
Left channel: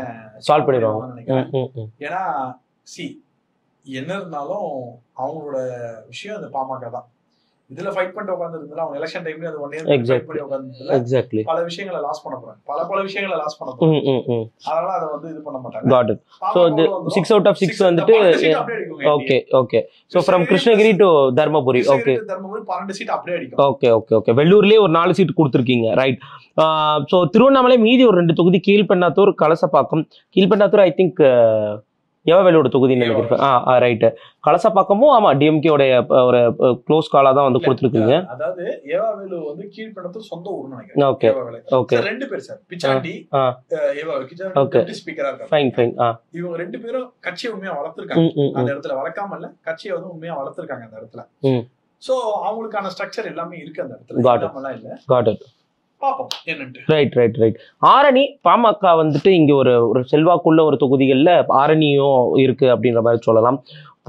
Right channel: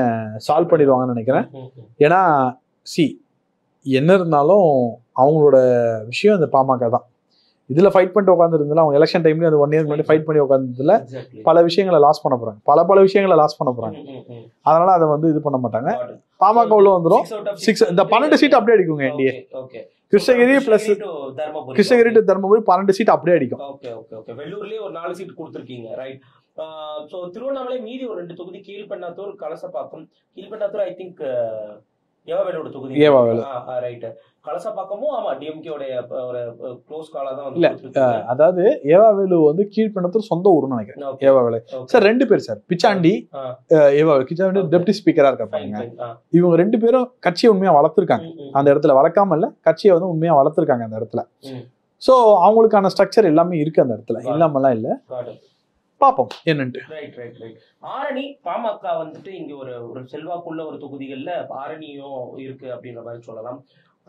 சால்வ் பண்ணிடுவாங்கன்னு நினைக்கிறேன். ஏன்னா என்ன இருந்தாலும் அவங்களோட விஷயம் இந்த பாமக தான். இதுல ஃபைட் பண்ணிட்டு உட்காந்துருந்தாலும் அவங்க எலெக்ஷன் டைம்ல அது 1 இயர் ஃபைட் பண்ணி உட்காந்துல பல விஷயங்களை லாஸ் பண்ண போறாங்க, பல விஷயங்களை லாஸ் பண்ண போறாங்க. அதனால அதை வந்து இது பண்ண மாட்டாங்க. பாமக வந்துரும் 6 out of 6 வந்து 12 சீட் அப்படியே அடிக்குங்க. Okay okay. So from Krishnagiri to Dharmapuri, Krishnagiri to Dharmapuri 12 seat அப்படியே அடிக்கும். Okay okay okay. வெள்ளூர்லயே ஒரு 4 சீட் கொடுத்துருக்கீங்க, ரைட். சோ திருவண்ணாமலை மீதி ஒரு 2 தொகுதி, கீழ்பெண்ணாத்தூர், கலசப்பாக்கம். கீழ்பெண்ணாத்தூர் ஐ திங்க் ஏவாவேலோட தொகுதி, ரைட். கலசப்பாக்கமும் ஆமா டிஎம்கே உடைய ஒரு க்ளோஸ் காலா தான் வந்து கொடுத்துருக்கீங்க. அதாவது ஏவாவேலு வந்து கீழ்பெண்ணாத்தூர் சொந்த ஊர்னு நினைக்கிறேன். ஏவாவேலு சார் 2 பேர் சார், பிச்சாண்டி பிச்சாண்டி டெப்டி ஸ்பீக்கரா இருக்காங்க. இவங்க 2 பேரும் கட்சியை உண்மையா வளர்த்திருக்காங்க அந்த இடத்துல, வளர்க்காம இல்ல, கட்சியை வந்து உண்மையா வளர்த்திருக்காங்க அந்த இடத்துல. சோ அவங்களுக்கான ஸ்ட்ரக்சர் எல்லாமே இருக்கு அந்த இடத்துல, இல்லாமலாம் இல்ல. பாப்போம் என்னன்ட்டு. Right right right. Arani PMK வந்துட்டு இங்க ஒரு செல்வாக்குள்ள ஒரு தொகுதிகள்ல ஆரணியும் இருக்கு அப்படின்ற மாதிரி சொல்லலாம்.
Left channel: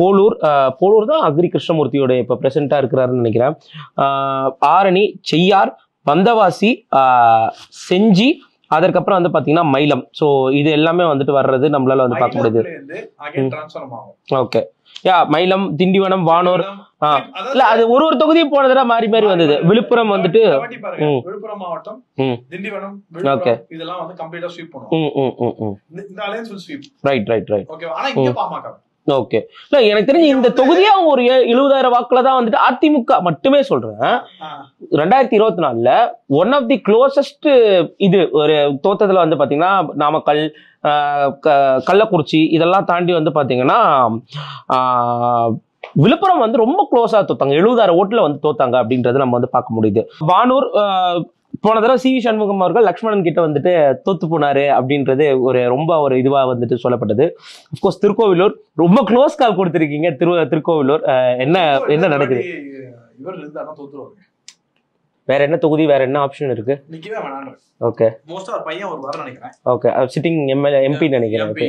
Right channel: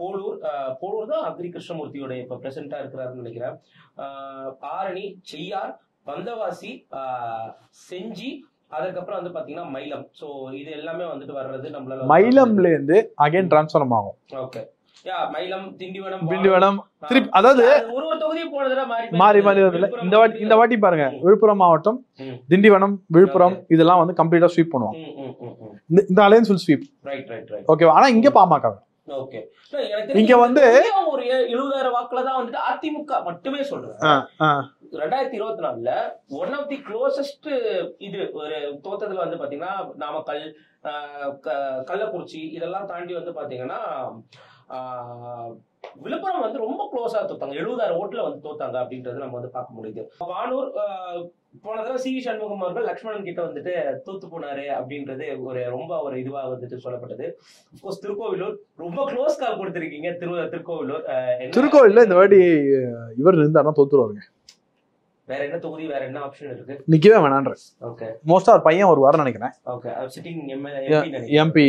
போலூர் தான் அக்ரி கிருஷ்ணமூர்த்தியோட இப்ப பிரசன்டா இருக்கிறாருன்னு நினைக்கிறேன். ஆரணி, செய்யார், வந்தவாசி, செஞ்சி, அதற்கப்புறம் வந்து பாத்தீங்கன்னா மயிலம். சோ இது எல்லாமே வந்துட்டு வர்றது நம்மளால டிரான்ஸ்ஃபார்ம் ஆகும். ஓகே யா, மயிலம், திண்டிவனம், வானவனம், அதாவது அது ஒரு தொகுதியும் போன தடவை மாறி மாறி வந்தது. விழுப்புரம் வந்துட்டு இந்த வாட்டி பாருங்க, விழுப்புரம் மாவட்டம், திண்டிவனம், விழுப்புரம் இதெல்லாம் வந்து கம்ப்ளீட்டா ஸ்வீப் பண்ணுவோம். இந்த alliance full sweep. Right right right. Okay. ஆனா இங்க பாமக ஓகே. எனக்கு தெரிஞ்சு இந்த தொகுதியா ஒரு 70,000 வாக்குல தான் வந்துட்டு அதிமுக மட்டுமே சொல்றேன். 2024ல ஒன் ஆஃப் தி க்ளோசஸ்ட் இது ஒரு தோத்தத்துல வந்து பாத்தீங்கன்னா நாமக்கல், கள்ளக்குறிச்சி இதெல்லாம் தாண்டி வந்து பாத்தீங்கன்னா விழுப்புரம் வந்து ரொம்ப க்ளோஸா தோத்தாங்க. 70,000 ஓட்டுல வந்து தோத்தாங்க அப்படின்றது நம்ம வந்து பார்க்க முடியுது. வானூர் போன தடவை சி வி சண்முகம் அவர்கள் லக்ஷ்மணன் கிட்ட வந்துட்டு தோத்து போனாரு அப்படின்றது ரொம்ப ஒரு இதுவா வந்துட்டு சொல்லப்பட்டது. அப்கோர்ஸ் திருக்கோவிலூர் ரொம்ப க்ளோஸ் கால் கொடுத்திருக்கீங்க. திருக்கோவிலூர் என்ன இவர் இருந்தாருன்னா தோத்துருவாருங்க. வேற என்ன தொகுதி, வேற என்ன ஆப்ஷன் இருக்கு? நிக்கவே வேணான்ற. ஓகே. மோஸ்டா ஒரு பையன் ஒரு வாரம் நினைக்கிறேன். ஓகே. சிட்டிங் எம்பி நினைக்கிறேன். எம்பி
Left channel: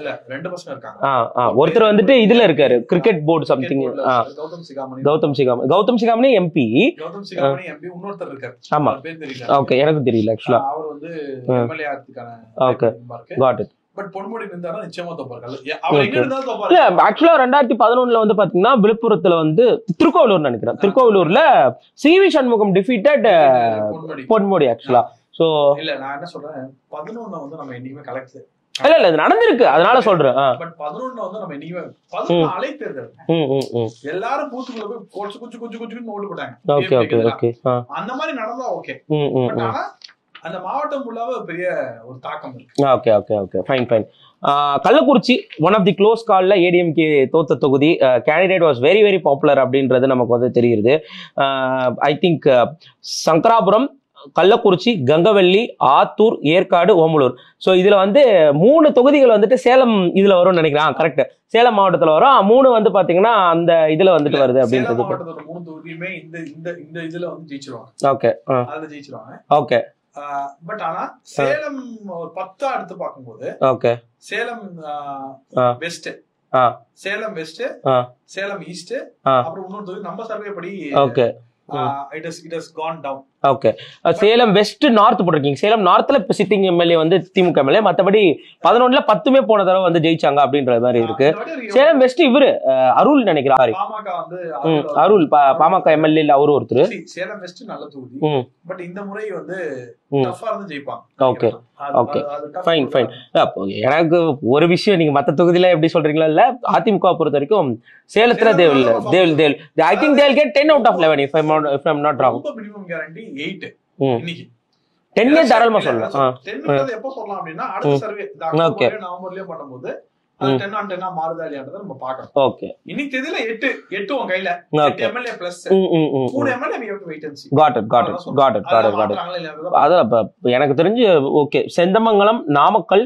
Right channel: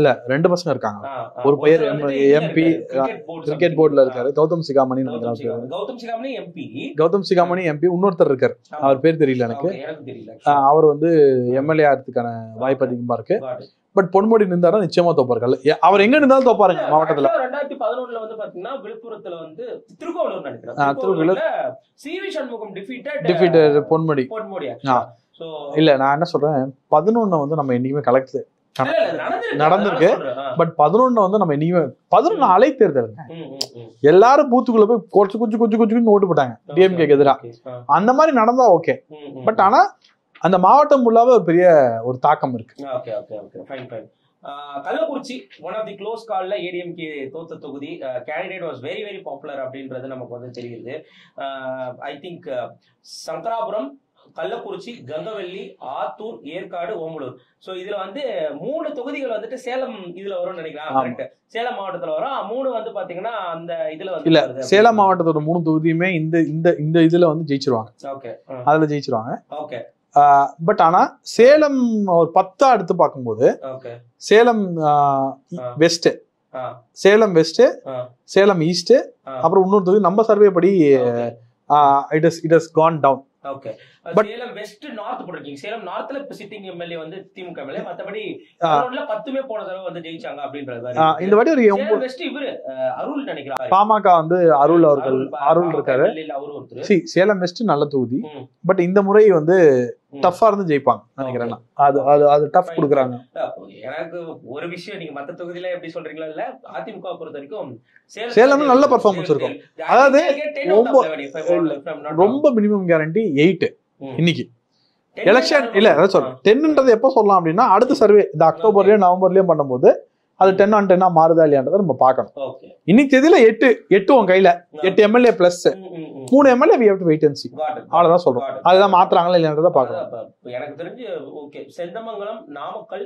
இல்ல 2 பசங்க இருக்காங்க. ஒருத்தர் வந்துட்டு இதுல இருக்காரு, கிரிக்கெட் போர்டு சம்திங் போர்டுல இருக்காரு. கௌதம் சிகாமணி எம்பி. இன்னொருத்தர் இருக்காரு, அவர் பேர் தெரியல. ஓகே, எனக்கு தெரியல. அவர் வந்து எம்எல்ஏ ஆகிறதுக்கான வாய்ப்பு அதிகமா இருக்கு. பட் பொன்முடி நின்றாரா நிச்சயமா தோப்பார்கள். அவர் எங்க இருந்தாலும் தோப்பாரு. ஆக்சுவலா 2011ல வந்து பாத்தீங்கன்னா விழுப்புரத்துல வந்து திருக்கோவிலூர் நினைக்கிறேன். திருக்கோவிலூர்ல C V Shanmugam defeated Ponmudi ஆக்சுவலா. சோ இல்ல நான் என்ன சொல்றேன், 11 வந்து நம்ம என்னைக்குமே கலெக்ட் இல்ல இது நடந்திருக்கு, அதனால சொல்றேன். பட் 11 வந்து நம்ம என்னைக்குமே 11 அலை தேர்தல் எல்லாரும் பூத்துக்குள்ள போய் கொஞ்சம் ஓட்டு போட்டாங்க. அந்த மாதிரி நடந்தா ஓகே. பட் ஆனா அந்த மாவட்டம் ஃபுல்லாவே பெரிய ஒரு தாக்கம் இருக்கு. Okay okay okay, fine fine. Kallakurichi one of the close கால்ல ஏடிஎம்கே தோத்த தொகுதி. Candidate was very very popular அப்படின்றது நமக்கு வந்து தெரியுது. I think Sankarapuram, Kallakurichi, Gangavalli, Attur, Yercaud, Omalur. So இதுல வந்து 3 தொகுதிகள் வந்துட்டு சேலம் இதுல வரும்னு நினைக்கிறேன். கரெக்ட், சேலம் மாவட்டத்துல வரும். 3 வந்து பாத்தீங்கன்னா அந்த இதுல வந்து வருது. சேலம் மாவட்டத்தோட 3 தொகுதியுமே இந்த இதுல வந்து ஜெயிச்சிருவாங்க. ஓகே, அதுல ஜெயிச்சிருவாங்க. ஓகே. பட் ஆனா சேலம் ஒரு 10 எடுத்து பார்க்கும்போது okay, Salem west, Salem west, Salem east, அப்புறம் இன்னொரு தொகுதி நம்ம சர்வே படி it has gone down. Okay. Salem west north போட்டிருக்கீங்க. சேலம் நார்த்ல இப்ப சிட்டிங் எம்எல்ஏ வந்து திமுக எம்எல்ஏ, மத்தபடி 11ல 10மே போன தடவை வந்து ஜெயிச்சாங்க அப்படின்ற மாதிரி இருக்கு. சேலம் வெஸ்ட் இவரு அருள் நினைக்கிறாரு. பாமக வந்து அருள் பாமக எம்எல்ஏ இல்ல, அவரு ஒருத்தர். சேலம் வெஸ்ட் நல்ல தொகுதி. பட் இந்த முறை வந்து டஃபா இருந்து ஜெயிப்பாங்க. எனக்கு ஒரு விஷயம், நீங்க மத்த தொகுதியில எப்படி சொல்றீங்களா இல்ல, அதிமுக பொறுத்த வரைக்கும் சேலத்துல ரொம்ப மினிமம் கேரண்டி 8 இன்னைக்கு. 10 எப்ப சொல்லலாம் அப்படின்னா அடுத்த சர்வே இந்த அக்டோபர்லயும் நவம்பர்லயும் பண்ணும்போது அது 10 on 10 மாறுதா இல்லையான்றதை நம்ம பார்க்கணும். ஓகே, இன்னைக்கு தேதியில 8 உன் கையில 8 MLA plus 3 MLA we have to wait and see. அதான் மாற்றாங்களா இல்லையான்றதை எனக்கு தெரிஞ்சு. ஓகே, செந்தமங்கலம், நாமக்கல்,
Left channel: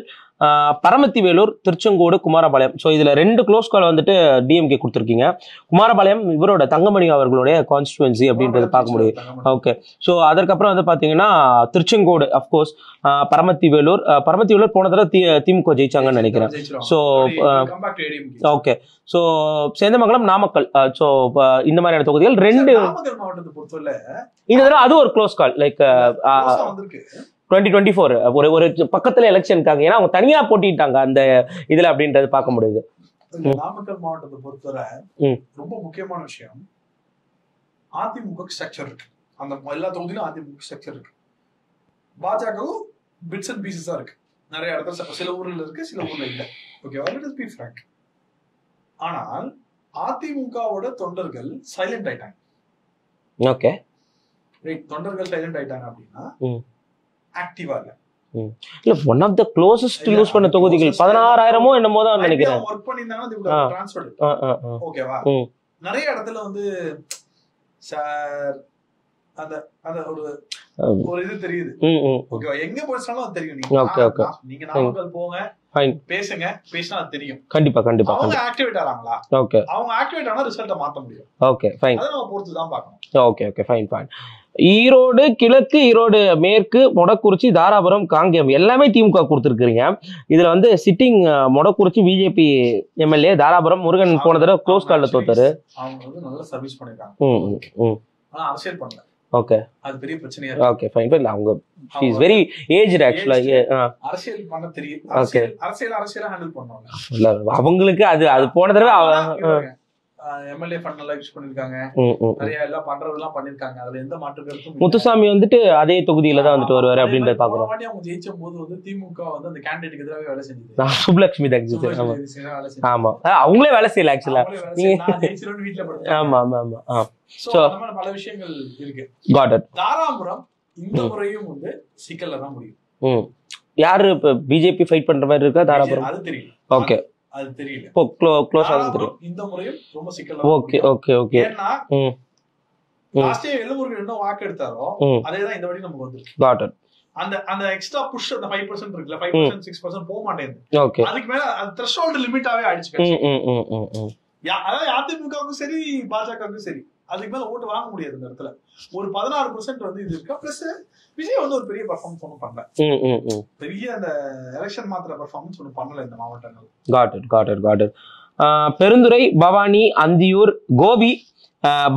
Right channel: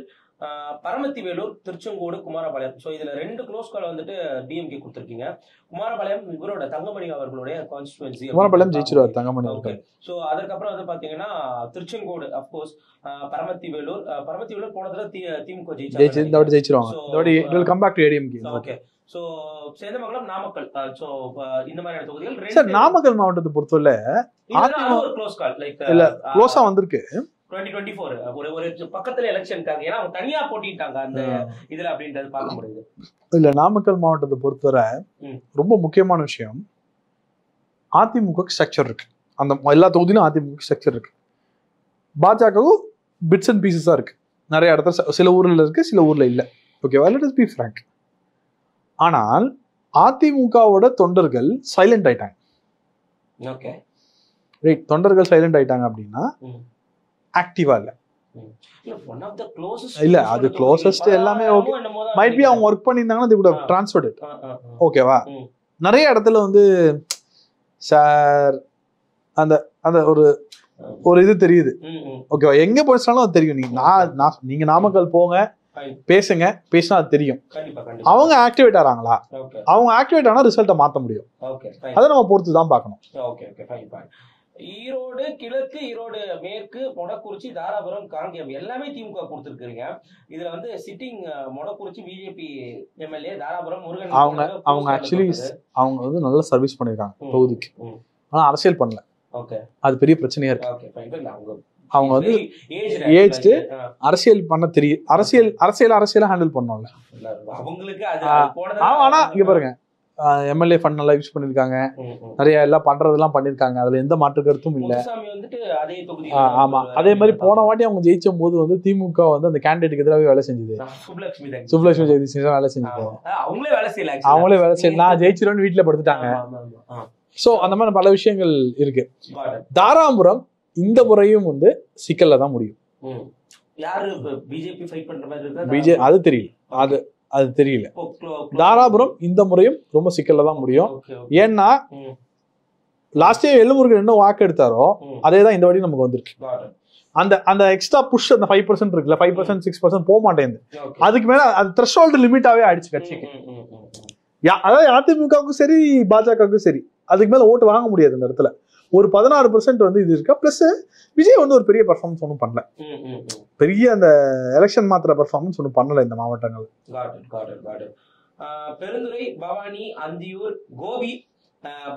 பரமத்திவேலூர், திருச்செங்கோடு, குமாரபாளையம். ஸோ இதுல 2 க்ளோஸ் கால் வந்துட்டு டிஎம்கே கொடுத்துருக்கீங்க. குமாரபாளையம் இவரோட தங்கமணி அவர்களுடைய கான்ஸ்டிடுவன்சி அப்படின்னு. ஓகே, ஸோ அதற்கப்புறம் வந்து பாத்தீங்கன்னா திருச்செங்கோடு அப்கோர்ஸ், பரமத்திவேலூர் போன தடவை திமுக ஜெயிச்சாங்கன்னு நினைக்கிறேன். So okay, so Sendamangalam, Namakkal, so இந்த மாதிரியான தொகுதிகள் 2. நாமக்கல் மாவட்டத்தை பொறுத்தவரை அது ஒரு க்ளோஸ் கால், லைக் வந்திருக்கு 2024 ஒரு பக்கத்துல எலெக்ஷனுக்காக. ஏன்னா அவங்க தனியா போட்டிட்டாங்க அந்த இதுல அப்படின்றது பார்க்க முடியுது. இல்ல நாமக்கல் மாவட்டத்தை பொறுத்தவரை ரொம்ப முக்கியமான விஷயம், அதிமுக ஸ்ட்ரக்சர் இருக்கு, அந்த எல்லா தொகுதியிலும் அதிமுக ஸ்ட்ரக்சர் இருக்கு. பாஜகவும் பிட்ஸ் அண்ட் பீசஸா இருக்கு, நிறைய இடத்துல சில ஊர்ல இருக்கு, சில ஊர்ல இல்ல. ஓகேவா? Let us be frank. ஆனால் அதிமுகவோட தொண்டர்கள் சைலண்ட் ஆயிட்டாங்க. ஓகே ரைட், தொண்டர்கள் சைலண்ட் ஆயிட்டாங்க அப்படின்னா ஆக்டிவா இல்ல. இல்ல one of the closest use பண்ண தொகுதிகள் 16000மோ என்னமோ தான் மைபி அவங்க வர்க் பண்ணிருந்தாங்கன்னா they would have transferred it. ஓகேவா? நிறைய இடத்துல வந்து சார் அந்த அந்த ஒரு இது தெரியுது. ஓகேவா? எங்க போயிச்சாலும் அது தெரியும். நீங்க நாமக்கல் போங்க, பேசுங்க, பேசினா அது தெரியும். கண்டிப்பா கண்டிப்பா. அவங்க ஆக்டிவேட் ஆறாங்களா? ஓகே, அவங்க ஆக்டிவேட் ஆனா ரிசல்ட்டை மாத்த முடியும். ஓகே ஃபைன், அதை நம்ம பொறுத்து தான் பார்க்கணும். Okay okay fine fine. Erode கிழக்கு, ஈரோடு மேற்கு, மொடக்குறிச்சி, தாராபுரம், காங்கேயம் எல்லாமே திமுக கொடுத்துருக்கீங்க. இதுல வந்து sitting Modakurichi BJP MLA, Dharapuram Murugan போன தடவை க்ளோஸ் கால்ல தோத்தாரு. அவங்க வந்து நல்ல சர்வீஸ் பண்ணிருக்காங்க, ஆனா அரசியல் பண்ணல. ஓகே, அது பெரிய பிரச்சனையா இருக்கு. Okay fine fine. அவங்க வெரி ஏஜ்ட் ஆக்சுவலா, அரசியல் பண்ண தெரியும். அரசியல் ஹேண்டில் பண்ணனும்ல அவங்களுக்கு. அது போன தடவை இங்க பாருங்க, எம்எல்ஏ ஃபண்ட் நல்லா யூஸ் பண்ணிருக்காங்க, நிறைய எல்லாம் பண்றதெல்லாம் பண்ணிருக்காங்க. அதுல எந்த மாற்று கருத்தும். முத்துசாமி வந்துட்டு அதே தொகுதியில தான் வந்து வருவாரு. அதே மாதிரி போன வாட்டி அவங்க ஜெயிச்சும் போது வந்து திமுக வந்து அந்த கேண்டிடேட்டுக்கு எதிராக வேலை செஞ்சது. சுப்லட்சுமி வேலை செஞ்சு. ஆமா, அவங்களே வேலை செய்யல, அவங்களே வேலை செய்யல. நான் ஜெயிச்சிருவேன்னு வீட்டுல படுத்துட்டாங்க. ஆமா ஆமா ஆமா. சோ அந்த மாதிரி பல விஷயங்கள் இருக்கு. தாராபுரம் இந்த முறையும் வந்து சிக்கல்ல தான் முடியும். யாரு இப்ப பிஜேபி ஃபைட் பண்ற மாதிரி இருக்கா? அது தெரியல. ஓகே, அது தெரியல. தாராபுரம் இந்த முறையும் ரொம்ப சிக்கல்ல தான் முடியும். ஏன்னா லாஸ்ட் இயர் எல்லுமுருகன் என்ன வாக்கு எடுத்தாரோ அதேதான் இந்த வாட்டி நமக்கு வந்துருக்கு. அந்த எக்ஸ்ட்ரா புஷ், அந்த 5% இருக்குல்ல, 5% 6% போக மாட்டேங்குது. அதுக்கு மேல அது த்ரெஷோல்ட் லிமிட்டாவே ஆயிடுச்சு. அதாவது அதிமுகவுக்கும் சரி பாஜகவுக்கும் சரி அதுக்கு மேல ஓட்டு வாங்க முடியாது இந்த இடத்துல. ஒரு 16% வந்து இது இருக்கா. பிளஸ் விஜய் வந்து ஒரு பெரிய பெர்ஃபார்மன்ஸ் ஒன்றும் பண்ணல, பெரிய அந்த எலெக்ஷன் மாத்திர பெர்ஃபார்மன்ஸ் ஒன்றும் பண்ணல இந்த மாவட்டங்கள். பெருந்துறை, பவானி, அந்தியூர், கோபி,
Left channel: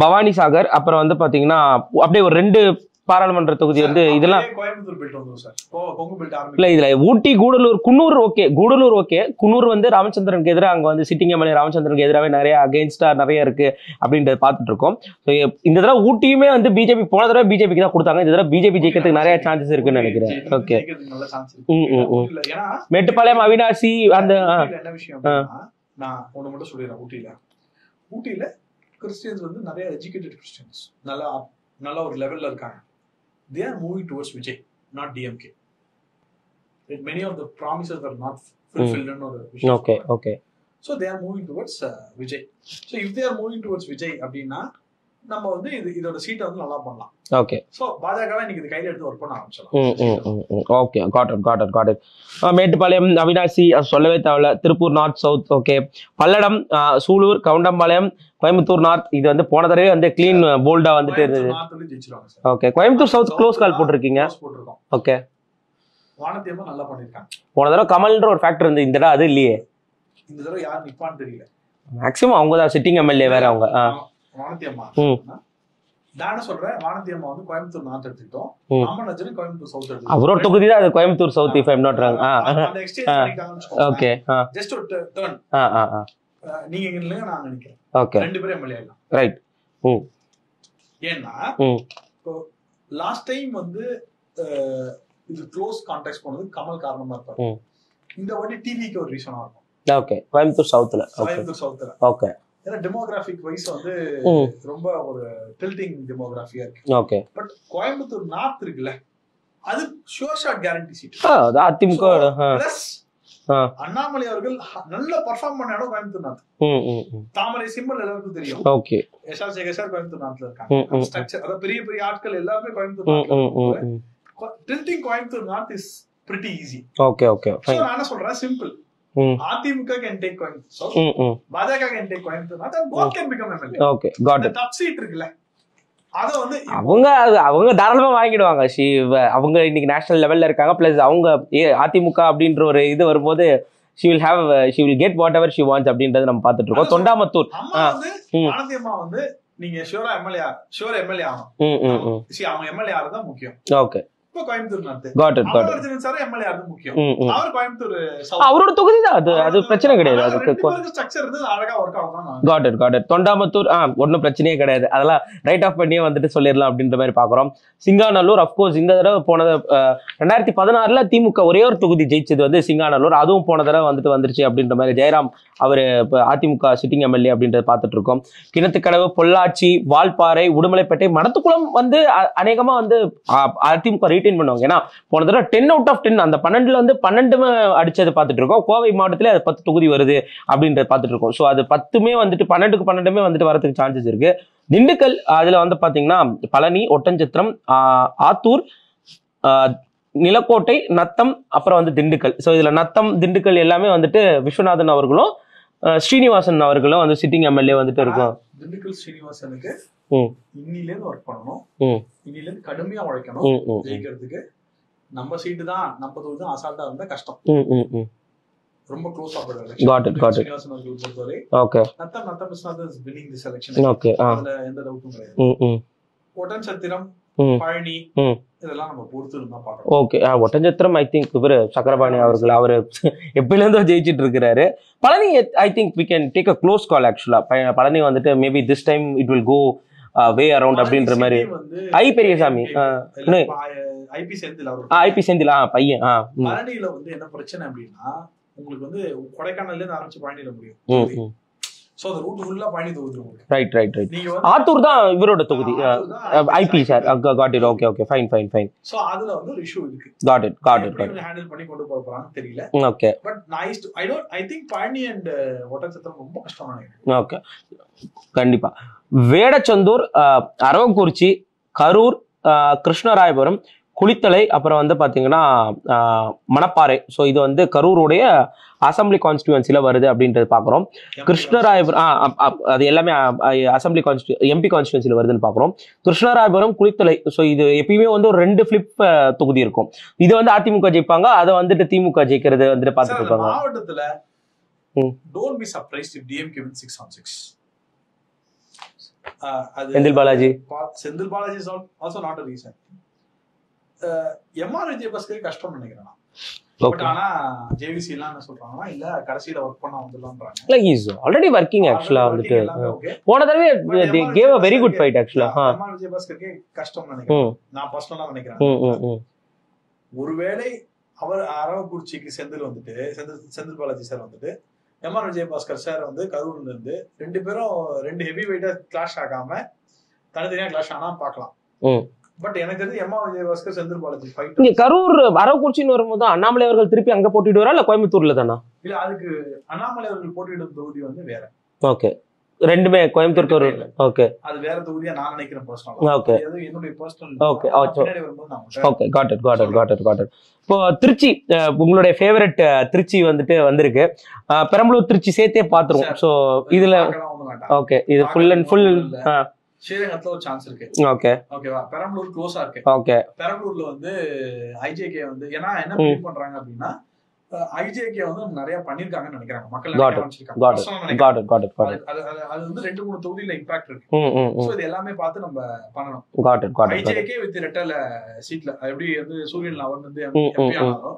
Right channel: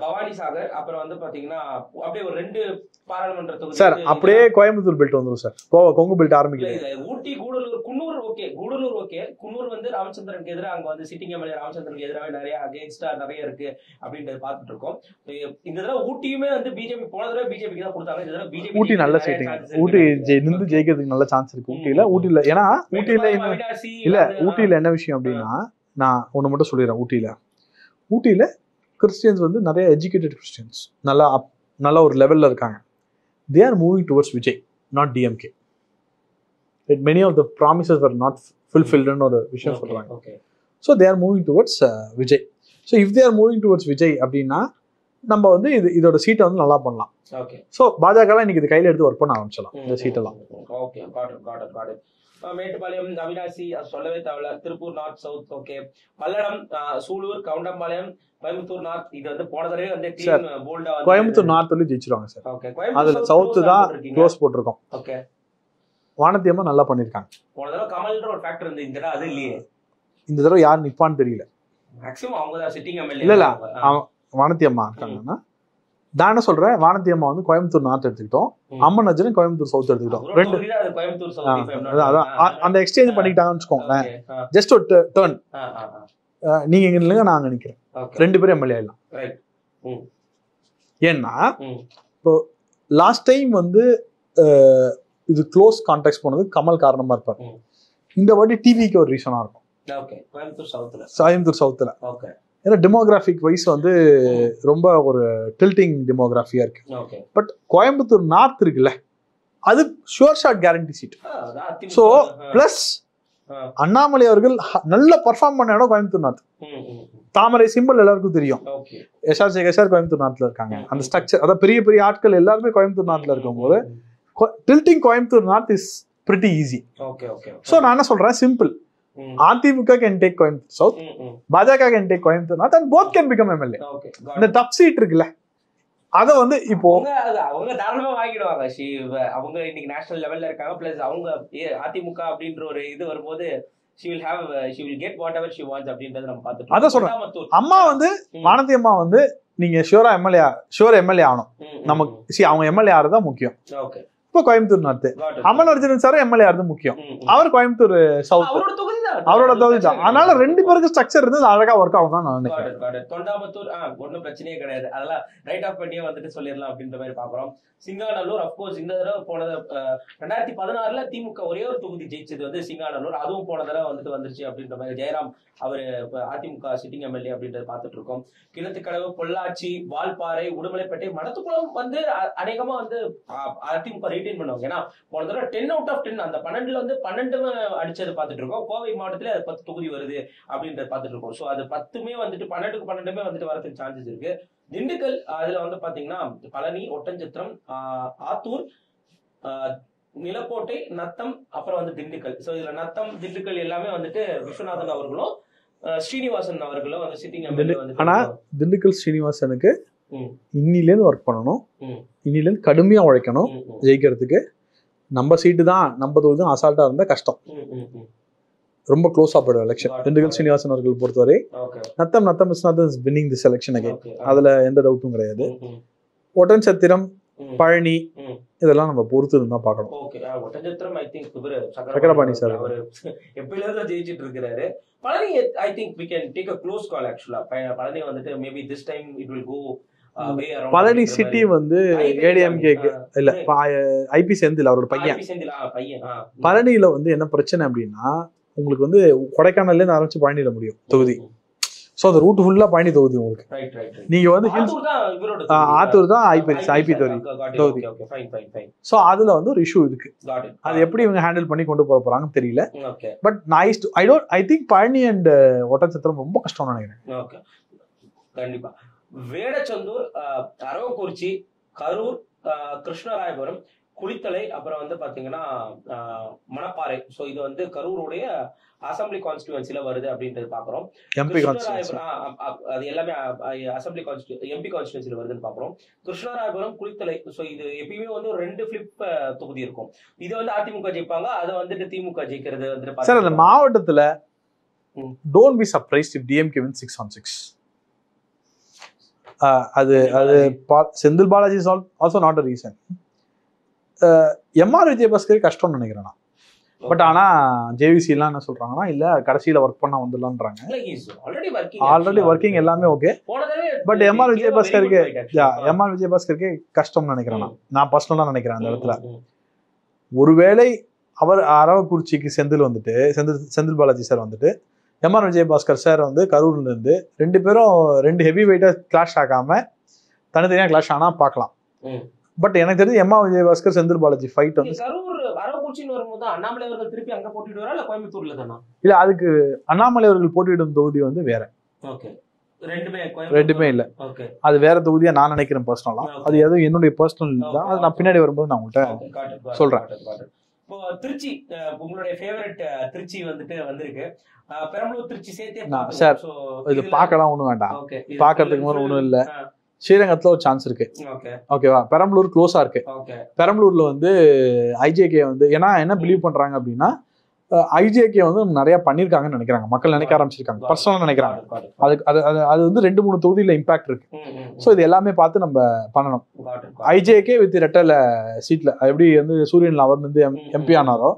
பவானி சாகர், அப்புறம் வந்து பாத்தீங்கன்னா அப்படியே ஒரு 2 பாராளுமன்ற தொகுதி வந்து இதுல கோயம்புத்தூர் பெல்ட் வந்துரும் சார். கொங்கு பெல்ட் ஆரம்பிக்கல. இதுல ஊட்டி, கூடலூர், குன்னூர் ஓகே, கூடலூர் ஓகே. குன்னூர் வந்து ராமச்சந்திரனுக்கு எதிராக அங்க வந்து சிட்டிங் எம்எல்ஏ ராமச்சந்திரனுக்கு எதிராகவே நிறைய அகைன்ஸ்டா நிறைய இருக்கு அப்படின்றத பாத்துட்டு இருக்கோம். இந்த தடவை ஊட்டியுமே வந்து பிஜேபி, போன தடவை பிஜேபிக்கு தான் கொடுத்தாங்க, இந்த தடவை பிஜேபி ஜெயிக்கிறதுக்கு நிறைய சான்சஸ் இருக்குன்னு நினைக்கிறேன். ஜெயிக்கிறதுக்கு நல்ல சான்ஸ் இருக்கு ஊட்டில. ஏன்னா மேட்டுப்பாளையம், அவினாசி வந்து ஊட்டில என்ன விஷயம் அப்படின்னா, நான் ஒண்ணு மட்டும் சொல்லிடுறேன். ஊட்டில கிறிஸ்டியன்ஸ் வந்து நிறைய எஜுகேட்டட் கிறிஸ்டியன்ஸ் நல்ல ஒரு லெவல்ல இருக்காங்க. They are moving towards Vijay, not DMK. Many of the promises were not fulfilled or விஷயம். Okay. So they are moving towards Vijay. So if they are moving towards Vijay அப்படின்னா நம்ம வந்து இதோட சீட்டை வந்து நல்லா பண்ணலாம். ஓகே. ஸோ பாஜக இன்னைக்கு இது கையில எடுத்து ஒர்க் பண்ண ஆரம்பிச்சிடலாம். Okay, got it. Mettupalayam, Avinashi சொல்லவே தேவையில்ல. Tiruppur north, south. Okay. Palladam, Sulur, Goundampalayam, Coimbatore north. இது வந்து போன தடவை வந்து கிளீன் போல்டா வந்து கோயம்புத்தூர் நார்த் வந்து ஜெயிச்சிருவாங்க sir. Okay. Coimbatore south close call போட்டுருக்கீங்க. க்ளோஸ் போட்டுருக்கோம். ஓகே. வானத்தியமா நல்லா பண்ணிருக்காங்க. போன தடவை கமல்ன்ற ஒரு ஃபேக்டர் இருந்து, இந்த தடவை அது இல்லையே. இந்த தடவை யார் நிப்பான்னு தெரியல. மேக்ஸிமம் அவங்க தான் சிட்டிங் எம்எல்ஏ. அவங்க வானத்தியம்மா நான் என்ன சொல்றேன், வானத்தியம்மா வந்து கோயம்புத்தூர் நார்த் எடுத்துக்கிட்டோம், அம்மன் அஜன் கோயம்புத்தூர் சவுத் எடுத்துக்கிட்டோம். கோயம்புத்தூர் சவுத் அந்த எக்ஸ்சேஞ்ச் பண்ணிட்டாங்கன்னு வச்சுக்கோங்க. ஜஸ்ட் ஒரு டர்ன், நீங்க எங்க இல்லைங்க நாங்க நிக்கிறேன், 2 பேரும் எம்எல்ஏ ஆயிடலாம். ரைட். ஏன்னா இப்போ லாஸ்ட் டைம் வந்து இது க்ளோஸ் கான்டாக்ட் போனது கமல் காரணமா இருப்பாரு. இந்த வாட்டி டிவிக்கு ஒரு ரீசனா இருக்கும். ஓகே. கோயம்புத்தூர் சவுத்துல. ஓகே. ஏன்னா டெமோகிராபிக் வைஸ் வந்து ரொம்ப ஒரு டில்டிங் டெமோகிராஃபியா இருக்கு. ஓகே. பட் கோயம்புத்தூர் நார்த் இருக்குல்ல, அது sure shot guarantee seat. Plus Annamalai அவர்கள் நல்ல பெர்ஃபார்ம் பண்ண இடம் கோயம்புத்தூர் நார்த். தாமரை சிம்பிள் எல்லாருக்கும் தெரியும். ஓகே. எஸ்ஆர் சேகர் கோயம்புத்தூர் நார்த்ல இருக்காங்க. அந்த ஸ்ட்ரக்சர், அதாவது பெரிய பெரிய ஆட்கள் எல்லாருமே கோயம்புத்தூர் நார்த்ல இருக்கும்போது tilting Coimbatore north is pretty easy. Okay okay. So நான் என்ன சொல்றேன், simple. AIADMK can take Coimbatore South, பாஜக can take Coimbatore North, and both can become MLA. Okay, got it. The top seat இருக்குல்ல, அத வந்து இப்போ அவங்க தாராளமா வாங்கிடுவாங்க. அவங்க இன்னைக்கு நேஷனல் லெவல்ல இருக்காங்க. பிளஸ் அவங்க அதிமுக அப்படின்ற ஒரு இது வரும்போது she will get whatever she wants அப்படின்றது நம்ம பார்த்துட்டு இருக்கோம். தொண்டாமத்தூர் அம்மா வந்து வானதி அம்மா வந்து நீங்க ஷூரா எம்எல்ஏ ஆகணும். நமக்கு அவங்க எம்எல்ஏ ஆறதா முக்கியம். ஓகே. இப்ப கோயம்புத்தூர் நார்த். அமல்வர்ஜன் சார் எம்எல்ஏ ஆறது முக்கியம். அவர் கோயம்புத்தூர் சவுத், அவரோட தொகுதி தான். அதனால ரெண்டு பேருக்கு ஸ்ட்ரக்சர் இருந்தது, அழகா ஒர்க் ஆகும் தான். Got it. தொண்டாமுத்தூர் ஒன்னும் பிரச்சனையே கிடையாது, அதெல்லாம் ரைட் ஆஃப் பண்ணியே வந்துட்டு சொல்லிடலாம் அப்படின்ற மாதிரி பாக்குறோம். சிங்காநல்லூர் அப்கோர்ஸ் இந்த தடவை போனது 2016 திமுக ஒரே ஒரு தொகுதி ஜெயிச்சது வந்து சிங்காநல்லூர், அதுவும் போன தடவை வந்துருச்சு அப்படின்ற மாதிரி. ஜெயராம் அவரு அதிமுக சிட்டிங் எம்எல்ஏ அப்படின்றத பார்த்துட்டு இருக்கோம். கிணத்துக்கடவு, பொள்ளாச்சி, வால்பாறை, உடுமலைப்பேட்டை, மடத்துக்குளம் வந்து அநேகமா வந்து அதிமுக ரீட்டைன் பண்ணுவாங்க. ஏன்னா போன தடவை 10 out of 10 அந்த 12ல வந்து 12 அடிச்சது பார்த்துட்டு இருக்கோம். கோவை மாவட்டத்திலே அது 10 தொகுதி வருது அப்படின்றத பார்த்துட்டு இருக்கோம். ஸோ அது 10மே வந்துட்டு 12க்கு 12மே வந்துட்டு வரதுக்கு சான்சஸ் இருக்கு. திண்டுக்கல் அதுல வந்து பாத்தீங்கன்னா பழனி, ஒட்டஞ்சத்திரம், ஆத்தூர், நிலக்கோட்டை, நத்தம், அப்புறம் வந்து திண்டுக்கல். ஸோ இதுல நத்தம், திண்டுக்கல் எல்லாமே வந்துட்டு விஸ்வநாதன் அவர்களும் ஸ்ரீனிவாசன் அவர்களும் வந்து சிட்டிங் எம்எல்ஏ வந்துட்டு இருக்கும். திண்டுக்கல் ஸ்ரீனிவாசனுக்கு இன்னில இருந்து ஒர்க் பண்ணணும், இன்னில இருந்து கடுமையா உழைக்கணும் ஜெயிக்கிறதுக்கு. நம்ம சீட்டு தான், நம்ம தொகுதி தான் அசால்ட்டா இருந்தா கஷ்டம், ரொம்ப க்ளோஸா போயிடும் எலெக்ஷன். ஸ்ரீனிவாசன் அவர்கள் பொறுத்தவரை Natham is not winning this election, அதுல எந்த டவுட்டும் கிடையாது. ஒட்டன்சத்திரம், பழனி இதெல்லாம் நம்ம பொறுத்து இருந்தா பார்க்கணும். ஓகே, ஒட்டஞ்சத்திரம் ஐ திங்க் இவரு சக்கரபாணி அவர்கள் அவரு எப்பயில இருந்தோ ஜெயிச்சிட்டு இருக்கிறாரு. Palani I think we can take a close call actually. Palani வந்துட்டு maybe this time it will go way around அப்படின்ற மாதிரி வந்து ஐபி செந்தில் அவரோட பையன். பழனியில வந்து என்ன பிரச்சனை அப்படின்னா, உங்களுக்கு வந்து கொடைக்கானல்ல இருந்து ஆரம்பிச்சு பழனியில முடியும் தொகுதி. சோ அந்த ரூட் ஃபுல்லா பழனி தொகுதி உங்களுக்கு. ரைட். நீங்க வந்து ஆத்தூர் தான் இவரோட தொகுதி. ஆத்தூர் தான் IP sir. Got it. Okay fine. So அதுல வந்து ஒரு இஷ்யூ இருக்கு. Got it. எப்படி இவங்க ஹேண்டில் பண்ணி கொண்டு போக போறாங்கன்னு தெரியல. Okay, but I think Palani and Oddanchatram ரொம்ப கஷ்டம்னு நினைக்கிறேன். ஓகே, கண்டிப்பா. வேடச்சந்தூர், அரவக்குறிச்சி, கரூர், கிருஷ்ணராயபுரம், குளித்தலை, அப்புறம் வந்து பாத்தீங்கன்னா மணப்பாறை. ஸோ இது வந்து கரூருடைய அசம்பிளி கான்ஸ்டியூன்சில வருது அப்படின்றது பாக்குறோம். கிருஷ்ணராயபுரம் அது எல்லாமே அசம்பிளி எம்பி கான்ஸ்டியூன்சில வருதுன்னு பாக்குறோம். கிருஷ்ணராயபுரம், குளித்தலை, ஸோ இது எப்பயுமே வந்து ஒரு 2 ஃபிளிப் தொகுதி இருக்கும். இது வந்து அதிமுக ஜெயிப்பாங்க, அதை வந்துட்டு திமுக ஜெயிக்கிறது வந்துட்டு பாத்தீங்கன்னா மாவட்டத்துல don't be surprised if DMK win 6 on 6. அது Senthil Balaji is also not a reason. MR Vijayabaskar கஷ்டம்னு நினைக்கிறேன். பட் ஆனா ஜேவிசி எல்லாம் என்ன சொல்றாங்கன்னா, இல்ல கடைசியில ஒர்க் பண்ண வந்துடலாம்ன்றாங்க. இல்ல ஹி இஸ் ஆல்ரெடி வர்க்கிங் எல்லாமே ஓகே. போன தடவை பட் எம்ஆர் விஜயபாஸ்கருக்கு கஷ்டம்னு நினைக்கிறேன், நான் பர்சனலா நினைக்கிறேன். ஒருவேளை அவர் அரவக்குறிச்சிக்கு செந்தில் பாலாஜி சார் வந்துட்டு எம்ஆர் விஜயபாஸ்கர் சார் வந்து கரூர்ல இருந்து 2 பேரும் 2 ஹெவி வெயிட்டா கிளாஷ் ஆகாம தனித்தனியா கிளாஷ் ஆனா பாக்கலாம். பட் எனக்கு தெரிஞ்சு எம்ஆர் விஜயபாஸ்கர் செந்தில் பாலாஜி ஃபைட். கரூர் அரவக்குறிச்சின்னு வரும்போது அண்ணாமலை அவர்கள் திருப்பி அங்க போட்டிடுவாரா இல்ல கோயம்புத்தூர்ல தானா? இல்ல, அதுக்கு அண்ணாமலை அவர்கள் போட்டியிடும் தொகுதி வந்து வேற. ஓகே, ரெண்டுமே கோயம்புத்தூர் இல்ல. ஓகே, அது வேற தொகுதியா நான் நினைக்கிறேன் பர்சனலா. அது எதுவும் என்னுடைய பர்சனல், பின்னாடி வரும்போது நான் உங்களுக்கு. Okay, got it. இப்போ திருச்சி, உங்களுடைய ஃபேவரட் திருச்சி வந்துட்டு வந்திருக்கு. பெரம்பலூர் திருச்சி சேர்த்தே பாத்துருவோம். சோ இதுல பார்க்கலாம் ஒண்ணும் வேண்டாம். ஓகே, இது ஃபுல் இல்ல. ஸ்ரீரங்கத்துல ஒரு சான்ஸ் இருக்கு. ஓகேவா, பெரம்பலூர் க்ளோஸா இருக்கு. ஓகே, பெரம்பலூர்ல வந்து ஐஜேகே வந்து ஏன்னா என்ன பிலீவ் பண்றாங்க அப்படின்னா, ஐஜேகே வந்து நிறைய பண்ணிருக்காங்கன்னு நினைக்கிறாங்க, மக்கள் நினைக்க ஆரம்பிச்சிருக்காங்க. பர்சனலா நினைக்கிறாங்க. அது வந்து 2-3 தொகுதியில இம்பாக்ட் இருக்கு. சோ இது எல்லாமே பார்த்து நம்ம பண்ணணும். ஐஜேகே வித் ரெட்டல சீட்ல எப்படி வந்து சூரியன் அவர் வந்து எம்பி ஆனாரோ,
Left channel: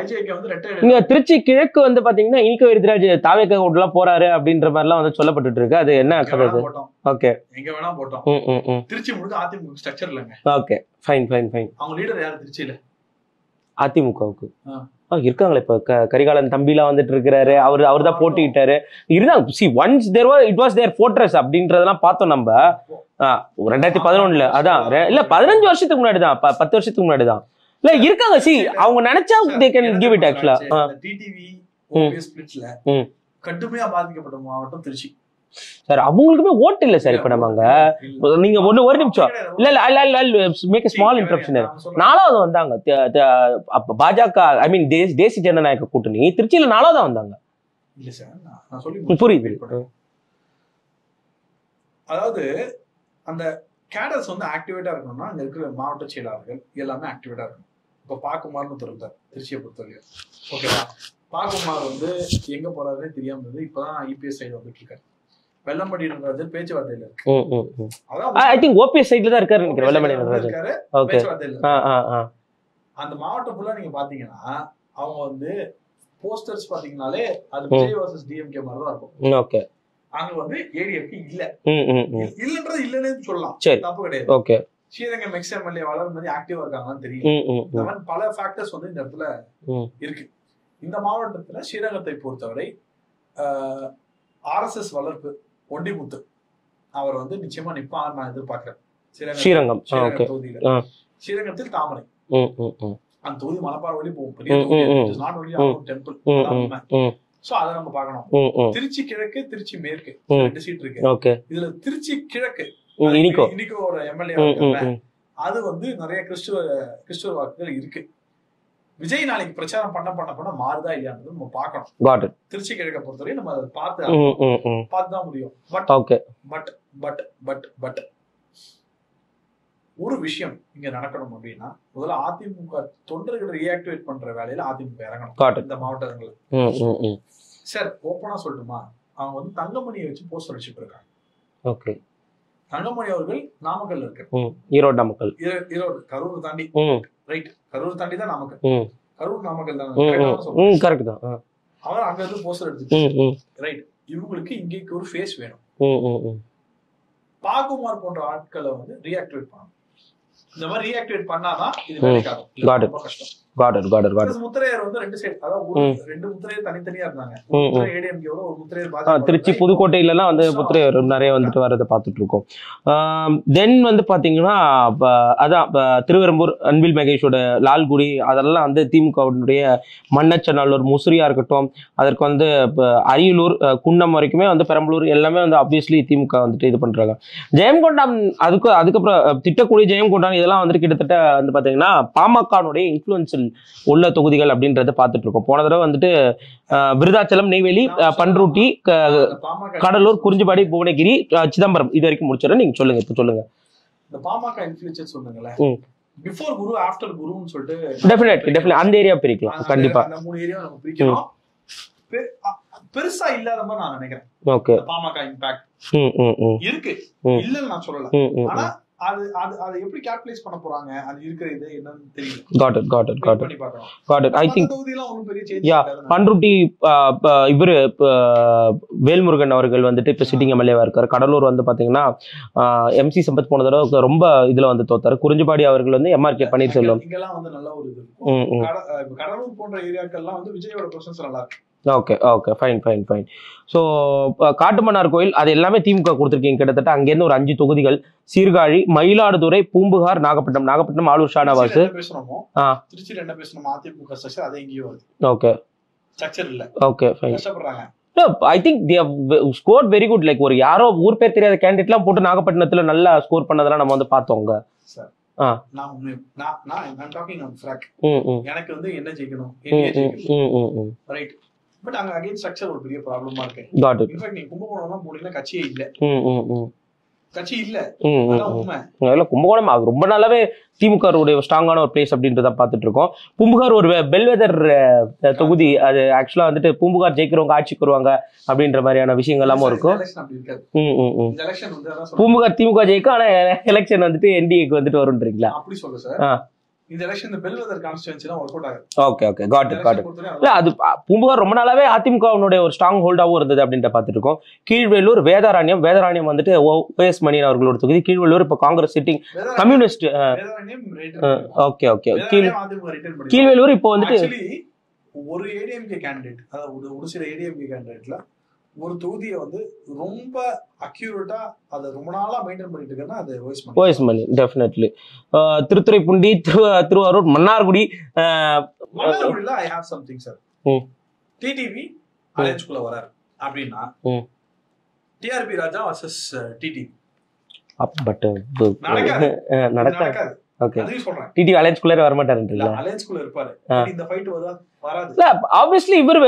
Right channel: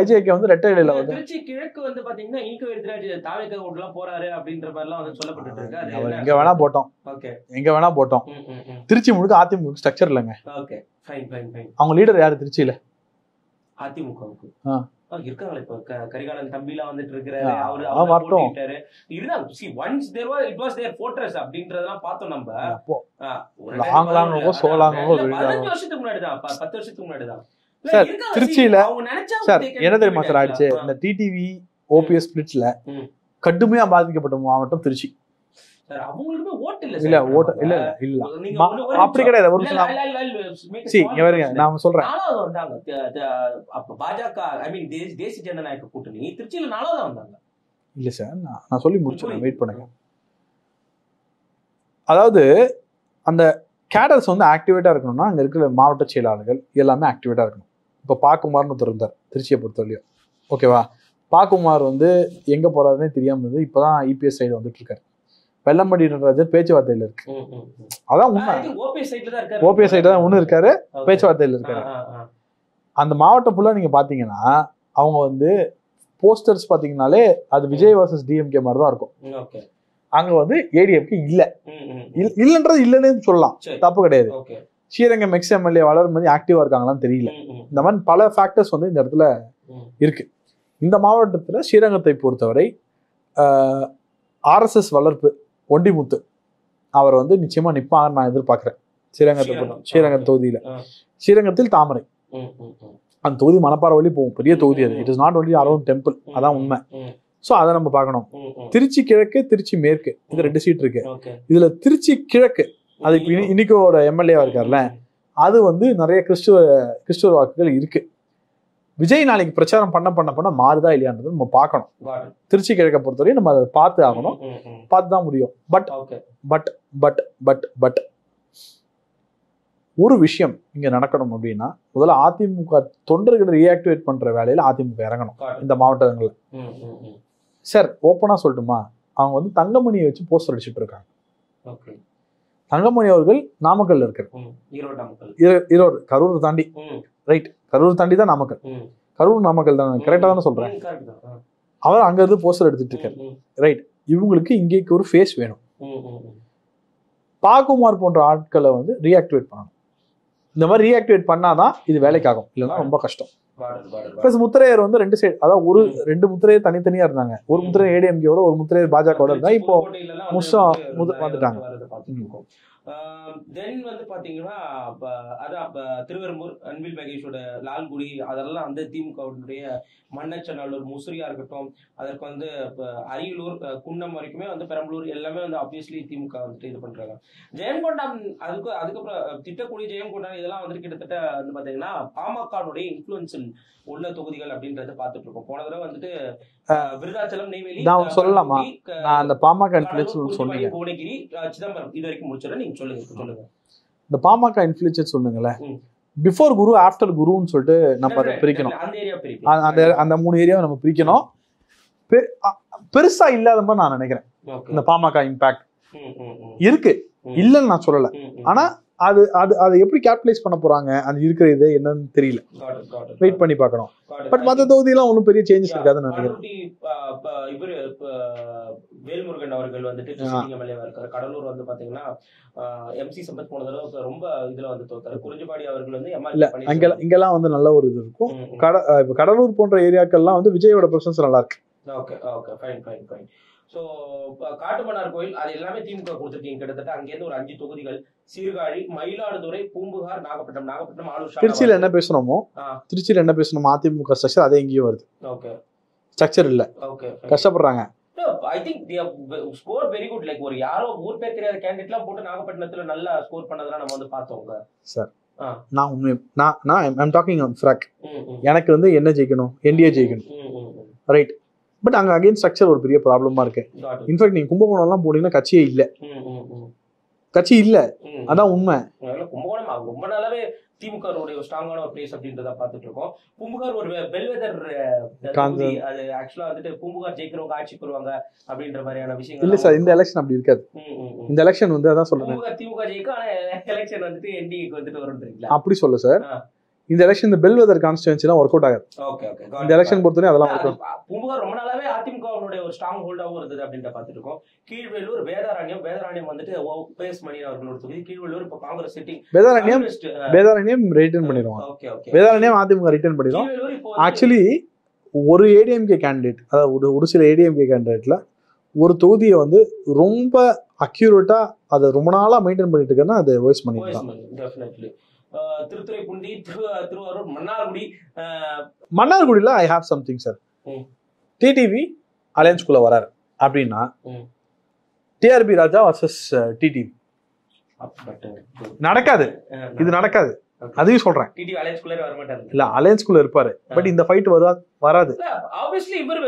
ஐஜேகே வந்து ரெட்டல. திருச்சி கிழக்கு வந்து பாத்தீங்கன்னா இனிக்க வைத்தியராஜ் தாவேக ஓட்டுல போறாரு அப்படின்ற மாதிரி எல்லாம் வந்து சொல்லப்பட்டு இருக்கு. அது என்ன வேணா போட்டோம். ஓகே, எங்க வேணா போட்டோம். திருச்சி முழுக்க அதிமுக ஸ்ட்ரக்சர் இல்லைங்க. Okay, fine. அவங்க லீடர் யாரு திருச்சியில? அதிமுகவுக்கு இருக்காங்களே. இப்ப கரிகாலன் தம்பிலாம் வந்துட்டு இருக்கிறாரு, அவர்தான் போட்டிட்டாரு. இருந்தாங்க. see once it was their fortress அப்படின்றதெல்லாம் பார்த்தோம் நம்ம 2011ல. அதான் இல்ல 15 வருஷத்துக்கு முன்னாடி தான், 10 வருஷத்துக்கு முன்னாடி தான். இல்ல இருக்காங்க. see அவங்க நினைச்சா they can give it actually. இந்த டிடிவி ஓபிஎஸ் ஸ்பிளிட்ஸ்ல கடுமையா பாதிக்கப்பட்ட மாவட்டம் திருச்சி சார். அவங்களுக்குமே ஓட்டு இல்ல சார். இப்ப நம்ம நீங்க ஒரு நிமிஷம் மேக் ஸ்மால் இன்டரப்ஷன். 4வது வந்தாங்க பாஜக, ஐ மீன் தேசிய ஜனநாயக கூட்டணி திருச்சியில 4வது வந்தாங்க. இல்ல சார், நான் சொல்லி புரியுது, வெயிட் பண்ணுங்க. அதாவது அந்த கேடர்ஸ் வந்து ஆக்டிவேட்டா இருக்கணும்னா அங்க இருக்கிற மாவட்ட செயலாளர்கள் எல்லாமே ஆக்டிவேட்டா இருக்கணும். இப்ப பாக்குமார்னு ஒருத்தர் இருந்தார் திருச்சியை பொறுத்தவரையும். ஓகேவா, பாக்குமார் வந்து எங்க போறாருன்னே தெரியாம இருந்தது. இப்பதான் இபிஎஸ் சைடு வந்துட்டு இருக்காரு. வெள்ளம்படி பேச்சுவார்த்தையில இருக்கு. அதான் ஐ திங்க் ஓபிஎஸ் சைடுல தான் இருக்காரு. ஓபிஎஸ் சைடுல தான் ஒண்ணு இருக்காரு, பேச்சுவார்த்தையில இருக்காரு. அந்த மாவட்டம் ஃபுல்லா நீங்க பாத்தீங்கன்னா அவங்க வந்து போஸ்டர்ஸ் பாத்தீங்கன்னாலே அது விஜய் வர்சஸ் டிஎம்கே மாதிரி தான் இருக்கும். ஓகே. அங்க வந்து ஏடிஎம்கே இல்லன்றது இல்லன்னு சொல்லலாம், தப்பு கிடையாது. ஓகே. ஸ்ரீரங்கம் எக்ஸ் எம்எல்ஏ வளரும் போது ஆக்டிவா இருக்காங்களான்னு தெரியல. இந்த மாதிரி பல ஃபேக்டர்ஸ் வந்து இந்த இடத்துல இருக்கு. இந்த மாவட்டத்துல ஸ்ரீரங்கத்தை பொறுத்தவரை RSS வளர்ப்பு ஒண்டிமுத்து அவர் வந்து நிச்சயமா நிப்பான்னு நான் எதிர்பார்க்கிறேன். ஸ்ரீரங்கம் தொகுதியில, ஸ்ரீரங்கத்தில் தாமரை அந்த தொகுதி மணப்பாறை வழி போகும், பெரிய தொகுதி. It is not only around temple, அதான் உண்மை. சோ அதை நம்ம பார்க்கணும். திருச்சி கிழக்கு, திருச்சி மேற்கு, இந்த 2 சீட் இருக்கு. இதுல திருச்சி கிழக்கு இன்னைக்கோட எம்எல்ஏ இருக்காங்க, அது வந்து நிறைய கிறிஸ்துவ வாக்குகள் இருக்கு. விஜய் நாளைக்கு பிரச்சாரம் பண்ண மாறுதா இல்லையான்றது நம்ம பார்க்கணும். திருச்சி கிழக்க பொறுத்தவரையும் நம்ம அதை பார்த்து தான் முடியும். பட் ஒரு விஷயம் இங்க நடக்கணும் அப்படின்னா, முதல்ல அதிமுக தொண்டர்களை ரீஆக்டிவேட் பண்ற வேலையில அதிமுக இறங்கணும் இந்த மாவட்டங்கள்ல. சார் ஓப்பனா சொல்லட்டுமா, அவங்க வந்து தங்கமணியை வச்சு போஸ்டர் அடிச்சுட்டு இருக்காங்க. தங்கமணி அவர்கள் நாமக்கல்ல இருக்காரு, ஈரோடு கரூர் தாண்டி, ரைட், கரூர் தாண்டி தான் நாமக்கல், கரூர் நாமக்கல் தான் கரெக்டான சொல்றேன், கரெக்ட் தான். அவர் அங்க இருந்து போஸ்டர் எடுத்துட்டு, ரைட். இவங்களுக்கு இங்கேக்கு ஒரு ஃபேஸ் வேணும். பாகுமார் போன்ற ஆட்களை வந்து ரீஆக்டிவேட் பண்ணணும். இந்த மாதிரி ரீஆக்டிவேட் பண்ணாதான் இது வேலைக்காகும், ரொம்ப கஷ்டம். முத்திரையர் வந்து 2 சைடு, அதாவது 2 முத்திரையர் தனித்தனியா இருந்தாங்க. ஒரு முத்திரை ஏடிஎம்கேயோட, ஒரு முத்திரையர் பாஜக. திருச்சி புதுக்கோட்டையில எல்லாம் வந்து முத்திரையர் நிறைய வந்துட்டு வரதை பார்த்துட்டு இருக்கோம். தென் வந்து பாத்தீங்கன்னா அதான் திருவெரும்பூர் அன்பில் மகேஷோட லால்குடி, அதெல்லாம் வந்து திமுகவுடைய மன்னச்சநல்லூர், முசிறியா இருக்கட்டும், அதற்கு வந்து அரியலூர், குன்னம் வரைக்குமே வந்து பெரம்பலூர் எல்லாமே வந்து ஆப்வியஸ்லி திமுக வந்துட்டு இது பண்றாங்க. ஜெயங்கொண்டான் அதுக்கப்புறம் திட்டக்குடி, ஜெயங்கொண்டான் இதெல்லாம் வந்துட்டு கிட்டத்தட்ட வந்து பாத்தீங்கன்னா பாமகனுடைய இன்ஃபுளுன்சில் உள்ள தொகுதிகள் அப்படின்றத பார்த்துட்டு இருக்கோம். போன தடவை வந்துட்டு விருதாச்சலம், நெய்வேலி, பண்ருட்டி, கடலூர், குறிஞ்சிப்பாடி, புவனகிரி, சிதம்பரம் இது வரைக்கும் முடிச்சிடறேன். நீங்க சொல்லுங்க, இப்ப சொல்லுங்க. இந்த பாமக இன்ஃப்ளூயன்ஸ் சொன்னீங்களே, பிஃபோர் குரு ஆஃப்டர் குருன்னு சொல்லிட்டு அந்த ஏரியா பிரிக்கலாம். அந்த 3 ஏரியாவை நம்ம பிரிக்கணும். பெருசா இல்லாத மாதிரி நான் நினைக்கிறேன். இந்த பாமக இம்பாக்ட் இருக்கு, இல்லன்னு நான் சொல்லல. ஆனா அது எப்படி கேபிடலைஸ் பண்ண போறாங்க, அது இருக்கிறது என்னன்னு தெரியல. வெயிட் பண்ணி பார்க்கணும். மத்த தொகுதியெல்லாம் ஒன்றும் பெரிய சேஞ்ச் இருக்காது. பண்ருட்டி இவரு வேல்முருகன் அவர்கள் வந்துட்டு இப்ப சிட்டிங் எம்எல்ஏவா இருக்காரு. கடலூர் வந்து பாத்தீங்கன்னா MC சம்பத் போன தடவை ரொம்ப இதுல வந்து தோத்தாரு. குறிஞ்சிப்பாடி அவர்கள் வந்து MRK பன்னீர்செல்வம், இங்கெல்லாம் வந்து நல்ல ஒரு இது இருக்கும். கடலூர் போன்ற ஏரியாக்கள்லாம் வந்து விஜயோட பிரசன்ஸ் நல்லா இருக்கு. Okay fine. ஸோ காட்டுமன்னார் கோயில் அது எல்லாமே திமுக கொடுத்துருக்கீங்க. கிட்டத்தட்ட அங்கேருந்து ஒரு 5 தொகுதிகள், சீர்காழி, மயிலாடுதுறை, பூம்புகார், நாகப்பட்டினம் ஆளூர் ஷானவாஸ். என்ன பேசணுமோ திருச்சியில் என்ன பேசணுமோ அதிமுக ஸ்ட்ரக்சர் அதே எங்கேயும் வருது. ஓகே, ஸ்ட்ரக்சர் இல்ல. ஓகே, கஷ்டப்படுறாங்க. I think they have scored very good. Like ஒரு யாரோ ஊர் பேர் தெரியாத கேண்டிடேட்லாம் போட்டு நாகப்பட்டினத்துல நல்லா ஸ்கோர் பண்ணதெல்லாம் நம்ம வந்து பார்த்தோங்க சார். நான் டாக்கிங் ஆன் ஃப்ராக். எனக்கு வந்து என்ன ஜெயிக்கணும், என்டிஏ ஜெயிக்கணும், ரைட். பட் அங்க அகைன் ஸ்ட்ரக்சர் ஒரு பெரிய ப்ராப்ளமா இருக்கு. இன்ஃபேக்ட் நீங்க கும்பகோணம் எல்லாம் போனீங்கன்னா கட்சியே இல்ல, கட்சி இல்ல, அதான் உண்மை. கும்பகோணம் அது ரொம்ப நாளாவே திமுக ஸ்ட்ராங்கான ஒரு பிளேஸ் அப்படின்றத பார்த்துட்டு இருக்கோம். பூம்புகார் ஒரு பெல்வெதர் தொகுதி. அது ஆக்சுவலா வந்துட்டு பூம்புகார் ஜெயிக்கிறவங்க ஆட்சிக்கு வருவாங்க அப்படின்ற மாதிரியான விஷயங்கள் எலெக்ஷன் அப்படி இருக்காது. இந்த எலெக்ஷன் வந்து அதான் பூம்புகார் திமுக ஜெயிக்கும், ஆனா எலெக்ஷன் வந்துட்டு என்டிஏக்கு வந்துட்டு வரும்ன்றீங்களா? அப்படி சொல்ல சார். இந்த எலெக்ஷன் இந்த பெல்வெதர் கான்ஸ்டிட்யூன்சிலாம் ஒர்க் அவுட் ஆகாது. ஓகே எலெக்ஷன் பொறுத்தவரை அதெல்லாம் அது பூம்புகார் ரொம்ப நாளாவே அதிமுகவுடைய ஒரு ஸ்ட்ராங் ஹோல்டாவும் இருந்தது அப்படின்ற பார்த்துட்டு இருக்கோம். கீழ்வேலூர், வேதாரண்யம் வந்துட்டு OS மணியன் அவர்களோட தொகுதி. கீழ்வேலூர் இப்ப Congress sitting communist. Vedaranyam return பண்ணிடுவாங்க. ஓகே வேதாரண்யம் அதிமுக ரிட்டர்ன் பண்ணிடுவாங்க. கீழ்வேலூர் இப்போ வந்து ஆக்சுவலி ஒரு ஏடிஎம்கே கேண்டிடேட், அதாவது ஒரு சில ஏடிஎம்கே கேண்டிடேட்ல ஒரு தொகுதியை வந்து ரொம்ப அக்யூரேட்டா அதை ரொம்ப நாளா மெயின்டைன் பண்ணிட்டு இருக்கேன்னா அது OS மணி. டெஃபினெட்லி. திருத்துறைப்பூண்டி, திருவாரூர், மன்னார்குடியில I have something sir. TTV அலையன்ஸ்குள்ள வராரு அப்படின்னா TRB Raja versus TTV. But நடக்காது. அதையும் சொல்றேன். டிடிவி அலையன்ஸ்குள்ள வர மாட்டாரு. இல்ல, அலையன்ஸ்குள்ள இருப்பாரு. பட் இந்த ஃபைட் வராது. இல்ல, ஆப்வியஸ்லி இவர்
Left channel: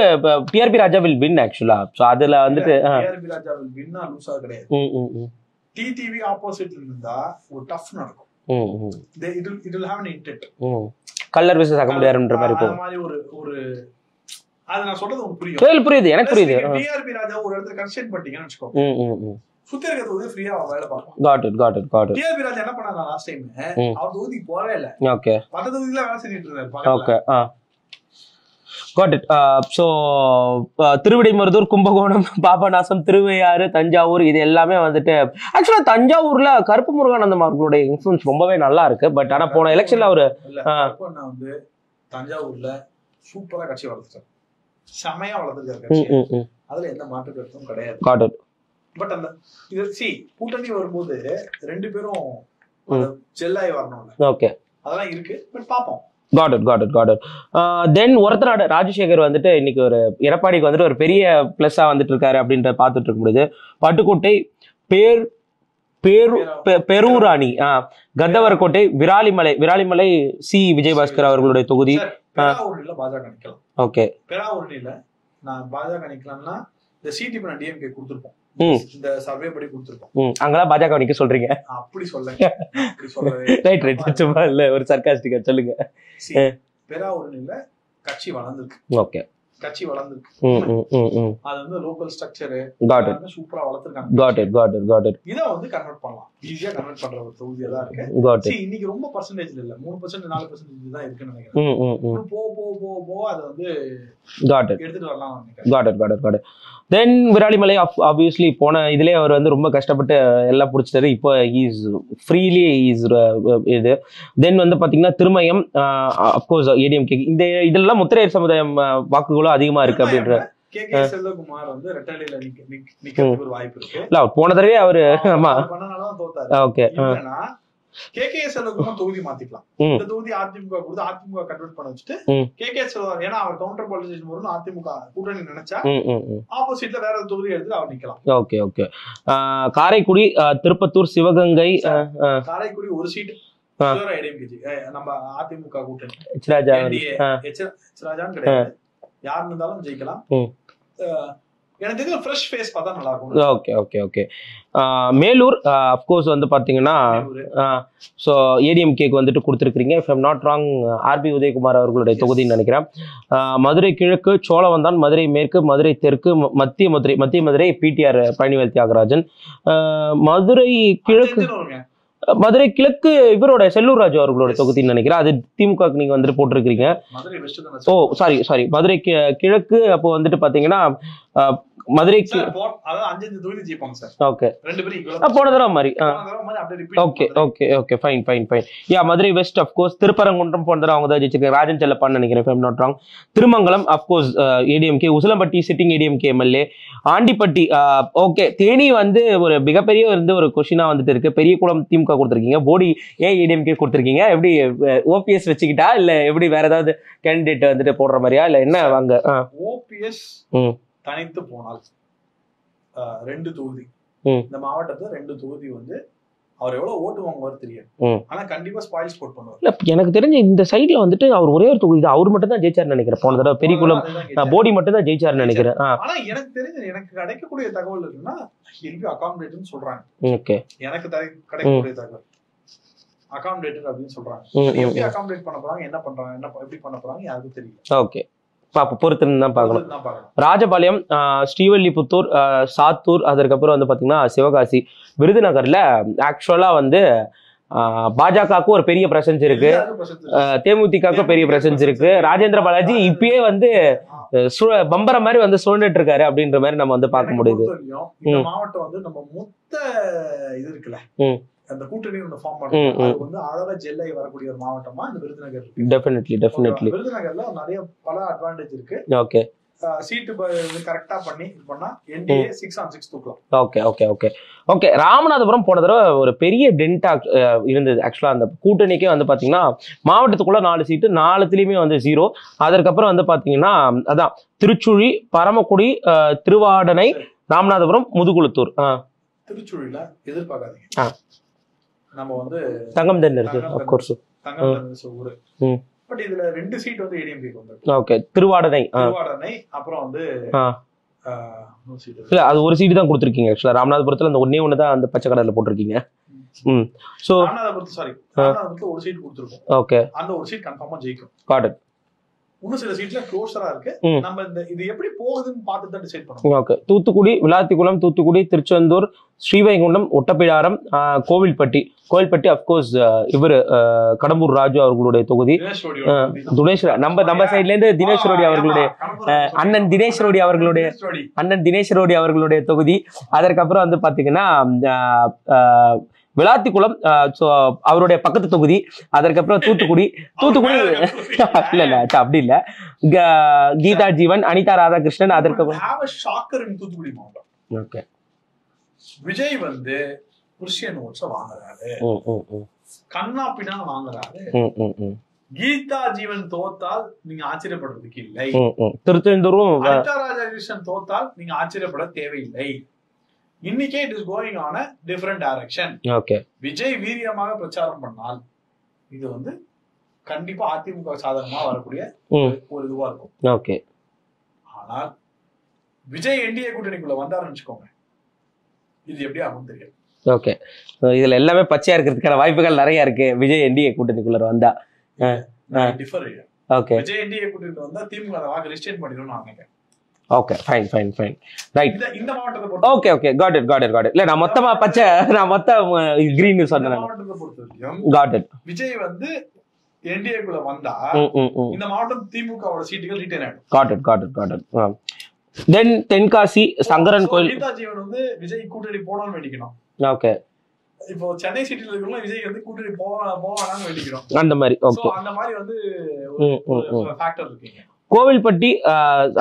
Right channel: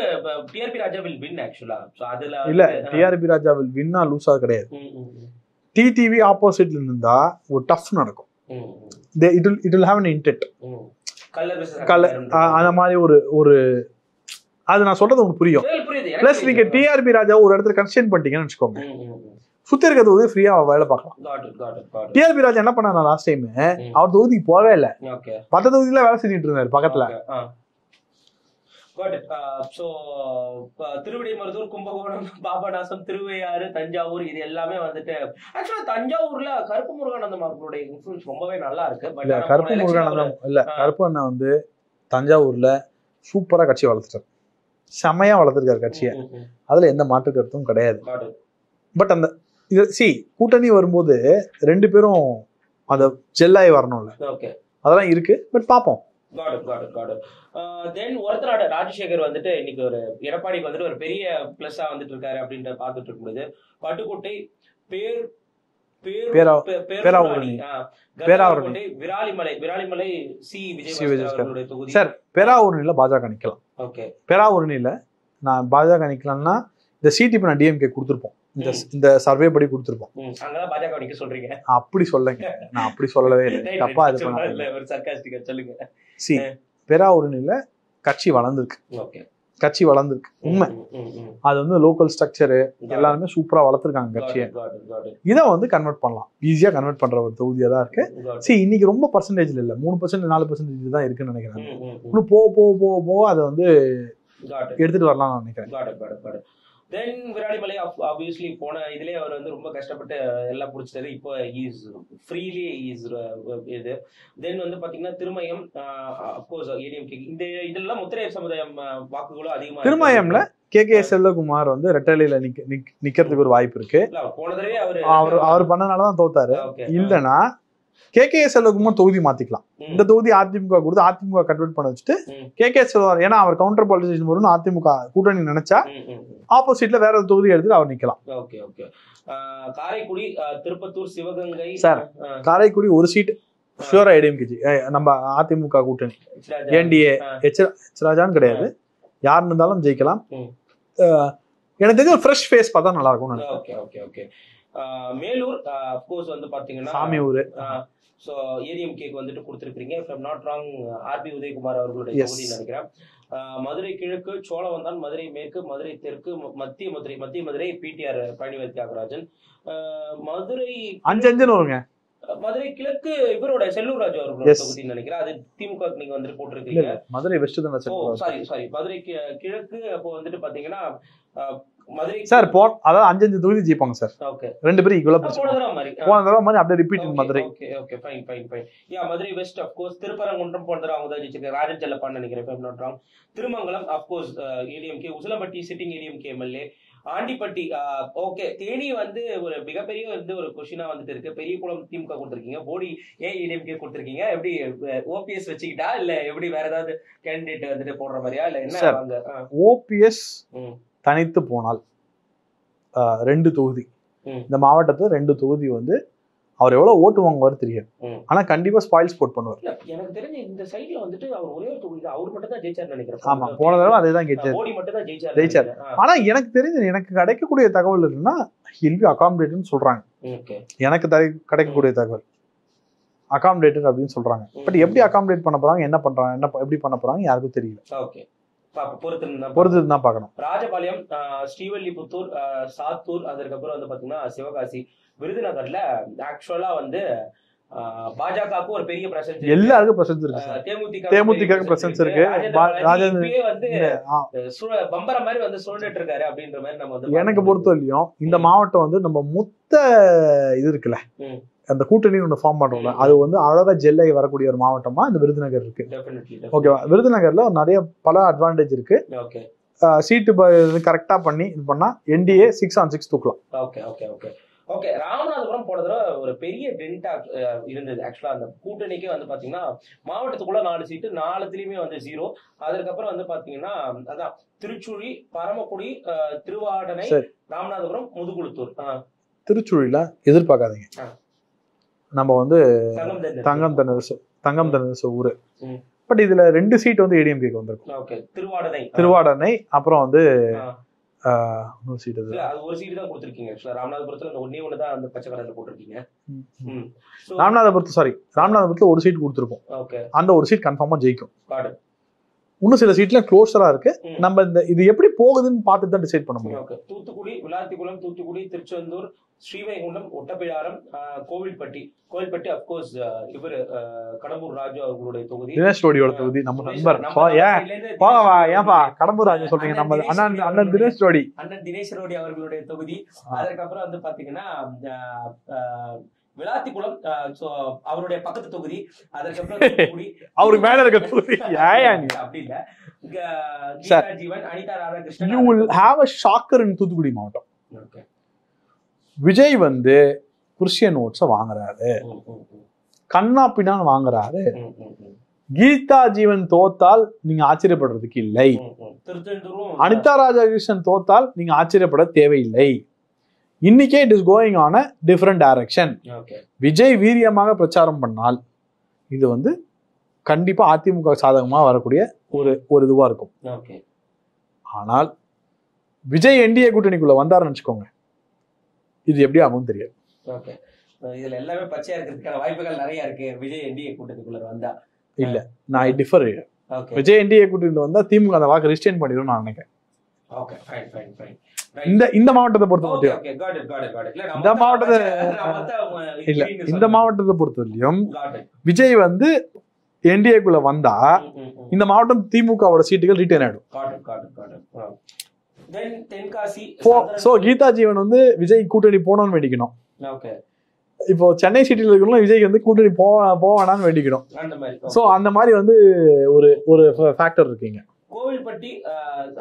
டிஆர்பி ராஜா வில் வின் ஆக்சுவலா. சோ அதுல வந்து டிஆர்பி ராஜா வில் வின்னா லூசா கிடையாது. டிடிவி ஆப்போசிட்ல இருந்தா ஒரு டஃப் நடக்கும். It will have an intent. Colour versus அகலர்ன்ற மாதிரி அந்த மாதிரி ஒரு அது நான் சொல்றது உங்களுக்கு புரியுது. எனக்கு புரியுது. நீங்க டிஆர்பி ராஜா ஒரு இடத்துல கன்ஸ்டன்ட் பண்ணிட்டீங்கன்னு வெச்சுக்கோங்க. சுத்தி இருக்க தொகுதி ஃப்ரீயா வேலை பார்க்கலாம். got it. டிஆர்பி ராஜா என்ன பண்ணாரு லாஸ்ட் டைம், அவர் தொகுதிக்கு போவே இல்ல. ஓகே, 10 தொகுதியில வேலை செஞ்சுட்டு இருந்தாரு பக்கத்துல. Okay, got it. So Thiruvidaimarudur, Kumbakonam, Papanasam, Thiruvaiyaru, Thanjavur இது எல்லாமே வந்துட்டு ஆக்சுவலா தஞ்சாவூர்ல கருப்பு முருகானந்தம் அவர்களுடைய இன்ஃப்ளூயன்ஸ் ரொம்பவே நல்லா இருக்கு. பட் ஆனா போன எலெக்ஷன்ல அவரு இல்ல, கருப்பு அண்ணா வந்து தஞ்சாவூர்ல சூப்பரா கட்சி வளர்த்துட்டாரு, செமையா வளர்த்துருக்காரு கட்சியை, அதுல எந்த மாற்று கருத்தும் கிடையாது. got it. பட் அந்த கூட்டணி வரும்போது 2 பேரும் அந்த ஜெல்லாய் வரணும்ல. ஓகே, அதெல்லாம் இருக்கு. பட் பாப்போம். got it. தென் ஒருத்தர் ராஜசேகர் வந்துட்டு இன்னைக்கு ஒரு எடப்பாடிக்கு வந்துட்டு ஒரு பெரிய பிளஸ்ஸா வந்துட்டு இருக்காரு அப்படின்ற பார்த்துட்டு இருக்க முடியுது. பட்டுக்கோட்டை, பேரூராணி, கந்தவரக்கோட்டை, விராலிமலை சி விஜயபாஸ்கர் அவர்களுடைய தொகுதி. பேராவூரணியில பாஜக நிக்கலாம். ஓகே, பேராவூரணியில நான் பாஜக நிக்கலாம்னா இந்த சீட் இப்ப நான் டிஎம்கே கொடுத்துருப்போம், இந்த சர்வே படி கொடுத்துருப்போம். அங்கெல்லாம் பாஜக நிக்க சொல்றீங்க? அப்படி சொல்லுங்க, நான் அப்படி சொல்லவே இல்ல, ஒரு சர்க்காஸ்டிக்கா சொல்லுங்க. பேராவூரணியில கட்சி வளர்ந்துருக்கு. ஓகே, கட்சி வளர்ந்துருக்கு. அது வந்து லோக்கல் ஸ்ட்ரக்சர் எல்லாருமே சூப்பரா வளர்த்துருக்காங்க. இதை வந்து கன்வெர்ட் பண்ணலாம், ஈஸியா கன்வெர்ட் பண்ற ஒரு தொகுதியா தான் இருக்கு. இன்னைக்கு ரொம்ப பர்சன்டேஜ்ல இல்ல, 3% 4% தான் இருக்குன்னு நினைக்கிறேன். போ அதை வந்து எடுத்துட்டு வரலாம் நினைக்கிறேன். தென் விராலிமலை ஆப்வியஸ்லி போன இதுலேயே அவர் வந்து ரொம்ப கஷ்டப்பட்டு எல்லாம் பிடிச்சிட்டாரு. இப்போ இஸ் ஃப்ரீலி இது. தென் வந்து பார்த்தீங்கன்னா திருமயம், அப்கோர்ஸ் ஏடிஎம்கே, இந்த இதெல்லாம் முத்திரையர் சமுதாயம் வாக்குகளும் அதிகமா இருக்கு. கே செல்வகுமார் வந்து ரெட்டலையில நிக்கிறதுக்கு ஒரு வாய்ப்பு இருக்கு. போன தடவை அவர் பண்ணனாலதான் தோத்தாரு. இல்லைன்னா கே செல்வகுமார் தொகுதி மாத்திக்கலாம். இந்த தொகுதி அதிமுக கொடுத்து அதிமுக கன்வெர்ட் பண்ண வச்சுட்டு கே செல்வகுமார், ஏன்னா அவர் கவுண்டர் பாலிட்டிஷியன் வரும்னு அதிமுக கூட்டணி நினைச்சா ஆப்போசிட்ல வேற ஒரு தொகுதி எடுத்து அவர் நிக்கலாம். ஓகே. காரைக்குடி, திருப்பத்தூர், சிவகங்கை. காரைக்குடி ஒரு சீட் ஷூரா ஏடிஎம்கே, நம்ம அதிமுக கூட்டணி என்டிஏ ராஜான்னு கிடையாது, யாருன்னு இருந்தாலும் ஜெயிக்கலாம். எனக்கு தெரிஞ்ச ஃப்ரெஷ் ஃபேஸ் பார்த்தா நல்லா இருக்கும். ஓகே. மேலூர் அப்கோர்ஸ் வந்து பாத்தீங்கன்னா ஸோ ஏடிஎம்கேக்கு வந்துட்டு கொடுத்துருக்கீங்க. If I'm not wrong, RB Udhayakumar அவர்களுடைய தொகுதின்னு நினைக்கிறேன். மதுரை கிழக்கு, சோழவந்தான், மதுரை மேற்கு, மதுரை தெற்கு, மத்திய மதுரை பிடிஆர் பழனிவேல் தியாகராஜன். மதுரை கிழக்கு இவரோட செல்லூர் ராஜு அவர்களோட தொகுதின்னு நினைக்கிறேன். அது திமுக நீங்க வந்துட்டு போட்டிருக்கீங்க. மதுரை வெஸ்ட். சாரி, மதுரை கிழக்கு. அப்போ வந்துட்டு பாத்தீங்கன்னா மதுரை சார் அதாவது 5 தொகுதி ஜெயிப்பாங்க சார். ஓகே, 2 பேரும் ஈக்குவலா போன தடவை மாதிரி அப்படியே repeat. Okay, fine. Yeah, Madurai west of course. Thiruparankundram போன தடவை அவங்க தான் ஜெயிச்சிருக்காங்க, ராஜன் செல்லப்பான்னு நினைக்கிறேன், if I am not wrong. Thirumangalam of course ADMK. Usilampatti sitting ADMK MLA. Andipatti okay. Theni வந்து ஒரு மிகப்பெரிய வந்து ஒரு கொஸ்டினா வந்துட்டு இருக்கு. பெரியகுளம் திமுக கொடுத்துருக்கீங்க, போடி ஏன் ஏடிஎம்கே கொடுத்துருக்கீங்க? எப்படி ஓபிஎஸ் வச்சுக்கிட்டா இல்ல எப்படி வேற ஏதாவது கேண்டிடேட் வந்துட்டு போடுற மாதிரியா இல்ல என்ன? வாங்க, ஓபிஎஸ் தனித்து போனால் 2 தொகுதி, இந்த மாவட்டத்துல 2 தொகுதி வந்து அவர் எவ்வளவு ஓட்டு வாங்குவார் தெரியும். ஆனா கண்டிப்பா ஸ்பாயில் ஸ்போர்ட் பண்ணுவார். இல்ல, எனக்கு தெரிஞ்ச இந்த சைட்ல வந்துட்டு அவர் ஒரே ஒரு தொகுதி அவர் மட்டும் தான் ஜெயிச்சார் நினைக்கிறேன். போடி மட்டும் தான் ஜெயிச்சார் நினைக்கிறேன். ஆனா எனக்கு தெரிஞ்ச, எனக்கு கிடைக்கக்கூடிய தகவல் இருக்குன்னா ஹில் அகாமடேட்னு சொல்றாங்க. ஓகே, எனக்கு கிடைக்கக்கூடிய தகவல் அகாமடேட்டர் அப்படின்னு சொல்றாங்க. எப்படி அகாமடேட் பண்ண போறாங்க, என்ன பண்றாங்க, எப்படி பண்ண போறாங்க யாருக்கும் தெரியல. ஓகே, ராஜபாளையம், ஸ்ரீவல்லிபுத்தூர், சாத்தூர், அதற்கப்புறம் வந்து பாத்தீங்கன்னா சிவகாசி, விருதுநகர்ல ஆக்சுவலா வந்து பாஜகவுக்கு ஒரு பெரிய பிரசன்ஸ் இருக்கு, தேமுதிக பெரிய பிரசன்ஸ் இருக்கு. ராஜேந்திர பாலாஜி இப்பயே வந்து பம்பர மாதிரி வந்து சுழண்டுட்டு இருக்காரு அப்படின்ற மாதிரி நம்ம வந்து பார்க்க முடியும். இந்த மாவட்டம் வந்து நம்ம மொத்த இது இருக்குல்ல, அந்த கூட்டணி ஒன்று ஃபார்ம் பண்றோம், அது வந்து அழகா ஜெல்லை வரக்கூடிய ஒரு மாவட்டமா இந்த விருதுநகர் இருக்கு. டெஃபினெட்லி. விருதுநகர்ல நிறைய பல அட்வான்டேஜ் இருக்கு. ஓகே, சீட்டு கரெக்டா பண்ணி இது பண்ணா என்டிஏ 6 on 6 தூக்கலாம். ஓகே. ராமநாதபுரம் போன தடவை ஒரு பெரிய டென்டா இருந்தது. ஆக்சுவலா அந்த கூட்டணிக்கே வந்து பாத்தீங்கன்னா மாவட்டத்துக்குள்ள 4 சீட்டு, 4த்துலயுமே வந்து 0. அதற்கப்புறம் வந்து பாத்தீங்கன்னா அதான் திருச்சுழி, பரமக்குடி, திருவாடனை, ராமநாதபுரம், முதுகுளத்தூர். திருச்சுழில எதிர்பார்க்காதீங்க, நம்ம வந்து தங்கம் தென்னரசு ஊரு. பட் இதுல 2 சீட் வந்து ஏடிஎம்கேக்கு வந்திருக்கு. ஓகே, திருவாடனை அப்புறம் வந்து இல்ல, அது ஒரு சீட் தான் கொடுத்துருக்கீங்க. ஆக்சுவலா ராமநாதபுரத்துல அந்த ஒண்ணு தான் அந்த பச்சை கடல்ல போட்டிருக்கீங்க. ராமநாதபுரத்துல ஒரு சீட் கொடுத்துருக்கோம். ஓகே, அந்த ஒரு சீட் கன்ஃபார்மா ஜெயிக்கும். Got it. இன்னும் சில சீட்ல க்ளோஸரா இருக்கு. ம். நம்ம இந்த இது எப்படி போகுதுன்னு பார்த்து தான் டிசைட் பண்ண முடியும். ஓகே. தூத்துக்குடி, விளாத்திக்குளம், தூத்துக்குடி, திருச்செந்தூர், ஸ்ரீவைகுண்டம், ஒட்டப்பிடாரம், கோவில்பட்டி அப்கோர்ஸ் இவர் கடம்பூர் ராஜு அவர்களுடைய தொகுதி. தினேஷ் ரோடியோட தொகுதி தினேஷ் நம்ம சைட்ல இருந்து தினேஷ் ரோடி அவர்களுடைய அண்ணன் தினேஷ் ரோடி அவர்களுடைய தினேஷ் ரோடி அவர்களுடைய தொகுதி. அதற்கப்புறம் வந்து பாத்தீங்கன்னா விளாத்திக்குளம் அவருடைய பக்கத்து தொகுதி. அதற்கப்புறம் தூத்துக்குடி அப்படி இல்ல கீதா ஜீவன், அனிதா ராதாகிருஷ்ணன். தூத்துக்குடி மாவட்டம். ஓகே. விஜய் வந்து கிறிஸ்டியன் ஓட்ஸ வாங்குறாரு, கண்ணா பின்னான்னு வாங்குறாரு. கீதா ஜீவன் தோத்தால் நீங்க ஆச்சரியப்படுறதுக்கு இல்லை. திருச்செந்தூரும் அனிதா ராதாகிருஷ்ணன் தோத்தால் நீங்க ஆச்சரியப்பட தேவையில்லை. இன்னைக்கே it is going on a different direction. Okay. Vijay வீரியமாக பிரச்சாரம் பண்ணால் இது வந்து கண்டிப்பா அதிமுக சாதகமா வரக்கூடிய ஒரு இதுவா இருக்கும். ஓகே. ஆனால் விஜய் என்டிஏ கூட்டணிக்குள்ள வந்தாருன்னு வச்சுக்கோங்க, இது எப்படி ஆகும் தெரியாது. ஓகே. இதுல எல்லாமே பச்சையா இருக்கிறதுக்கான வாய்ப்புகள் நிறைய இருக்கு. விஜய் என்டிஏ கூட்டணிக்குள்ள வந்தா நான் டிஃபர். ஓகே. விஜய் என்டிஏ கூட்டணிக்குள்ள வந்தா திமுக அந்த வாக்கு ரிஸ்டெயின் பண்ணிடும் நான் நினைக்கிறேன். Okay, fine. இந்த மாவட்டத்தை பொறுத்த ஓகே காட் இட். இல்ல நான் மொத்தமா பச்சை கிரீன் இந்த மாவட்டத்தை பொறுத்தவரையும் காட் இட். விஜய் வந்து என்டிஏக்குள்ள வந்தா இந்த மாவட்டம் திமுகவோட சீட்டுகள் ரிட்டைன் ஆயிடும். Got it. Then Tenkasi Sankaran Kovil. Geetha ஜீவன் வந்து விஜய் கூட்டணி போனோம்னு வேண்டிக்கணும். ஓகே. இப்போ சென்னை சிட்டில இருக்கணும், விஜய் வந்து கூட்டணி போவானான்னு வேண்டிக்கணும். அந்த மாதிரி அந்த மாதிரி வந்து ஒரு ஃபேக்டர் இருக்குங்க. கோவில்பட்டி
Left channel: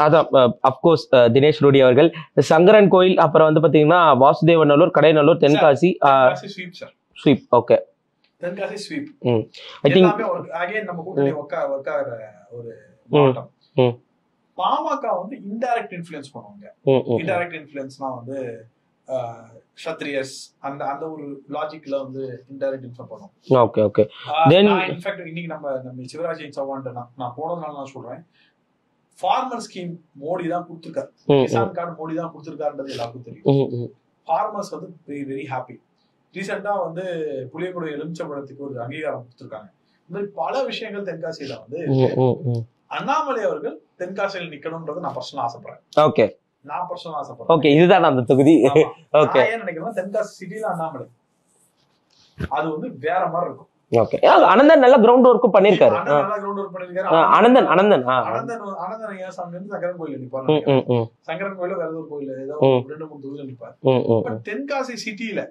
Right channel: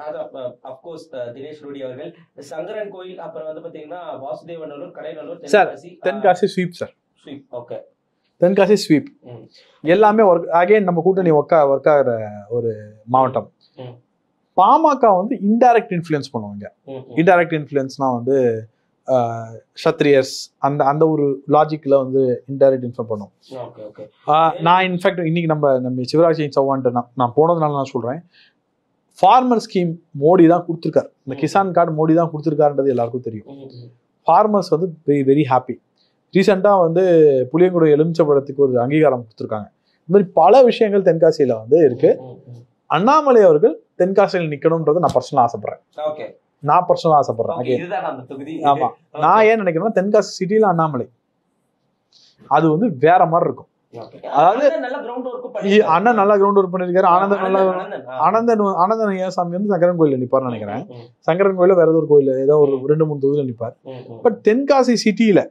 அதான் அப்கோர்ஸ் தினேஷ் ரோடி அவர்கள், சங்கரன் கோயில், அப்புறம் வந்து பாத்தீங்கன்னா Vasudevanallur, Kadainallur, Tenkasi sweep sir. Sweep. Okay. Tenkasi sweep எல்லாமே அகைன் நம்ம கூட்டணி ஒர்க் ஆகிற ஒரு மாவட்டம். பாமக வந்து இன்டைரக்ட் இன்ஃப்ளூயன்ஸ் பண்ணுவாங்க. இன்டைரக்ட் இன்ஃப்ளூயன்ஸ்னா வந்து சத்ரியர்ஸ் அந்த ஒரு லாஜிக்ல வந்து இன்டைரக்ட் இன்ஃப்ளூயன்ஸ் பண்ணுவோம். ஓகே. நான் இன்ஃபேக்ட் இன்னைக்கு நம்ம சிவராஜ் சிங் சௌஹான் நான் போனதுனால நான் சொல்றேன், ஃபார்மர் ஸ்கீம் மோடி தான் கொடுத்துருக்காரு, கிசான் கார்டு மோடி தான் கொடுத்துருக்காருன்றது எல்லாருக்கும் தெரியும். ஃபார்மர்ஸ் வந்து வெரி வெரி ஹாப்பி. ரீசெண்டா வந்து புளியங்குடி எலுமிச்சம்பழத்துக்கு ஒரு அங்கீகாரம் கொடுத்துருக்காங்க. இந்த மாதிரி பல விஷயங்கள் தென்காசியில வந்து இருக்கு. அண்ணாமலை அவர்கள் தென்காசியில் நிக்கணும்ன்றது நான் பர்சனலா ஆசைப்படுறேன். ஓகே. நான் பர்சனலா ஆசைப்படுறேன். ஓகே, இதுதான் அந்த தொகுதி. நான் ஏன் நினைக்கிறேன்னா தென்காசி சிட்டில அண்ணாமலை அது வந்து வேற மாதிரி இருக்கும். ஓகே. அனந்தன் நல்ல கிரவுண்ட் ஒர்க் பண்ணிருக்காரு. அண்ணன் நல்லா கிரவுண்ட் ஒர்க் பண்ணிருக்காரு. அனந்தன் ஏசாமி வந்து சங்கரன் கோயில்ல நிப்பாரு நினைக்கிறேன். சங்கரன் கோயில வேற ஏதோ கோயில் ஏதோ 2-3 தொகுதியில நிப்பாரு. பட் தென்காசி சிட்டியில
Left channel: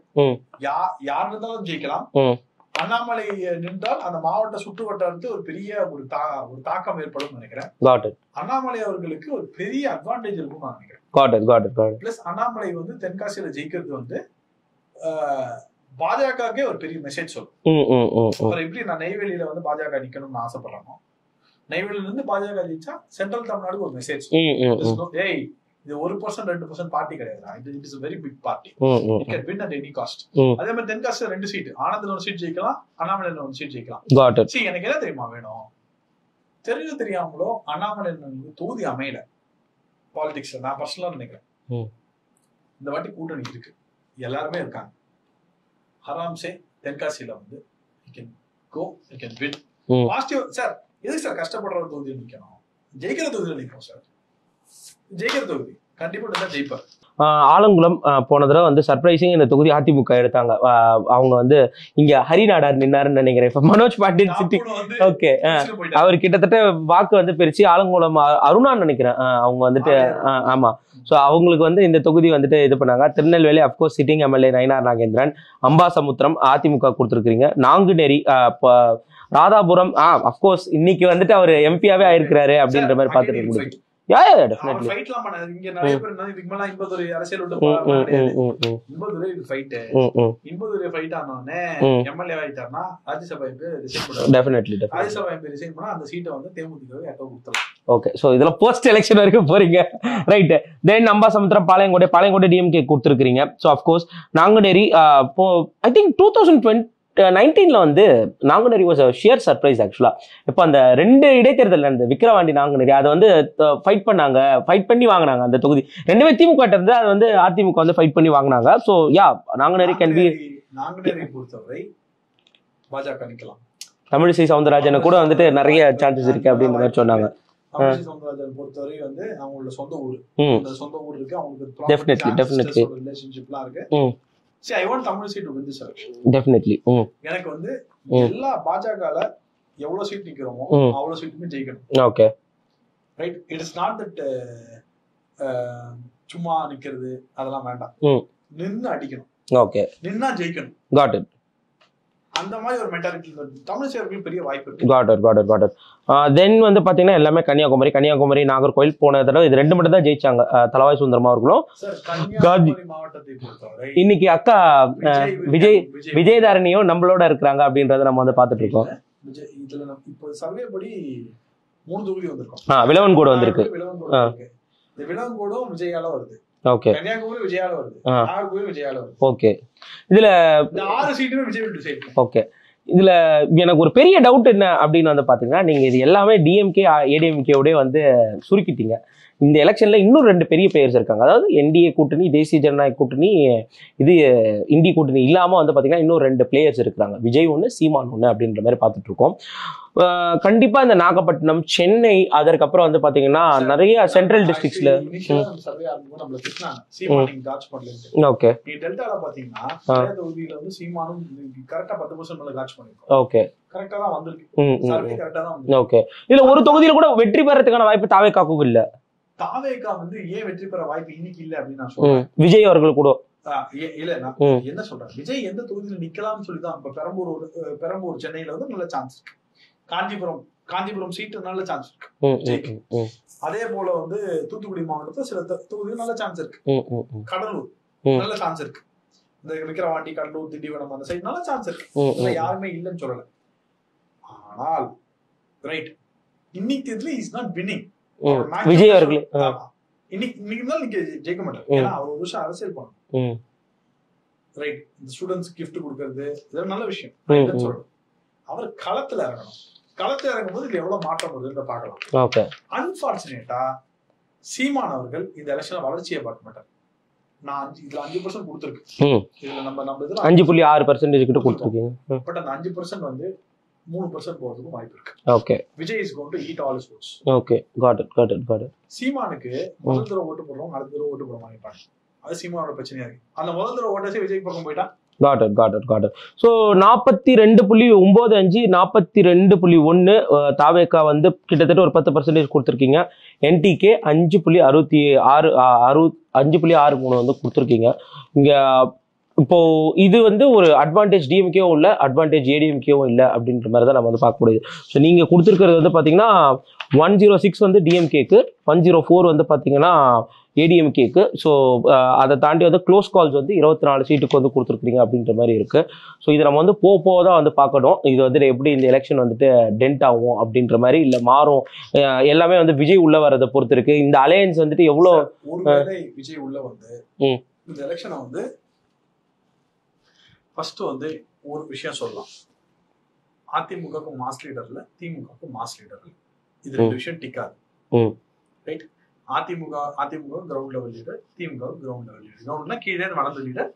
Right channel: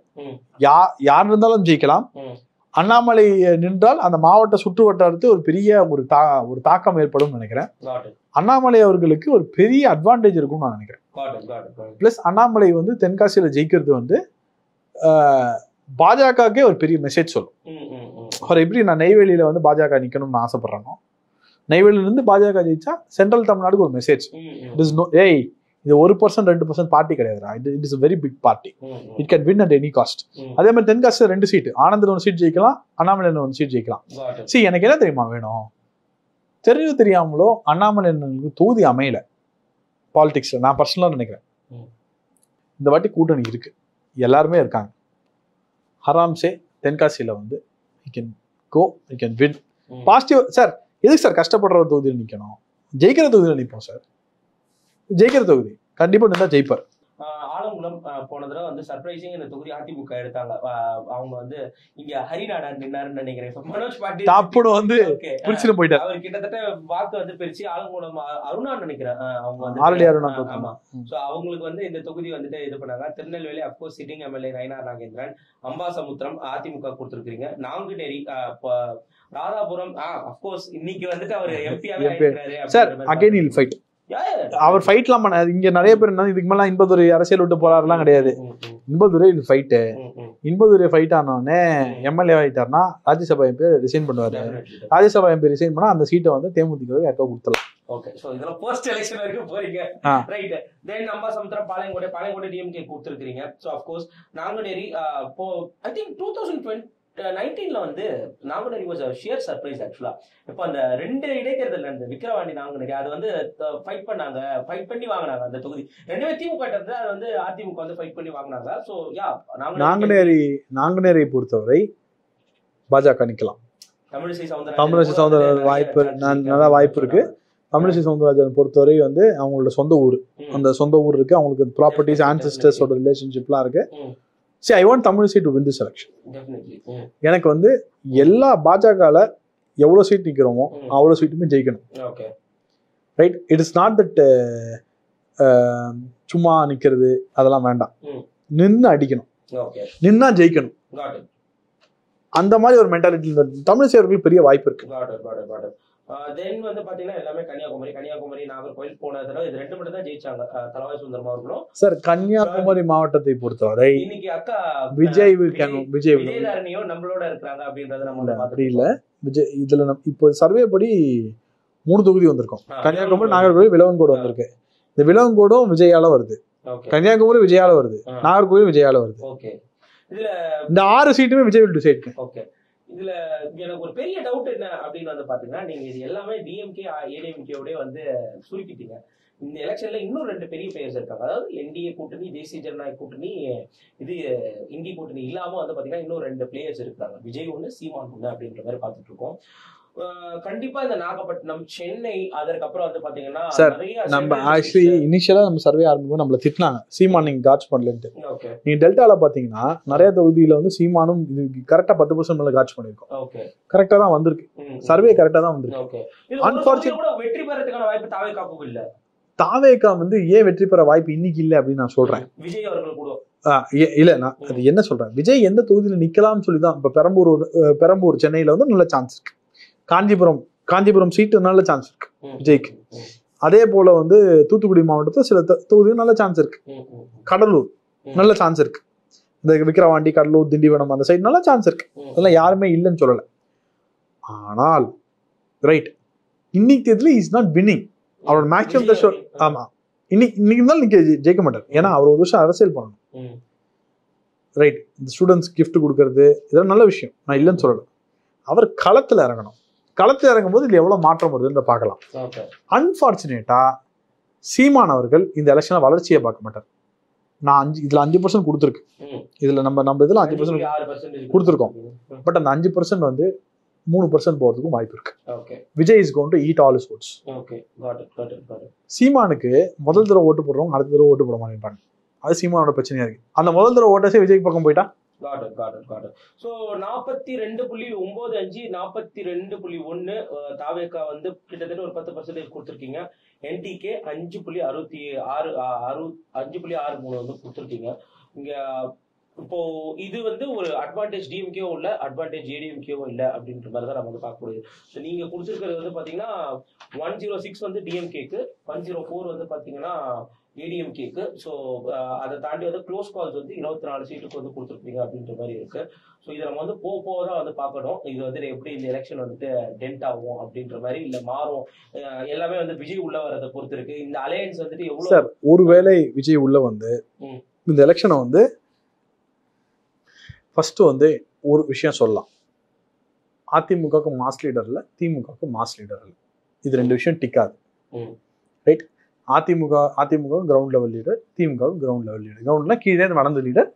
யார் இருந்தாலும் ஜெயிக்கலாம். அண்ணாமலை நின்றால் அந்த மாவட்ட சுற்று வட்டாரத்து ஒரு பெரிய ஒரு தாக்கம் ஏற்படும் நினைக்கிறேன். அண்ணாமலை அவர்களுக்கு ஒரு பெரிய அட்வான்டேஜ் இருக்கும்னு நான் நினைக்கிறேன். பிளஸ் அண்ணாமலை வந்து தென்காசியில ஜெயிக்கிறது வந்து பாஜகவுக்கே ஒரு பெரிய மெசேஜ் சொல்லும். எப்படி நான் நெய்வேலியில வந்து பாஜக நிக்கணும்னு ஆசைப்படுறேனோ, நெய்வேலியில இருந்து பாஜக ஜெயிச்சா சென்ட்ரல் தமிழ்நாடுக்கு ஒரு மெசேஜ். ஏய், இது 1% 2% பார்ட்டி கிடையாதுடா, it is very big party, it can win at any cost. அதே மாதிரி தென்காசியில் 2 சீட், ஆனந்தன் 1 சீட் ஜெயிக்கலாம், அண்ணாமலை 1 சீட் ஜெயிக்கலாம். சரி, எனக்கு என்ன தெரியுமா வேணும், தெரியாமலோ அண்ணாமலை தொகுதி அமையல பாலிடிக்ஸ். நான் பர்சனலா நினைக்கிறேன் இந்த வாட்டி கூட்டணி இருக்கு, எல்லாருமே இருக்காங்க. ஹராம்சே தென்காசியில வந்து பாசிட்டிவ் சார். எதுக்கு சார் கஷ்டப்படுற ஒரு தொகுதியில் நிக்கணும்? ஜெயிக்கிற தொகுதியில் நிற்போம் சார். ஜெயிக்கிற தொகுதி கண்டிப்பா நின்னா ஜெயிப்பார். ஆலங்குளம் போன தடவை வந்து சர்ப்ரைசிங் இந்த தொகுதி அதிமுக எடுத்தாங்க. அவங்க வந்து இங்க ஹரிநாடார் நின்னாருன்னு நினைக்கிறேன். இப்ப மனோஜ் பாட்டில் வந்து அவர் கிட்டத்தட்ட வாக்கு வந்து பிரிச்சு ஆலங்குளம் அருணான்னு நினைக்கிறேன் அவங்க வந்துட்டு. ஆமா. சோ அவங்களுக்கு வந்து இந்த தொகுதி வந்துட்டு இது பண்ணாங்க. Tirunelveli of course sitting MLA Nainar Nagendran, Ambasamudram AIADMK கொடுத்துருக்கீங்க, நாங்குநேரி, ராதாபுரம் அப்கோர்ஸ் இன்னைக்கு வந்துட்டு அவர் எம்பியாவே ஆயிருக்கிறாரு அப்படின்ற மாதிரி. அவர் ஃபைட்லாம் பண்ணாரு. இங்க நிறைய பேர் இதுக்கு மேல இன்பதுரை அரசியல் விட்டு போறாருலாம் கிடையாது. இன்பதுரை ஃபைட்டு, இன்பதுரை ஃபைட் ஆனோடனே எம்எல்ஏ ஆயிட்டாருன்னா ராஜ்யசபா எம்பி ரிசைன் பண்ணுவாங்க. ராஜ்யசபா எம்பி ரிசைன் பண்ணா அந்த சீட்டை வந்து தேமுதிகவே யாருக்கோ கொடுத்துடலாம். ஓகே. சோ இதுல போஸ்ட் எலெக்ஷன் வரைக்கும் போறீங்க, ரைட்? தென் அம்பாசமுத்திரம், பாளையங்கோட்டை டிஎம்கே கொடுத்துருக்கீங்க. So of course Nanguneri I think 2019 வந்து நாங்குநேரி வாஸ் ஷியர் சர்ப்ரைஸ் ஆக்சுவலா. இப்போ அந்த 2 இடைத்தேர்தல் நடந்தது, விக்கிரவாண்டி நாங்குநேரி, அதை வந்து ஃபைட் பண்ணி வாங்கினாங்க அந்த தொகுதி. 2மே திமுக இருந்து அது வந்து அதிமுக வந்து ஃபைட் பண்ணி வாங்கினாங்க. ஸோ யா, நாங்குநேரியை பொறுத்தவரை பாஜக நிக்கலாம். தமிழிசை சவுந்தரராஜன் கூட வந்துட்டு நிறைய சான்சஸ் இருக்கு சொன்னாங்க. தமிழிசை சவுந்தரராஜன் பொறுத்தவரை வந்து அவங்களோட சொந்த ஊர், அந்த சொந்த ஊர் இருக்கு, அவங்களுக்கு ப்ராப்பர்ட்டிஸ் ஆன்செஸ்டர்ஸோட ரிலேஷன்ஷிப்லாம் இருக்கு. See, I want Tamiliசை to win this election. Definitely. எனக்கு வந்து எல்லா பாஜகல எவ்வளவு சீட் நிக்கிறோமோ அவ்வளவு சீட்டுமே ஜெயிக்கணும். Okay right. It is not that சும்மா நிக்கிறது அதெல்லாம் வேண்டாம், நின்னு அடிக்கணும். ஓகே, நின்னா ஜெயிக்கணும். Got it. அந்த மாதிரி ஒரு மென்டாலிட்டி தமிழிசை அவர்களுக்கு பெரிய வாய்ப்பு இருக்கு. Got it. தென் வந்து பாத்தீங்கன்னா எல்லாமே கன்னியாகுமரி நாகர்கோவில் போன தடவை இது 2 மட்டும் தான் ஜெயிச்சாங்க, தலவாய் சுந்தரமா அவர்களும். சார் கன்னியாகுமரி மாவட்டத்தை பொறுத்தவரை இன்னைக்கு அக்கா விஜயதாரணியும் நம்மளோட இருக்கிறாங்க அப்படின்றத நம்ம வந்து பாத்துட்டு இருக்கோம். விஜய் இதுல இப்போ சர்வே படி 3 தொகுதி வந்திருக்கோம். விலவன்கோடு வந்திருக்கு. இந்த விலவன்கோடும் விஜயால வருது. கன்னியாகுமரி விஜயால வருது, நாகர்கோவில் விஜயால வருது. ஓகே, இதுல இந்த 6 சீட்டுமே விஜய் டிசைட். ஓகே, இதுல எனக்கு ஒரு பெரிய டவுட் என்ன அப்படின்னு வந்து பாத்தீங்கன்னா, நீங்க இது எல்லாமே டிஎம்கே ஏடிஎம்கேவோட வந்து சுருக்கிட்டீங்க. இந்த எலெக்ஷன்ல இன்னும் 2 பெரிய பிளேயர்ஸ் இருக்காங்க. அதாவது என்டிஏ கூட்டணி, தேசிய ஜனநாயக கூட்டணி, இது இந்திய கூட்டணி இல்லாம வந்து பாத்தீங்கன்னா இன்னும் 2 பிளேயர்ஸ் இருக்காங்க. விஜய் 1, சீமான் 1 அப்படின்ற மாதிரி பார்த்துட்டு இருக்கோம். கண்டிப்பா இந்த நாகப்பட்டினம், சென்னை, அதற்கப்புறம் வந்து பாத்தீங்கன்னா நிறைய சென்ட்ரல் டிஸ்ட்ரிக்ட்ஸ்ல இனிஷியலா நம்ம சர்வே ஆரம்பிக்கும் நம்மள திட்டினாங்க, சீமான் நீங்க காட்ச் பண்ணலன்னு. ஓகே, நீங்க டெல்டால பாத்தீங்கன்னா நிறைய தொகுதியில வந்து சீமானும் கரெக்டா 10% மேல காட்ச் பண்ணிருக்கோம். ஓகே, கரெக்டா தான் வந்திருக்கு, சர்வே கரெக்டா தான் வந்திருக்கு. ஓகே, இதுல ஒரு தொகுதியில கூட வெற்றி பெறதுக்கான வாய்ப்பு தாவேகாவுக்கு இல்ல. தாவேகா வந்து ஏன் வெற்றி பெற வாய்ப்பு இன்னைக்கு இல்ல அப்படின்னு நான் சொல்றேன். விஜய் அவர்கள் கூட இல்ல, நான் என்ன சொல்றேன், விஜய் எந்த தொகுதியில நிக்கலாம்னு சொல்லிதான். இப்ப பெரம்பூர் சென்னையில வந்து நல்ல சான்ஸ் இருக்கு. காஞ்சிபுரம் சீட்டு நல்ல சான்ஸ் இருக்கு விஜய்க்கு. அதே போல வந்து தூத்துக்குடி மாவட்டத்துல சில தொகுதியும் நல்ல சான்ஸ் இருக்கு. கடலூர் நல்ல சான்ஸ் இருக்கு. இந்த விக்கிரவாண்டி, கடலூர், திண்டிவனம் அந்த சைடு நல்ல சான்ஸ் இருக்கு. அதெல்லாம் யாருமே இல்லைன்னு சொல்லல. ஆனால் ரைட், இன்னைக்கு இதுல இஸ் நாட் வின்னிங். அவரோட மேக்ஸிமம் ஆமா இன்னைக்கு இருந்தாலும் நிக்க ஜெயிக்க மாட்டார். ஏன்னா அவர் ஒரு வருஷம் அரசியல் பண்ணணும். ரைட், இந்த ஸ்டூடெண்ட்ஸ் கிஃப்ட் கொடுக்கறது இதெல்லாம் நல்ல விஷயம், நான் இல்லைன்னு சொல்லல. அவர் களத்துல இறங்கணும். களத்துல இறங்கும் போது இதுல எவ்வளவு மாற்றம் வருதுன்னு பார்க்கலாம். அன்பார்ச்சுனேட்டா சீமான் அவர்கள் இந்த எலெக்ஷன்ல வளர்ச்சியை பார்க்க மாட்டார். நான் இதுல 5% கொடுத்துருக்கு. இதுல நம்ம இதுல 5.6% கொடுத்துருக்கோம். பட் அந்த 5% வந்து 3% போறதுக்கும் வாய்ப்பு இருக்கு. Okay, Vijay is going to eat all his votes. Okay, got it. சீமானுக்கு முதல் தடவை ஓட்டு போடுறவங்க அடுத்த தடவை ஓட்டு போட மாட்டேன்றாங்க. அது சீமானோட பிரச்சனையா இருக்கு. அந்த முதல் தடவை ஓட்டே விஜய் பக்கம் போயிட்டா காட் இட். ஸோ 42.95 42.1 தாவேகா வந்து கிட்டத்தட்ட ஒரு 10% கொடுத்துருக்கீங்க. என்டிகே 5.63 வந்து கொடுத்துருக்கீங்க. இங்க இப்போ இது வந்து ஒரு அட்வான்டேஜ் டிஎம்கேவும் இல்லை, அட்வான்டேஜ் ஏடிஎம்கேவும் இல்லை அப்படின்ற மாதிரி தான் நம்ம வந்து பார்க்க முடியுது. ஸோ நீங்கள் கொடுத்துருக்கிறது வந்து பார்த்தீங்கன்னா 106 வந்து டிஎம்கேக்கு, 104 வந்து பார்த்தீங்கன்னா ஏடிஎம்கேக்கு. ஸோ அதை தாண்டி வந்து க்ளோஸ் கால்ஸ் வந்து 24 சீட்டுக்கு வந்து கொடுத்துருக்குறீங்க அப்படின்ற மாதிரி இருக்குது. ஸோ இதை நம்ம வந்து போக தான் வந்து பார்க்கணும். இது வந்து எப்படி இந்த எலெக்ஷன் வந்துட்டு டென்ட் ஆகும் அப்படின்ற மாதிரி, இல்லை மாறும், எல்லாமே வந்து விஜய் உள்ள வரதை பொறுத்து இருக்கு. இந்த அலையன்ஸ் வந்துட்டு எவ்வளோ ஒருவேளை விஜய் உள்ள வந்து இந்த எலெக்ஷனை வந்து ஃபர்ஸ்ட் வந்து ஒரு விஷயம் சொல்லலாம், அதிமுகவுக்கு மாஸ் லீடர் இல்லை, திமுகவுக்கு மாஸ் லீடர் இல்லை. இது 2 விஷயம் டிக்காது. Right, AIADMK ground level leader, DMK ground level leader. கிரவுண்ட்ல கீழே வளர்ந்த லீடர்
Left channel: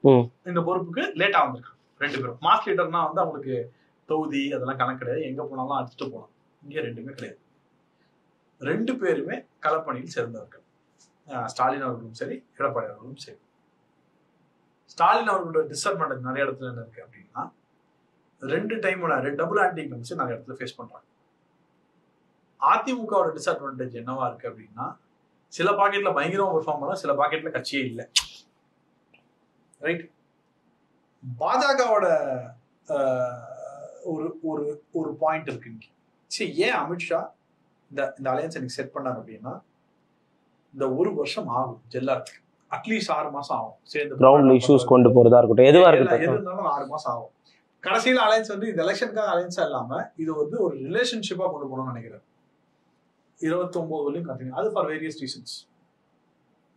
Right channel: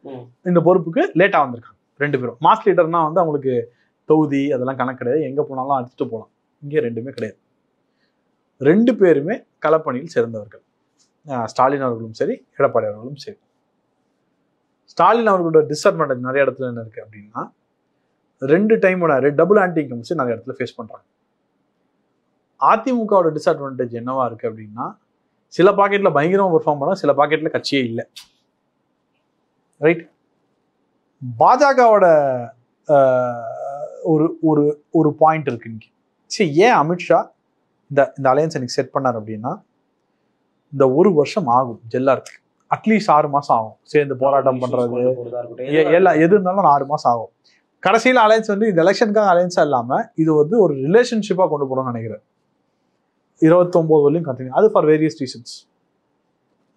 இந்த பொறுப்புக்கு லேட்டா வந்திருக்காங்க 2 பேரும். மாஸ் லீடர்னா வந்து அவங்களுக்கு தொகுதி அதெல்லாம் கணக்கு கிடையாது, எங்க போனாலும் அடிச்சுட்டு போகலாம். இங்கே 2மே கிடையாது. 2 பேருமே களப்பணியில் சேர்ந்தவர்கள். ஸ்டாலின் அவர்களும் சரி, எடப்பாடி அவர்களும் சரி. ஸ்டாலின் அவர்களோட டிஸ்அட்வான்டேஜ் நிறைய இடத்துல என்ன இருக்கு அப்படின்னா, 2 டைமோட டபுள் ஆன்டி இன்கம்ஸ் நிறைய இடத்துல ஃபேஸ் பண்றாங்க. அதிமுகவோட டிஸ்அட்வான்டேஜ் என்னவா இருக்கு அப்படின்னா, சில பாக்கெட்ல பயங்கரமா பெர்ஃபார்ம் பண்ணா, சில பாக்கெட்ல கட்சியே இல்லை. ரைட், பாஜகவோட ஒரு பாயிண்ட் இருக்கு இன்னைக்கு. சரி, ஏன் அமித்ஷா இந்த அலையன்ஸ் எனக்கு செட் பண்ணார் அப்படின்னா, இந்த 1 வருஷம் ஆகும் ஜெல்லாருக்கு. அட்லீஸ்ட் 6 மாசம் ஆகும் சேர்ந்து கொண்டு போறதா இருக்கட்டும், எது இருந்தாலும் 6 மாசம் ஆகும். கடைசியில அலையன்ஸ் வந்து இந்த எலெக்ஷனுக்காக அலையன்ஸா இல்லாம இது வந்து ஒரு ரிலேஷன்ஷிப்பா கொண்டு போகணும்னு நினைக்கிறேன். 29 வரையும் கண்டினியூ. அது ஃபார் வேரியஸ் ரீசன்ஸ்.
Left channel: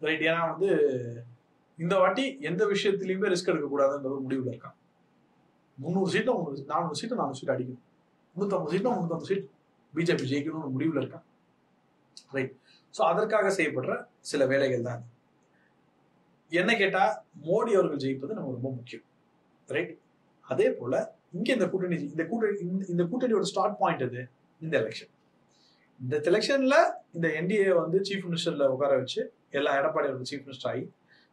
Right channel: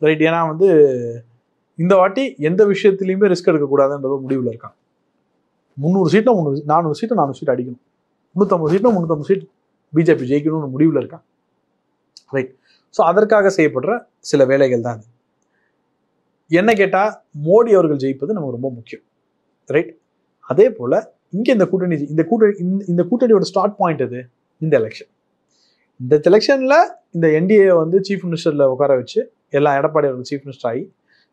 ரைட், ஏன்னா வந்து இந்த வாட்டி எந்த விஷயத்திலயுமே ரிஸ்க் எடுக்கக்கூடாதுன்ற முடிவுல இருக்காங்க. 300 சீட்ல 400 சீட்டு 400 சீட் அடிக்கணும், 350 சீட்ல 350 சீட் பிஜேபி ஜெயிக்கணும்னு முடிவுல இருக்காங்க. ரைட், ஸோ அதற்காக செய்யப்படுற சில வேலைகள் தான் இது. என்ன கேட்டா மோடி அவர்கள் ஜெயிப்பது நமக்கு ரொம்ப முக்கியம். ரைட், அதே போல இங்க இந்த கூட்டணியோட ஸ்டார்ட் பாயிண்ட் எது? இந்த எலெக்ஷன். இந்த எலெக்ஷன்ல இந்த என்டிஏ வந்து சீஃப் மினிஸ்டர்ல உட்கார வச்சு எல்லாம் எடப்பாடி அவர்கள் சீஃப் மினிஸ்டர் ஆகி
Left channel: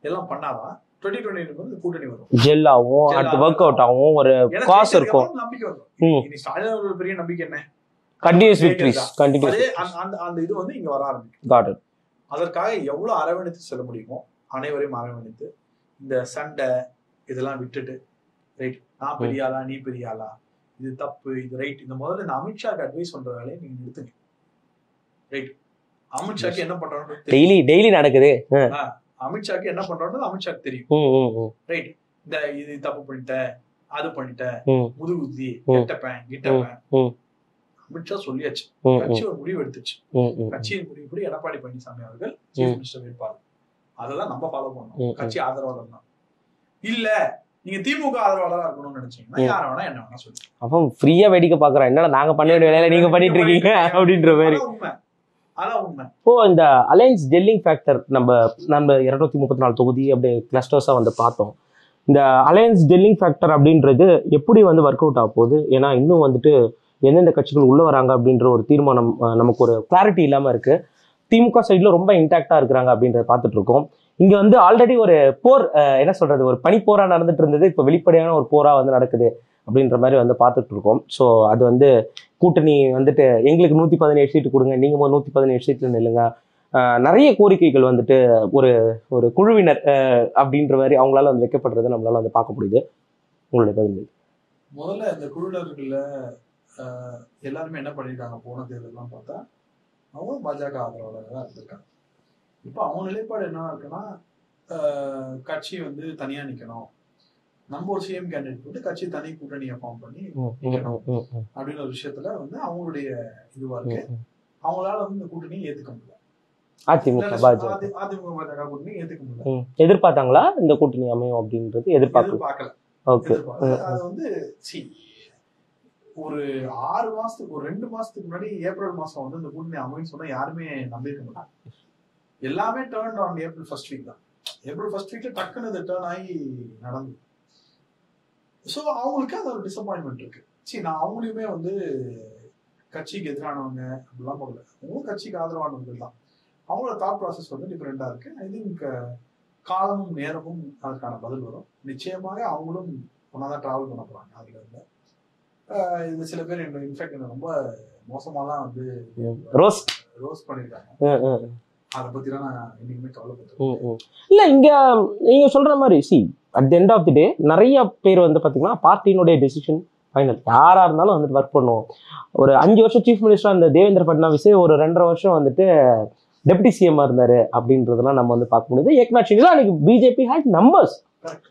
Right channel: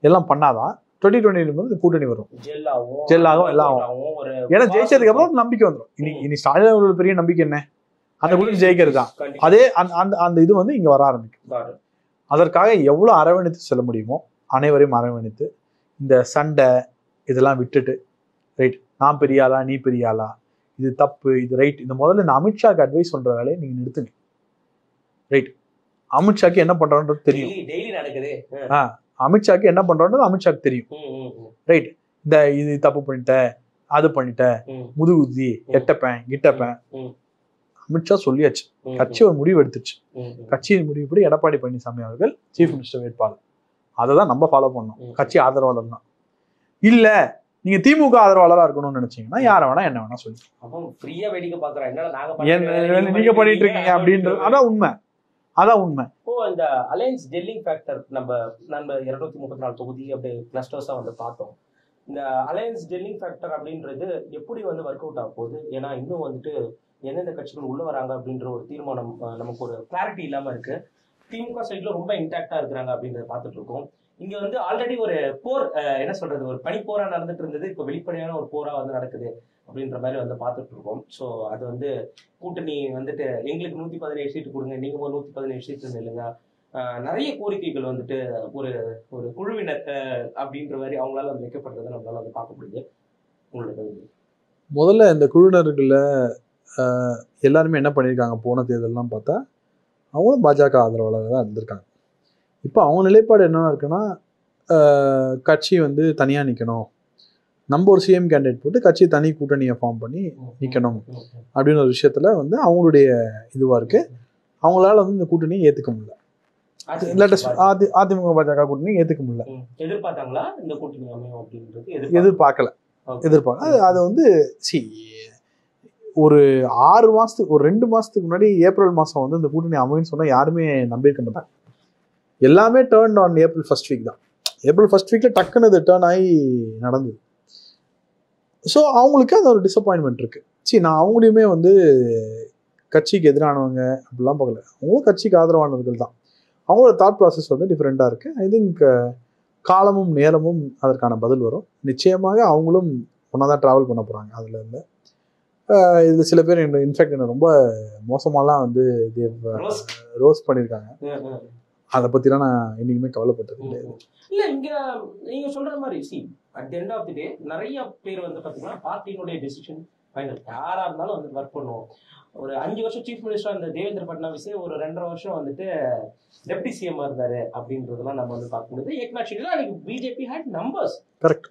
எல்லாம் பண்ணாதான் 2020 வந்து கூட்டணி வரும், ஜெல்லாவும் ஒரு ஜெயிச்சதுக்கு அப்புறம் நம்பிக்கை வந்துடும். இனி ஸ்டாலின் அவர்கள் பெரிய நம்பிக்கை என்ன, அதே அந்த இது வந்து இங்க வர ஆரம்பிக்கும். அதற்காக எவ்வளவு அரவணைத்து செல்ல முடியுமோ அனைவரையும் அரவணைத்து இந்த சண்டை இதெல்லாம் விட்டுட்டு, ரைட் நான் பெரிய ஆளா நீ பெரிய ஆளா, இது தப்பு இது ரைட், இந்த முதல்ல இந்த அமித்ஷாக்கு அட்வைஸ் பண்ற வேலையை நீங்க நிறுத்துங்க. ரைட், அமித்ஷாக்கு என்ன பண்றான்றது டெய்லி நடக்குது. அமித்ஷாக்கு என்ன பண்றான்றது அமித்ஷாக்கு தெரியும். ரைட், இந்த இது தப்பு பண்ணிட்ட அது பண்ணிட்ட முதுகுதி கெட்டப்பேன் கிட்டப்பேன் அமித்ஷா சொல்லியாச்சு. கட்சி ஒரு முடிவு எடுத்துச்சு. கட்சியின் முடிவுப்படி எடப்பாடி பழனிசாமி அவர்கள் சீஃப் மினிஸ்டர் வேட்பாளர். அததான் நம்ம ஃபாலோ பண்ணணும். கட்சி ஆதரவாளர் தான். இல்ல நீங்க திமுக ஆதரவாளரா இருக்கணும்னு நினைச்சீங்கன்னா யார வேணா என்ன வேணா சொல்லி அப்ப ஃப்ரீயா வேடிக்கை பாக்குறேன். என்னடா நாங்க பண்ணிட்டு வேலையில நீங்க பண்ணிட்டு இருக்கீங்க அப்படின்ற மாதிரி. அதான் உண்மை. இப்போ இந்த அலையன்ஸ் ஜெல்லிங் ஃபேக்டர் நம்ம 234 தொகுதி அப்படியே கிளஸ்டர்ஸா வந்து பார்த்தோம். இந்த அலையன்ஸ் ஜெல்லிங் ஃபேக்டர் அப்படின்றது எப்படி வந்து ஒர்க் அவுட் ஆக போகுது? ஏன்னா இன்னும் வந்துட்டு எந்தெந்த கட்சிகள் உள்ள வராங்க அப்படின்ற ஒரு தீர்மானம் நமக்கு ஒரு கிளாரிட்டி இல்லாம இருக்கு. திமுக சைட்ல ரொம்ப இன்டாக்டா இருக்கிறாங்க அப்படின்றத பார்த்துட்டு இருக்கோம். இங்க வந்து ஆல்ரெடி ஒரு போர், என்ன சொல்றது, ஒரு பனிப்போரா நடந்துட்டு இருந்தது. இப்போ வெளிப்படையான ஒரு போரா வந்து நடக்குது அப்படின்ற மாதிரி வந்து பார்த்துட்டு இருக்கோம். ஸோ அது வந்து கூட்டணி வந்துட்டு எங்களுக்கு 117 சீட்டு கொடுங்க, நீங்க 117 சீட்டு நில்லுங்க, நிறைய கோரிக்கைகள் வந்துட்டு ஒரு ஒரு குழுவினர் அப்படின்ற மாதிரி அவங்களால வந்து வைக்கப்படுறது நம்மளால வந்து பார்க்க முடியுது. உங்களுடைய பதில். முதல்ல இந்த குழுவினர்கள எல்லாருமே என்ன பண்ணியிருக்காங்க, போன தேர்தல்லாம் பார்த்தா அவங்களும் பாஜக ஆதரவாளராக தான் இருந்திருக்காங்க. இப்போ அவங்க நிலைப்பாடு என்னவா இருக்குன்னா, கட்சி வந்து தனியாக நிற்கணும், நம்ம ஒரு சிஎம் கேண்டிடேட் போட்டு கட்சி தனி கூட்டணியை ஃபார்ம் பண்ணி நிற்கணும் அப்படின்னு ஒரு விஷயத்துல வந்து அவங்களுடைய இதுவா இருக்கு. அவங்களால வந்து இந்த கூட்டணியை ஏற்றுக்க முடியல. அதிமுக பாஜக கூட்டணி ஏற்றுக்க முடியல. எதிர்பார்த்தாங்களா இந்த கூட்டணி அமையும் அப்படின்றது? எதிர்பார்க்கல. அது வந்து ஒரு 6 மாசத்துக்கு ஒரு 2 மாசத்துக்கு முன்னாடி ஏப்ரல் மாசம் வந்து இந்த கூட்டணி அமைன்னு சொன்னா யாருமே நம்பியிருக்க மாட்டாங்க. எல்லாமே turn on April first week தான். ஏப்ரல் ஃபர்ஸ்ட் வீக்ல டக்குன்னு இது டேர்ன் ஆகி நடந்தது. ஸோ அவங்களுக்கு அது ஒரு டிசப்பாயின்மெண்ட் இருக்கு. நான் அவங்களையுமே வந்து கட்சிக்கு எதிரானவங்க அப்படிலாம் பார்க்கல. அவங்களும் கட்சிக்கு ஆதரவானவர்கள் தான். அவங்களோட தாட் ப்ராசஸ் வந்து டிஃப்ரெண்டா இருக்கு. ஐ திங்க் காலமும் நேரமும் அதற்கான பதில் வரும். நிச்சயமாக அவங்களும் ஒன்னாதான் டிராவல் பண்ண போறாங்க. அதுல இருந்து இதுல சில பேர் இன்ஃபேக்ட் என்ன ரொம்ப மோசமாலாம் வந்து ரோஸ் பண்ணிருக்காங்க. அதை பத்திலாம் நான் என்னைக்குமே கவலைப்பட்டிருக்கேன். இல்ல இங்க நீங்க சொல்ற மாதிரி at the end of the day நிறைய பேர் வந்து பாத்தீங்கன்னா பார்ட்டியினுடைய டெசிஷன் ஃபைனல். யாரா இருந்தாலும் வந்துட்டு ஒர்க் பண்ணுவோம். ஒரு 5 வருஷம் சீஃப் மினிஸ்டரா இருந்த தேவேந்திர பட்னாவிஸ் ஒரு 2.5 வருஷம் வந்துட்டு டெப்டி சிஎம் இருந்தாரு அப்படின்றதெல்லாம் நம்ம வந்து பார்க்க முடியுது. ஏக்நாத் ஷிண்டே அன்னைக்கு பிஜேபி ஹேட் நம்பர்ஸ். கரெக்ட்.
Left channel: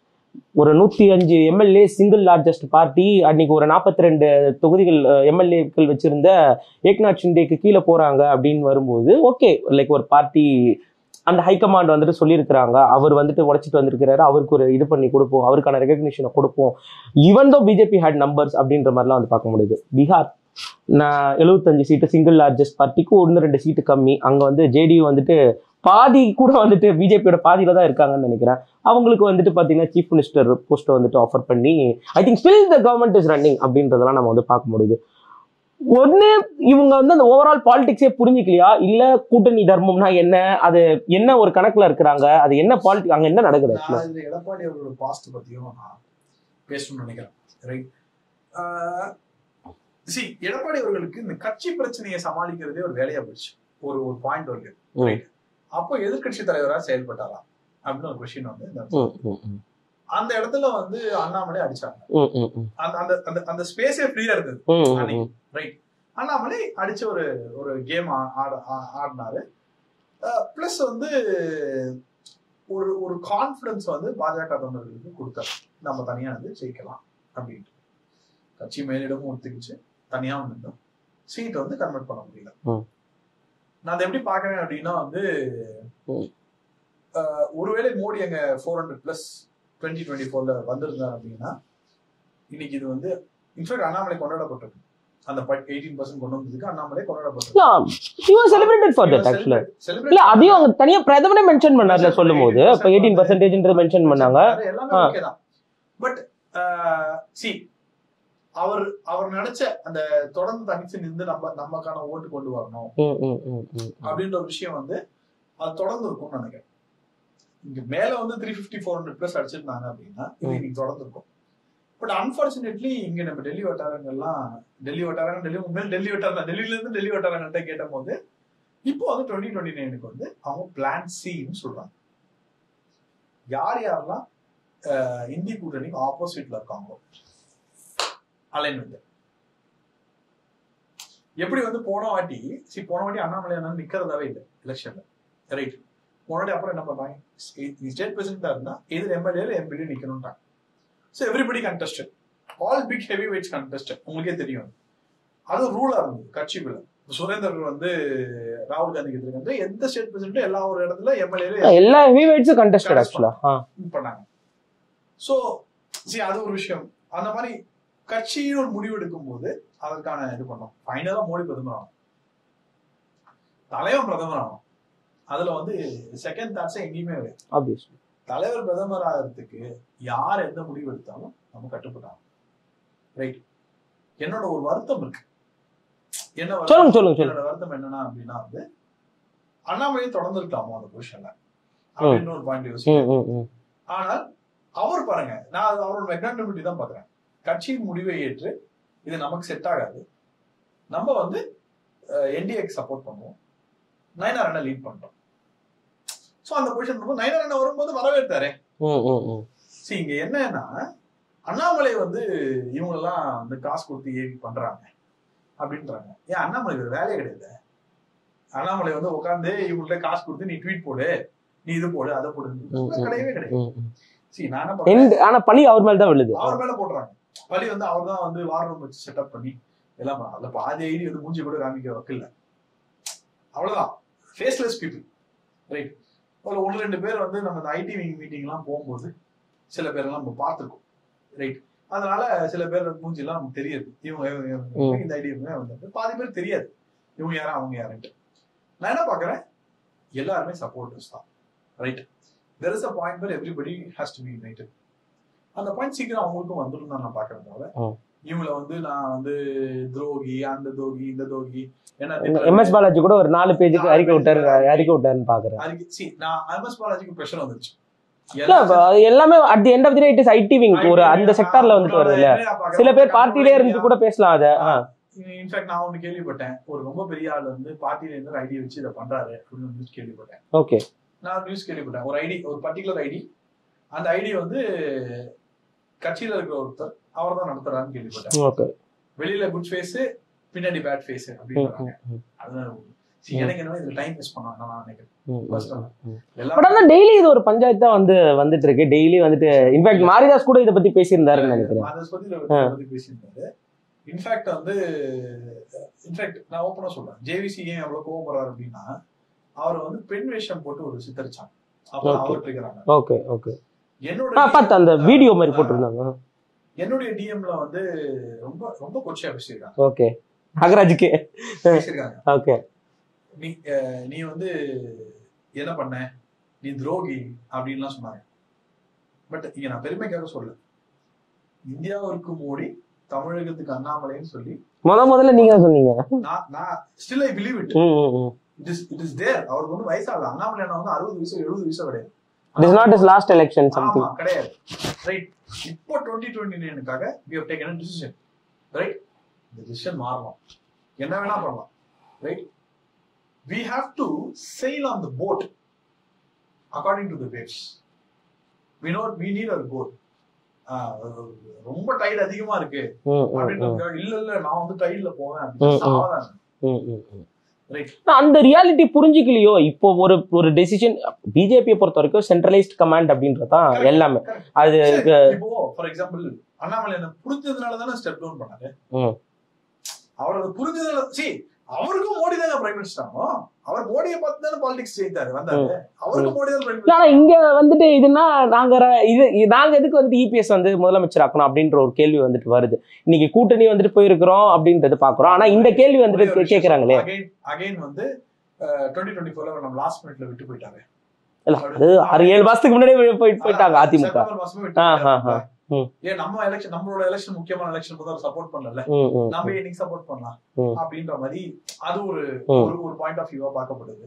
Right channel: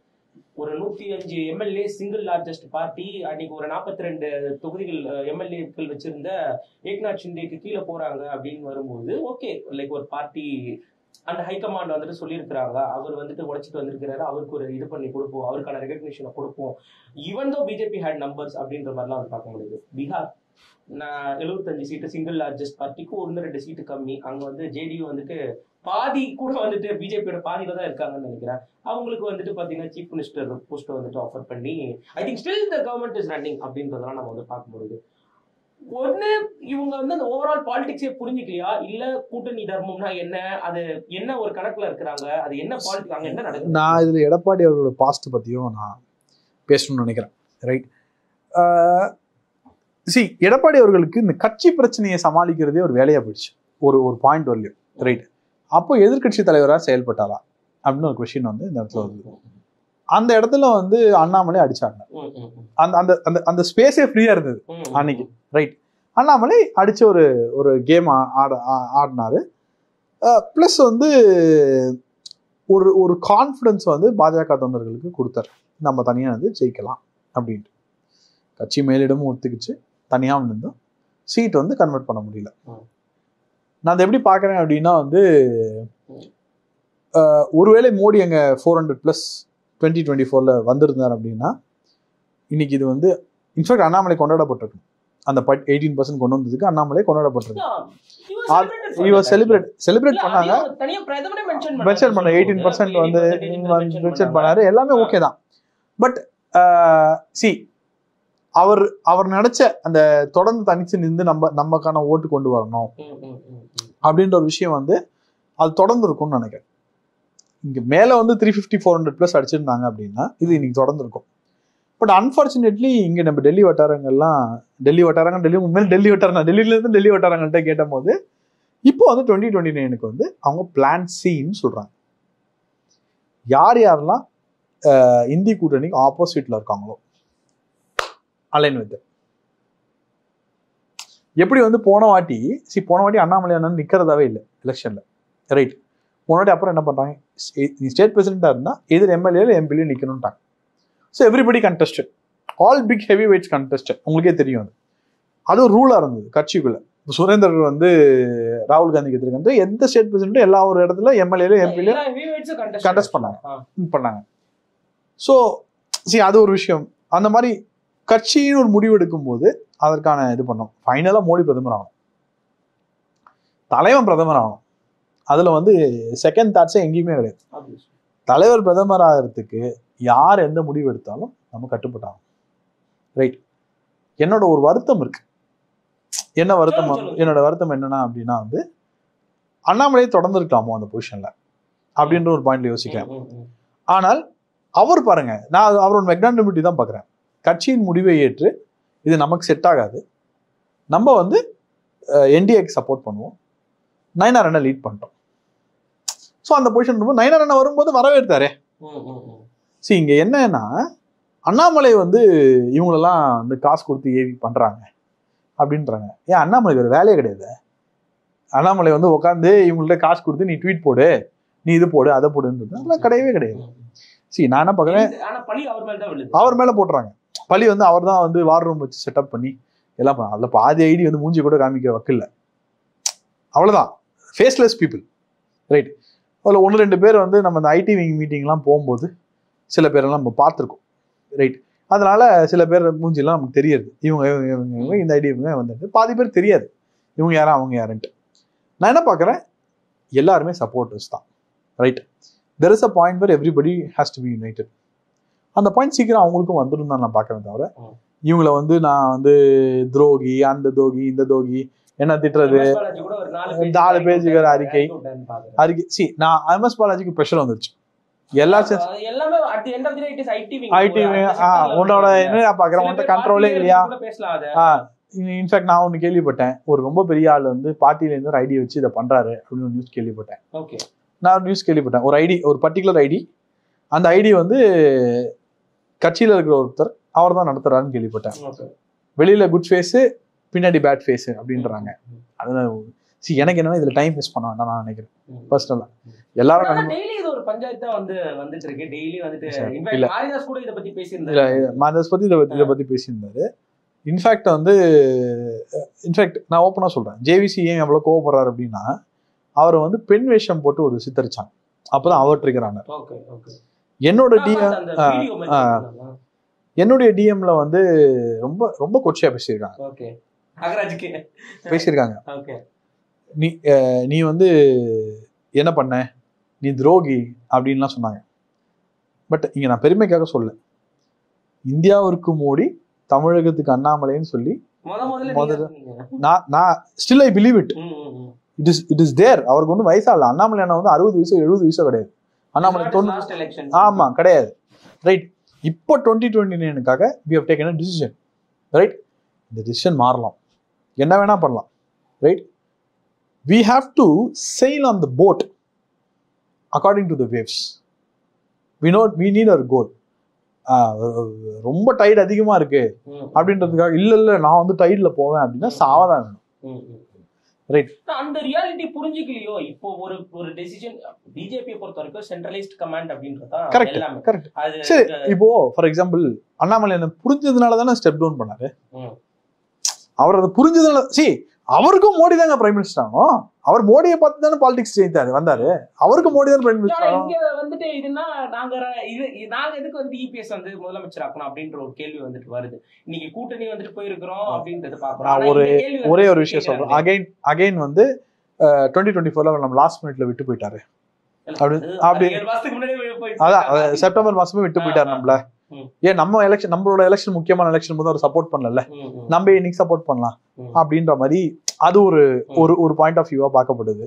ஒரு 105 எம்எல்ஏ சிங்கிள் லார்ஜஸ்ட் பார்ட்டி. அன்னைக்கு ஒரு 42 தொகுதிகள் எம்எல்ஏக்கள் வச்சிருந்த ஏக்நாத் ஷிண்டேக்கு கீழே போறாங்க அப்படின்னு வரும்போது ஓகே, லைக் ஒரு பார்ட்டி அந்த ஹைகமாண்ட் வந்துட்டு சொல்லியிருக்கிறாங்க, அவர் வந்துட்டு உடைச்சிட்டு வந்திருக்கிறாரு, அவருக்கு ஒரு இது பண்ணி கொடுப்போம், அவருக்கான ரெகக்னிஷனை கொடுப்போம். Even though BJP had numbers அப்படின்ற மாதிரிலாம் வந்து பார்க்க முடியுது. பீகார் 75 சீட்டு சிங்கிள் லார்ஜஸ்ட் பார்ட்டிக்கு 1-2 சீட்டு கம்மி. அங்க வந்து ஜேடியு வந்துட்டு பாதி கூட வந்துட்டு பிஜேபியோட பாதியில தான் இருக்காங்கன்னு நினைக்கிறேன். அவங்களுக்கு வந்துட்டு பாத்தீங்கன்னா சீஃப் மினிஸ்டர் போஸ்ட்டை வந்துட்டு ஆஃபர் பண்ணி I think still the government is running அப்படின்றதெல்லாம் நம்ம வந்து பார்க்க முடியுது. ஒண்ணு இவங்க வந்து அந்த ஓவரால் பாலிடிக்ஸே புரிஞ்சுக்கலையா, இல்ல கூட்டணி தர்மம்னா என்ன, அது என்ன ஒரு கணக்குல இருக்கிறாங்க, அது என்ன பாலிடிக்ஸ், அங்க என்ன நடக்குது? நான் இதுல எடப்பாடி அவர்களோட பாஸ்ட் பத்தியும் நான் பேசணும்னு நினைக்கிறேன். ரைட். எடப்பாடி அவர்களுக்கு இந்த கட்சி பிரச்சனையை சமாளிக்கிறதே ஒரு வேலையா போயிடுச்சு ஒரு பாயிண்ட் வரலையும். ரைட். அப்போ எதிர்கட்சி தலைவராக செயல்பட்டாரா அப்படின்னு ஒரு கொஸ்டின் வந்து இந்த இடத்துல அந்த இடத்துல வந்து அண்ணாமலை அடிச்சாங்க. அந்த ஸ்பேஸே ஃப்ரீயா இருந்தது அன்னைக்கு. ரைட். அண்ணாமலை அடிச்ச ஒரு கேம் ஆடினாரு. பிளஸ் வந்து ஒரு கான்ஃபிடன்ஸ் வந்து பாஜக தொண்டர்களுக்கு கொடுத்தாரு, நம்ம தனியா வந்து ஜெயிக்கலாம் அப்படின்ட்டு. கட்சி மேலிடமும் ஒத்துக்குச்சு, தனியா இருந்தோம், சீட் வந்து கன்வெர்ட் பண்ண முடியல. நான் அதை எப்படி பாக்குறேன் அப்படின்னா வந்து ஒருவேளை மோடி அங்க 400+ 2024 வந்திருந்தார் அப்படின்னா இன்னைக்கு இது வந்து இன்ஃபேக்ட் அண்ணாமலை கொண்டாடப்பட்டிருக்கு. அந்த 18% கொண்டு வந்ததுக்கு அண்ணாமலை கொண்டாடப்பட்டிருக்கு. எல்லாமே ஓகே தான். பட் அவர் நினைச்ச அந்த தொடர்ந்து தனிச்சு நின்று நமக்கான ஓட்டு கொண்டு வரணும் அப்படின்ற ஒரு விஷயம் வந்து அது தொடர்ந்து இருக்கும்னு நினைக்கிறேன். இங்க மேல வந்து 350-400+ அடிச்சிருந்தாங்க அப்படின்னா இது இன்னைக்கு தொடர்ந்து இருக்கும். பட் அன்பார்ச்சுனேட்லி இங்க நம்ம டெல்லி வட்டாரங்கள்ட்ட கேட்ட போது இப்போ வந்து 2029 வந்து அவங்க பிளான் சின்னு சொல்றாங்க. யாரெல்லாம் இந்தி கூட்டணிக்கு ஆப்போசிட்ல இருக்காங்களோ அலைன் வித் எப்படி வந்து போன வாட்டி அண்ணாமலை அண்ணன் நிக்கிறதாவே இல்லை எலெக்ஷன்ல, ரைட்? போன வாட்டி அப்புறம் என்ன பண்றாங்க, ஸ்டேட் பிரசிடென்டா இருந்தா எதிர் எம்எல்ஏ எம்பிலையும் நிக்கணும்ட்டாங்க. So everybody contested, all big heavy weights contested. உங்களுக்கே தெரியும் அது ஒரு ரூலா இருந்தது கட்சிக்குள்ள. சுரேந்தர் வந்து ராகுல் காந்திக்கு எதிர்க்கு எந்த ஸ்டேட் பிரசிடென்ட் எல்லா ஒரு இடத்துல எம்எல்ஏ எல்லா ஹெவி வெயிட்ஸும் கண்டெஸ்ட் பண்ணாங்க. ஸோ அது ஒரு விஷயம். அந்த மாதிரி கட்சின்னு ஒரு முடிவு எடுக்கும் போது அதற்கான இது பண்ணோம். ஃபைனலா மோடி பிரதமர் ஆகணும், தலைவன் பிரதமர் ஆகணும். அதுல வந்து செகண்ட் தாட்ஸே எங்கேயுமே கிடையாது. தலைவர் பிரதமர் ஆகிறதுக்கு யார் எந்த முடிவு எடுத்தாலும் நம்ம கட்டுப்பட்டாங்க, ரைட்? என்னோட ஒரு வருத்தம் இருக்கு. என்ன வருத்தம்? என்னோட வருத்தம் என்னன்னா அப்படின்னா வந்து அண்ணாமலையை தொடர்ந்து இருக்கலாமோ அந்த பொசிஷன்ல அப்படின்ற ஒரு பாயிண்ட்ல யோசிக்கிறேன். ஆனால் அவர் பாருங்க, நான் அவரோட மெக்னானிமிட்டி தான் பாக்குறேன். கட்சியின் முடிவை ஏற்று இது நமக்கு செட் ஆகாது, நம்ம வந்து என்டிஏக்கு சப்போர்ட் பண்ணுவோம், நயனார் அண்ணா லீட் பண்றோம். ஸோ அந்த பொசிஷன் நயனார் அண்ணா வரும்போது வரவேற்றாரே. இங்க என்னன்னா அண்ணாமலை வந்து இவங்களெல்லாம் வந்து காசு கொடுத்து ஏவி பண்றாங்க அப்படின்றாங்க. ஏன் அண்ணாமலைக்கு ஒரு வேலையே கிடையாது? அண்ணாமலை வந்து உட்காந்து இவங்கள்ட்ட காசு கொடுத்து நீ ட்வீட் போடு, நீ இது போடு, அதை போடுன்னு கிடையவே கிடையாது. நான் என்ன பாக்குறேன், ஆனா பழி அவர் மேல தான் விழுது. அவர் மேல போட்டுறாங்க பழி. வந்து அவர் தான் வந்து வார் ரூம் வச்சு செட்டப் பண்ணி எல்லாம் அதுல பாதி ஐடி வந்து மூஞ்சி கூட காமிக்க வைக்கல, அவ்வளவுதான். Faceless people, right? அதுல 1-2 பேர் வந்து நம்ம இந்த ஐடி விங் மீட்டிங்லாம் போகும்போது சில பேரெல்லாம் நம்ம பார்த்துருக்கோம், ரைட்? அதனால சில பேர் மூஞ்சிலாம் நமக்கு தெரியாது. இவங்க இந்த ஐடி வந்து பாதி பேர் தெரியாது இவங்க யாரா அவங்க யாருன்ட்டு. நான் என்ன பாக்குறேன், எல்லாருமே சப்போர்ட்டர்ஸ் தான், right? there is a point where everybody has to be united. அந்த பாயிண்ட் சீக்கிரம் அவங்களுக்கும் வந்துடும் தான் நான் பார்க்கறேன். தவிர இவங்களை வந்து நான் வந்து துரோகி, அந்த தோகி, இந்த தோகி என்ன திட்டுறது. எம்எஸ் பாலாஜி கூட ஒரு 4 பேஜ் அறிக்கை. நான் எம்எஸ் பாலாஜிக்கு ப்ரெஷர் வந்துருச்சு. எல்லாமே at the end of the day it is IT wing ஒரு அந்த செக்டார்ல சில பேர் பார்ட்டில இருந்து கூட பேசலாம். அத இன்ஃபேக்ட் நான் ஒன்னு கேள்விப்பட்டேன், ஒரு ரொம்ப பெரிய ஆள் வந்து பார்ட்டில இருந்து ஒரு ஐடி வச்சு இதை பண்றாரு அப்படின்னு நியூஸ் கேள்விப்பட்டேன். ஓகே, நான் நியூஸ் கேள்விப்பட்டேன். ஒரு ஐடி, ஒரு பர்டிகுலர் ஐடி, அந்த ஐடி வந்து கட்சியில இருக்கிற ஒருத்தர் அவர் தான் நடத்துறாருன்னு கேள்விப்பட்டேன். வெளியில குட் ஃபேஸ், பின்னாடி பேட் ஃபேஸ் அப்படின்றாங்க. அதனால எனக்கு என்னன்னா இதுல டைம் வேஸ்ட் பண்ண வேண்டாம் நான் நினைக்கிறேன் பர்சனலா. எல்லாரும் டெய்லி இது ஒரு பஞ்சாயத்தா வந்துட்டு இருக்கு. டெய்லி வந்துட்டு இன்ஃபேக்ட் மாரிதாஸ் கூட இதை பத்தி பேசியிருந்தாரு. மாரிதாஸ் பத்தி இதை பத்தி பேசியிருந்தாரு. இன்ஃபேக்ட் வந்து நான் ஓப்பனா சொல்றேன், ஜேவிசி ஏன் எவ்வளவு கோவப்படுறாரு அப்படின்னா அவரை வந்து பெண் வேஷம் போட்டு ஒரு சித்தரிச்சாங்க, அப்பதான் அவர் இருக்கிறாங்க. Okay okay. என்னுடைய டிஎம்ல வந்து ரொம்ப ரொம்ப கொச்சையா பேசியிருக்காங்க. ஓகே, நாகராஜுக்கு பேசியிருக்காங்க. ஓகே, நீ வந்து என்ன பண்ண, நீ துரோகி அப்படின்லாம் சொன்னாங்க. பட் இங்க நான் பெருமைக்காக சொல்ல, இந்தியாவிற்கு மோடி, தமிழகத்துக்கு அண்ணாமலைன்னு சொல்லி முதல்ல நீங்க சொன்னீங்க. நான் still I believe it. It is there. அவருக்கு ஒன்றும் வயசா இல்ல. அண்ணாமலை அண்ணா வந்து 60 வயசு 70 வயசு கிடையாது. ஆமா கிடையாது, ரைட்? இப்போ 2029க்காக we have taken a decision, right? இந்த டிசிஷன் மாறலாம், என்ன வேணா பண்ணலாம், right? We have to sail on the boat according to the waves. We need our goal. ரொம்ப டைட் அதிகமா இருக்கு அப்படின்றதுக்காக இல்ல நான் வந்து டைட்ல போவேன் அப்படின்னா சாவதான், ரைட்? அந்த ரியாலிட்டி புரிஞ்சுக்கலையோ. இப்போ ஒரு டெசிஷன் பிஜேபியை பொறுத்த வரைக்கும் சென்ட்ரலைஸ்ட் கமாண்ட் அப்படின்றதான் எல்லாமே. அது இப்போ ஃபார் எக்ஸாம்பிள் அண்ணாமலை என்ன புரிஞ்சதுனால தானே ஸ்டெப் டவுன் பண்ணாரு. அவர் அதை புரிஞ்சதுனால அவருக்கும் மோடி தாங்க பிரைம் மினிஸ்டர் ஆகும். அவர் மோடியை பார்த்து தானே பாலிடிக்ஸ் ஜெயித்தாரு வந்தாரு. அவருக்கு மோடி தான் பிரைம் மினிஸ்டர். இங்க வந்துட்டு இதுனா நாங்க எதுக்கு வந்துட்டு இபிஎஸ் வந்து முதலமைச்சர் ஆக்கணும் அப்படின்ற ஒரு கேள்வி வந்துட்டு வருது. இன்னைக்கு கூட்டணி வந்துட்டு போயிருக்கிறோம் அப்படின்றது பாக்குறோம். ஆனா இந்த கேள்வி ஒரே ஒரு விஷயம் அகைன் வந்து 2024 நம்ம லாஸ்ட் மினிட்ல விட்டு போயிட்டாரு. 7 மாசத்துக்கு முன்னாடியே போயிட்டாங்க. செப்டம்பர் மாசமே விட்டு போயிட்டாருல. ஏன் நம்ம எலெக்ஷன், நம்மளோட எலெக்ஷன் முக்கியமான எலெக்ஷன் போது அவர் சப்போர்ட் பண்ணல, நம்ம இன்னைக்கு சப்போர்ட் பண்ணலாம் அப்படின்ற மாதிரி அது ஒரு ஒரு பாயிண்ட் ஆஃப் வியூவா பார்க்கப்படுது.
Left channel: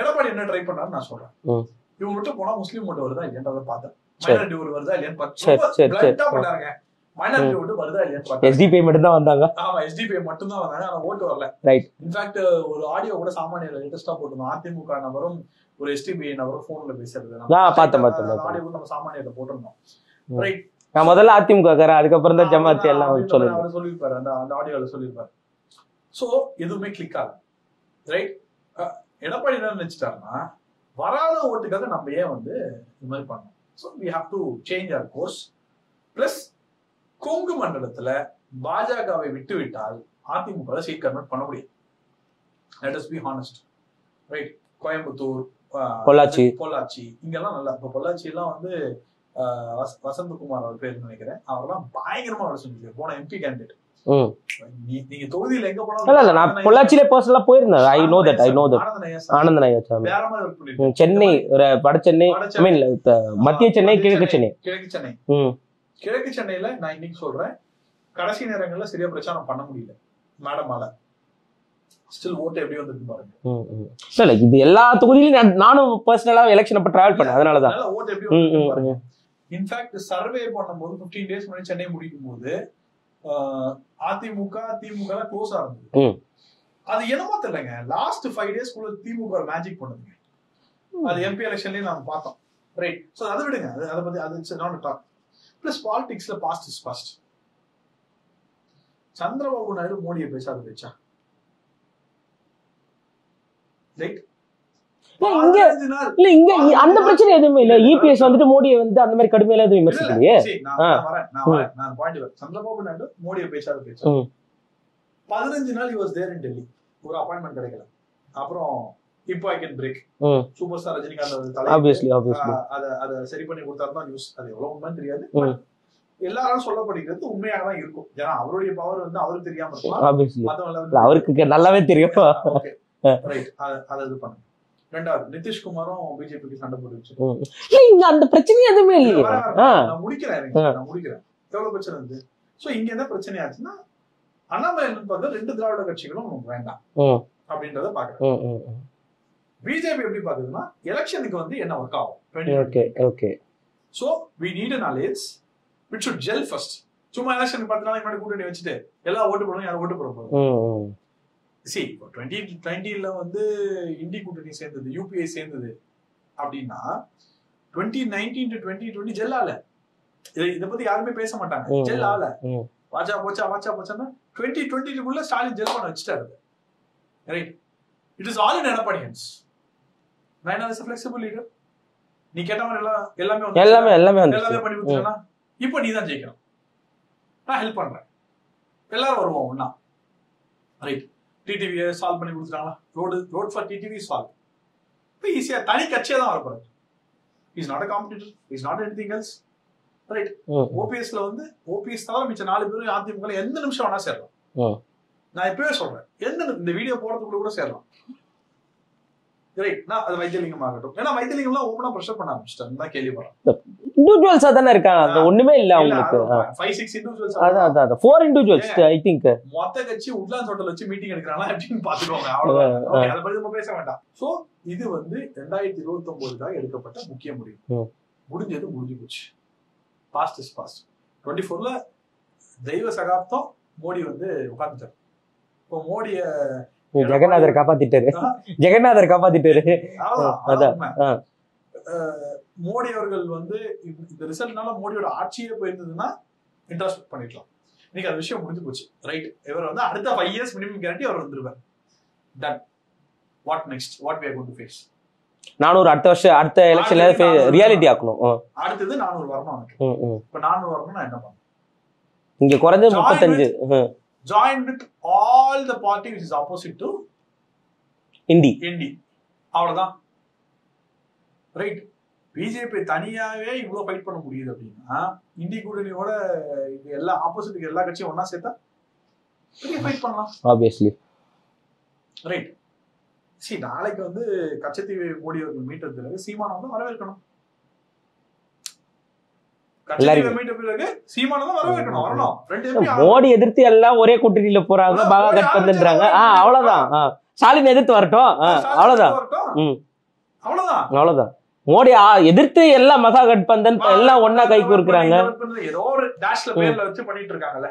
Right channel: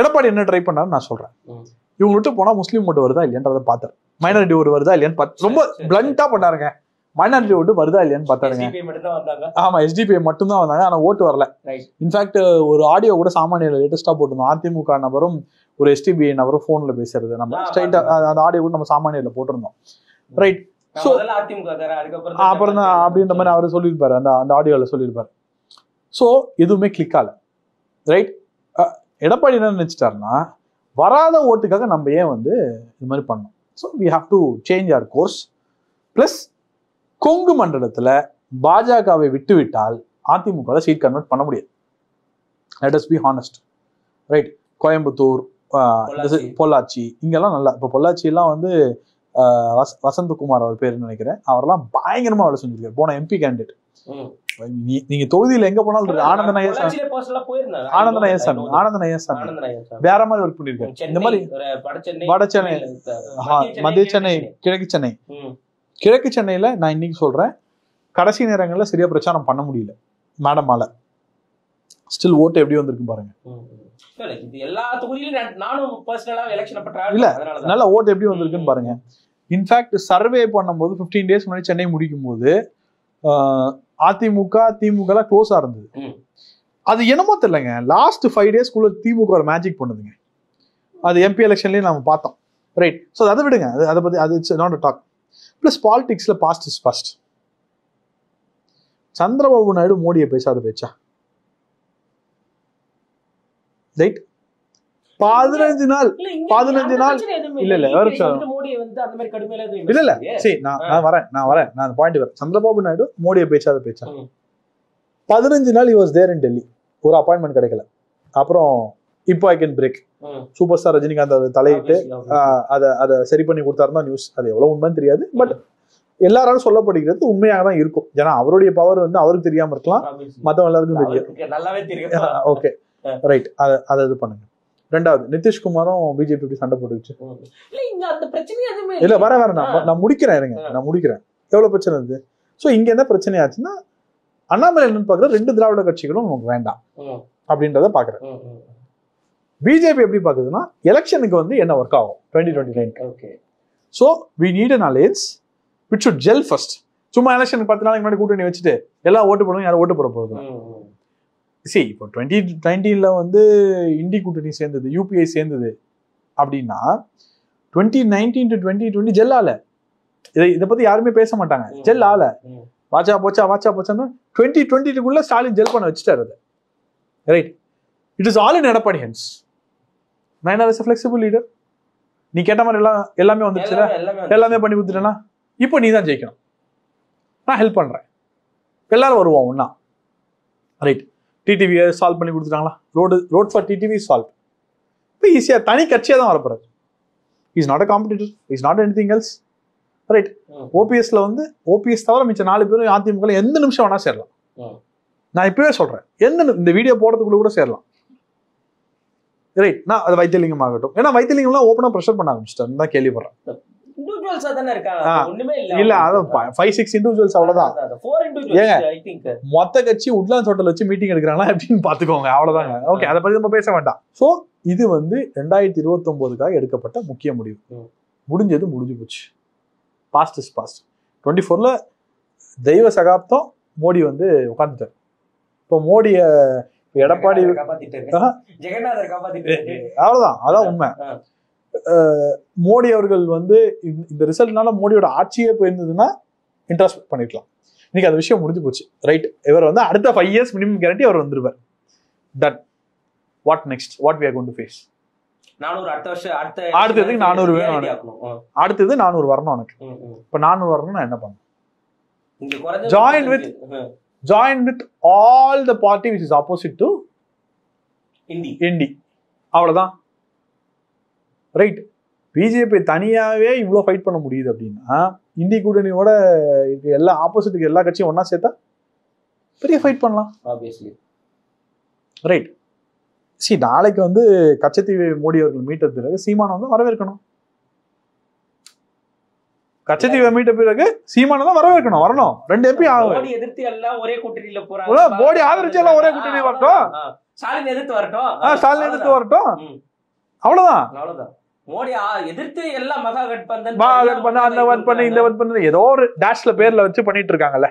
எடப்பாடி என்ன ட்ரை பண்ணாரு நான் சொல்றேன். இவங்க விட்டு போனா முஸ்லீம் ஓட்டு வருதா இல்லையன்றதை பார்த்தேன். மைனாரிட்டி ஓட்டு வருதா இல்லையான்னு ரொம்ப பிளண்டா பண்ணாருங்க. மைனாரிட்டி ஓட்டு வருதா இல்லையான்னு பார்த்தா எஸ்டிபிஐ மட்டும் தான் வந்தாங்க. ஆமா, எஸ்டிபிஐ மட்டும் தான் வந்தாங்க, ஆனா ஓட்டு வரல. ரைட். இன்ஃபேக்ட் ஒரு ஆடியோ கூட சாமானியர் லேட்டஸ்டா போட்டிருந்தோம். அதிமுக நபரும் ஒரு எஸ்டிபிஐ நபரும் போன்ல பேசுறது, நம்ம அந்த ஆடியோ கூட நம்ம சாமானியர்ல போட்டிருந்தோம். ரைட். முதல்ல அதிமுக அதுக்கப்புறம் தான் அப்படின்ற மாதிரி அவர் சொல்லியிருப்பாரு, அந்த ஆடியோல சொல்லியிருப்பாரு. சோ எதுவுமே கிளிக் ஆகல. ரைட். எடப்பாடி என்ன நினைச்சிட்டாருன்னா, வராத ஓட்டுக்காக நம்ம ஏன் வந்து இது மாதிரி பண்ணோம். So we have to change our course. Plus Kongu மண்டலத்துல பாஜகவை விட்டு விட்டால் அதிமுக சீட் கன்வெர்ட் பண்ண முடியாது. Let us be honest. Right. Coimbatore, Pollachi இங்கெல்லாம் நல்லா, இப்போ பொள்ளாச்சி எல்லாம் வந்து வசந்தகுமார் அவர் பேர் நினைக்கிறேன், அவரெல்லாம் பயங்கரமா வேலை செஞ்சிருக்காரு, போன எம்பி கேண்டிடேட். நீங்க தொகுதியில எங்க போனாலும் வேற மாதிரி ஒர்க் பண்ணிருக்காரு. சென்னை, கிழக்கு சென்னையில நான் இன்னைக்கு சொல்றேன், கடைசி நேரங்கள்ல சரியா பிரச்சாரம் பண்ண முடியல மேடமால. ஸ்டில் ஓட்டு எப்படி வந்திருக்கு பாருங்க. இது எல்லா தொகுதியிலும் நானும் பர்சனலா எலெக்ஷன் அப்ப டிராவல் பண்ணேன், அதனால நல்ல ஓட்டு எப்படி வந்திருக்கு பாருங்க. இன்ஃபேக்ட் சர்வே பண்ணும்போது 15 days முன்னாடி சென்னை முடிக்கும் போது அதிமுக திமுக எல்லாம் க்ளோஸா இருந்தது. அது என்னமோ தெரியலங்க, லாஸ்ட் 5 days திமுக ஒரு மேஜிக் பண்ணுதுங்க. அது எம்பி எலெக்ஷன்லயும் நம்ம பார்த்தோம். ரைட். ஸோ அதை விடுங்க, அதை பத்தி அது நாட் அ டாக். பிளஸ் பாலிடிக்ஸ்ல fast is first. Chandrababu Naidu மோடியை பேசாத பேச்சா? ரைட். 15 நாள் அந்த பிரச்சனை எதுவுமே இல்ல. இபிஎஸ் வந்துட்டு மோடியை வந்து அந்த மாதிரி கடுமையில எதுவும் இல்ல. சரி, நான் வரேன் நான் பாயிண்ட் வரேன். சந்திரபாபு நாயுடு மோடியை பேசாத பேச்சா? 15 நாள் he was there in Delhi, ஒரு அப்பாயின்மெண்ட் கிடைக்கல. அப்புறம் இப்போ I can break, super star Rajinikanth தலையிட்டு அதை சரி பண்ணி கொடுத்தாருன்னா நியூஸ். அது எவ்வளவு உண்மைன்னு தெரியாது, பட் எல்லாராலும் சொல்லப்படுகிறது உண்மையாக தான் இருக்கும். ஏன்னா அவருடைய பவர் வந்து அவருக்கு தெரியாம இருக்கலாம், மத்தவங்க எல்லாருக்கும் அவருக்கு நல்லாவே தெரியும். Okay, right. அதை இது பண்ணுங்க. ரெண்டாவது, நிதிஷ்குமாரும் பிஜேபி சண்டை போட்டுச்சு. அந்த பிரச்சனை எதுவுமே இல்ல. வர நான் முடிக்கிறேன், நான் முடிக்கிறேன். எவ்வளவு பிரச்சனை இருக்கு. சோ இங்க என்ன பிரச்சனை ஆச்சுன்னா, அண்ணாமலை என்னன்னு பாக்குற 2 திராவிட கட்சிகளும் நமக்கு வேண்டாம் அப்படின்றத பாக்குறேன். பிஜேபி எப்படி பாக்குதுன்னா, எலெக்ஷனுக்கு வந்து என்ன ஒர்க் ஆகும் 2020. Okay. So we need an alliance which should gel first. சும்மா எலெக்ஷனுக்கு 10 நாளைக்கு முன்னாடி கூட்டணி வச்சுட்டு எல்லாம் ஓட்டு போடுவோம், யாரும் ஓட்டு போட போகுது. சரி, இப்போ 2019 வந்து இண்டி கூட்டணி சேர்ந்தது, யூபிஐ சேர்ந்தது அப்படின்னா 2019 to 2020 ஜெல் ஆல. இதை பத்தி யாருமே பேச மாட்டாங்க. ஜெல் ஆல. வாச்சா போச்சான்னா 2022 ஸ்டாலின் ஜெல் பண்ண வச்சுட்டாரு. Right. It is all in Edappadi hands. நான் as a flexible leader, நீ கேட்ட மாதிரி எல்லாமே பண்ணி கொடுத்துட்டேன்னா இப்போ நீ தான் ஜெயிக்கணும், நான் ஹெல்ப் பண்றேன், எல்லாரும் வருவோம் ஒன்னா. ரைட். டிடிவியை சால்வ் பண்ணி கொடுத்துட்டாங்களா? Road for TTV solve. இப்போ ஈஸியா தனி கட்சியா தான் வரப்போறாரு. Is not a competitor, is not anything else. Right. ஓபிஎஸ்ல வந்து ஓபிஎஸ் தவிர மிச்ச 4 பேரும் அதிமுக எந்த நிமிஷம் வேணா சேரலாம். நான் இப்பவே சொல்றேன், இந்த வீடியோ போடுறதுக்குள்ள கூட சேரலாம். ரைட். நான் அது வைத்தியலிங்கம் ஆகட்டும், ஏன்னா வைத்தியலிங்கம்லாம் ஓப்பனா ப்ரெஷர் பண்ண ஆரம்பிச்சிட்டேன் தான் கேள்விப்படுறேன். இண்டிவிஜுவல்ஸா தானே இருக்காங்க, ஒண்ணுமே இல்ல. 5-6 இண்டிவிஜுவல்ஸ் அவ்வளவுதான். 4 இண்டிவிஜுவல்ஸ் ஐ திங்க். மொத்த கட்சி உட்லாண்ட்ஸ் ஹோட்டல் வச்சு மீட்டிங் எடுக்கிறாங்களா அப்படின்னு பாத்துக்கோங்க, அவ்வளவுதான். ஓகே, அதை பத்தி நம்ம பேச வேண்டாம். சோ இது வந்து 2029க்காக எடுக்கப்பட்ட முக்கிய முடிவு. முடிஞ்சு போச்சு. Past is past. 24ல தெய்வ சகாப்தம் மோடி வந்து உட்காந்துட்டார். இப்போ மோடிய ஜெகநாதர் காப்பாத்திட்டாரு. அவ்வளவுதான், அதான் உண்மை. மோடி அவர்கள் வந்து இந்த ரிசல்ட்னால மோடியோட ஆட்சியே போயிருந்ததுன்னா இன்ட்ரெஸ்ட் பண்ணிக்கலாம். இன்னைக்கு அந்த விஷயம் முடிஞ்சு போச்சு. ரைட். இவர் வந்து அடுத்த 5 years மினிமம் கேரண்டி அவர் வந்துருவார். That what next, what we are going to face. 400 அடுத்த வருஷம் அடுத்த ரியாலிட்டி ஆக்கணும். அடுத்தது 400 வரணும் எனக்கு. இப்ப 400 வரணும்னா என்ன பண்ணணும்? இங்க குறைஞ்ச join with all the party which is opposite to INDI. அவ்வளவுதான். ரைட். பிஜேபி தனியாவே இவ்வளவு ஃபைட் பண்ண முடியுது அப்படின்னா, இண்டி கூட்டணியோட எல்லா ஆப்போசிட்டுக்கு எல்லா கட்சியும் ஒன்னா சேர்த்தா பெரிய ஃபைட் பண்ணலாம். ஆப்வியஸ்லி. ரைட். நாளைக்கு வந்து கச்சத்தீவை மோடி அவர்கள் மீட்டதுக்கு சீமானை வந்து வரவேற்கணும். கச்சத்தீவை மீட்ட பிறகு சீமானை தான் வரவேற்கணும், வரணும். 2 MP மோடி எதிர்த்து எல்லாம் ஒரே கூட்டணியில போறாங்க. அவ்வளவுதான். ஸ்டாலின் எதிர்த்து வரட்டும், அவ்வளவுதான். மோடி எதிர்த்து எல்லாம் மகா கட்பந்தன் எல்லாம் ஒண்ணா கை கோர்க்கறாங்க. ஏதோ ஒரு டேஷ்ல பேர்ல வச்சு பண்ணிட்டு இருக்காங்கல்ல.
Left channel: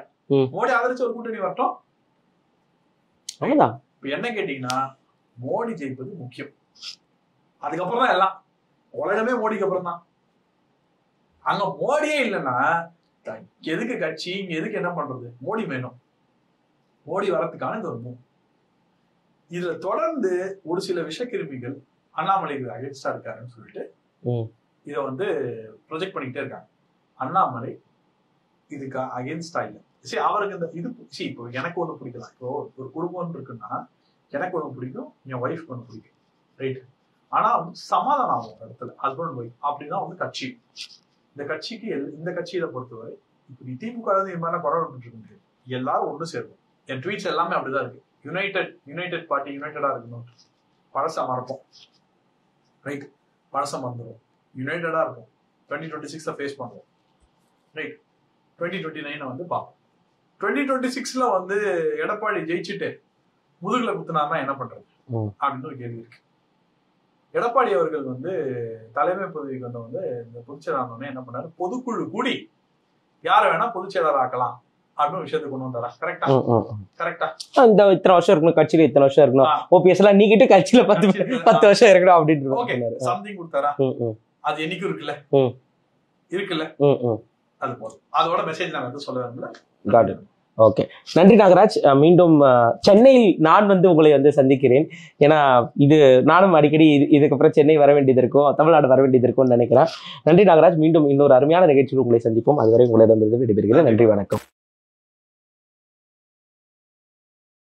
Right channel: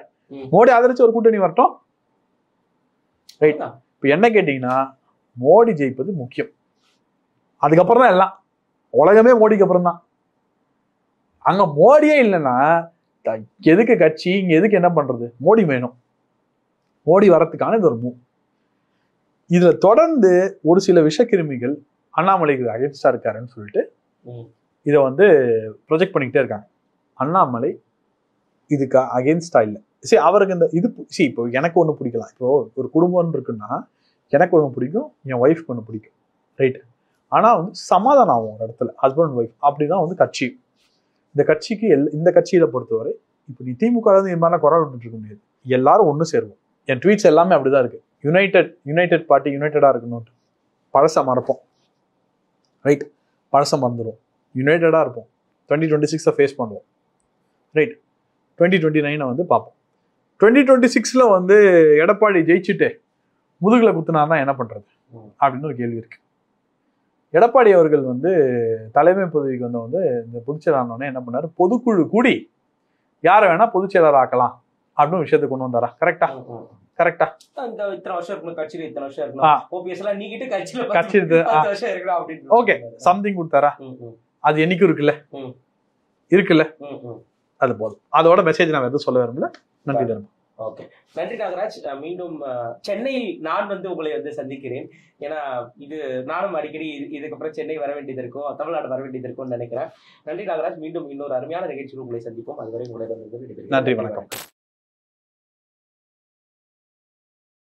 மோடி ஆதரிச்சு ஒரு கூட்டணி வரட்டும். இப்ப என்ன கேட்டீங்கன்னா, மோடி ஜெயிப்பது முக்கியம். அதுக்கப்புறம் தான் எல்லாம். உலகமே மோடிக்கு அப்புறம் தான். அங்க மோடியே இல்லைன்னா எதுக்கு கட்சி, இங்க எதுக்கு என்ன பண்றது? மோடி வேணும். மோடி வரத்துக்கான இது ஒரு மூவ். இதுல தொடர்ந்து ஒரு சில விஷக்கிருமிகள் அண்ணாமலைக்கு அகேன்ஸ்டா இருக்காருன்னு சொல்லிட்டு இதை வந்து ப்ரொஜெக்ட் பண்ணிக்கிட்டே இருக்காங்க. அண்ணாமலை இதுக்கு அகேன்ஸ்டா இல்லை. சரி, அவருக்கு இந்த இது இப்போ எனக்கு ஒண்ணு பிடிக்கலாம். இப்போ ஒரு குடும்பம் இருக்குன்னா எனக்கு ஒண்ணு பிடிக்கும், என் ஒய்ஃப்க்கு ஒண்ணு பிடிக்கும், ரைட்? ஆனா வந்து சமாதானம் ஆகும் ஒரு இடத்துல, ஹஸ்பண்ட் ஒய்ஃப். அப்படிதான் வந்து கட்சி. இந்த கட்சிக்கு இந்த கட்சியில பொறுத்தவரை இப்போ நீ திமுக வந்து இது மாதிரிலாம் குரல் விட்டுட்டு இருக்க முடியாது. எல்லாரும் ஒண்ணு சேருவோம். என் ட்வீட்ஸ் எல்லாமே அப்படிதான் இருக்கு. யுனைடெட் பார்ட்டி யுனைடெடா இருக்கணும். பழச மறப்போம், ரைட்? பழச மறந்துடும், யுனைடெடா இருப்போம். 2026 ஃபேஸ் பண்ணுவோம், ரைட்? 2029 வந்து பார்ப்போம். 2026 வந்து எடப்பாடி ஜெயிச்சுட்டு முதுகுல குத்துனார்னா என்ன பண்றது அப்படின்னு ஒரு கேள்வி இருக்கு. எடப்பாடி அவர்கள் வந்து தலைமை பதவிக்கு வந்து இந்த பொதுச்செயலாளர் ஆனோடனே என்ன பண்ணாரு? பொதுக்குழு கூடி யாரை வேணா பொதுச்செயலாளர் ஆக்கலாம் அப்படின்னு விஷயத்தை கொண்டு வந்தாரா? கரெக்டா? இந்த இத்தனை வருஷம் இருக்கணும் கட்சியில, இத்தனை வருஷம் இருக்கணும், ஓபிஎஸ் எல்லாம் நீக்கிட்டு கட்சியில 10 வருஷம் இருக்கணும் அப்படின்னு. ஓகே, சம்திங் கொடுத்தாரா? அது என்னைக்கும் இருக்குல்ல, அது போதும். அதோட மெசேஜ் நாங்க எதுவும் சொல்ல விரும்பல. ஓகே, நன்றி நாகராஜ். மீண்டும் சென்னையில் நான் வந்து உங்களை வந்து சந்திக்கிறேன். ஏன்னா இது நானும் அடிக்கடி இதுக்கப்புறம் சென்னை வர வேண்டியது இருக்கும், தமிழ்நாடு வர வேண்டியது இருக்கும்னு நினைக்கிறேன். நன்றி நாகராஜ். மீண்டும் இன்னொரு அருமையான நிகழ்ச்சியில் உங்களை சந்திப்போம். அதுவரை உங்களிடம் விடைபெறுகிறேன். நன்றி, வணக்கம்.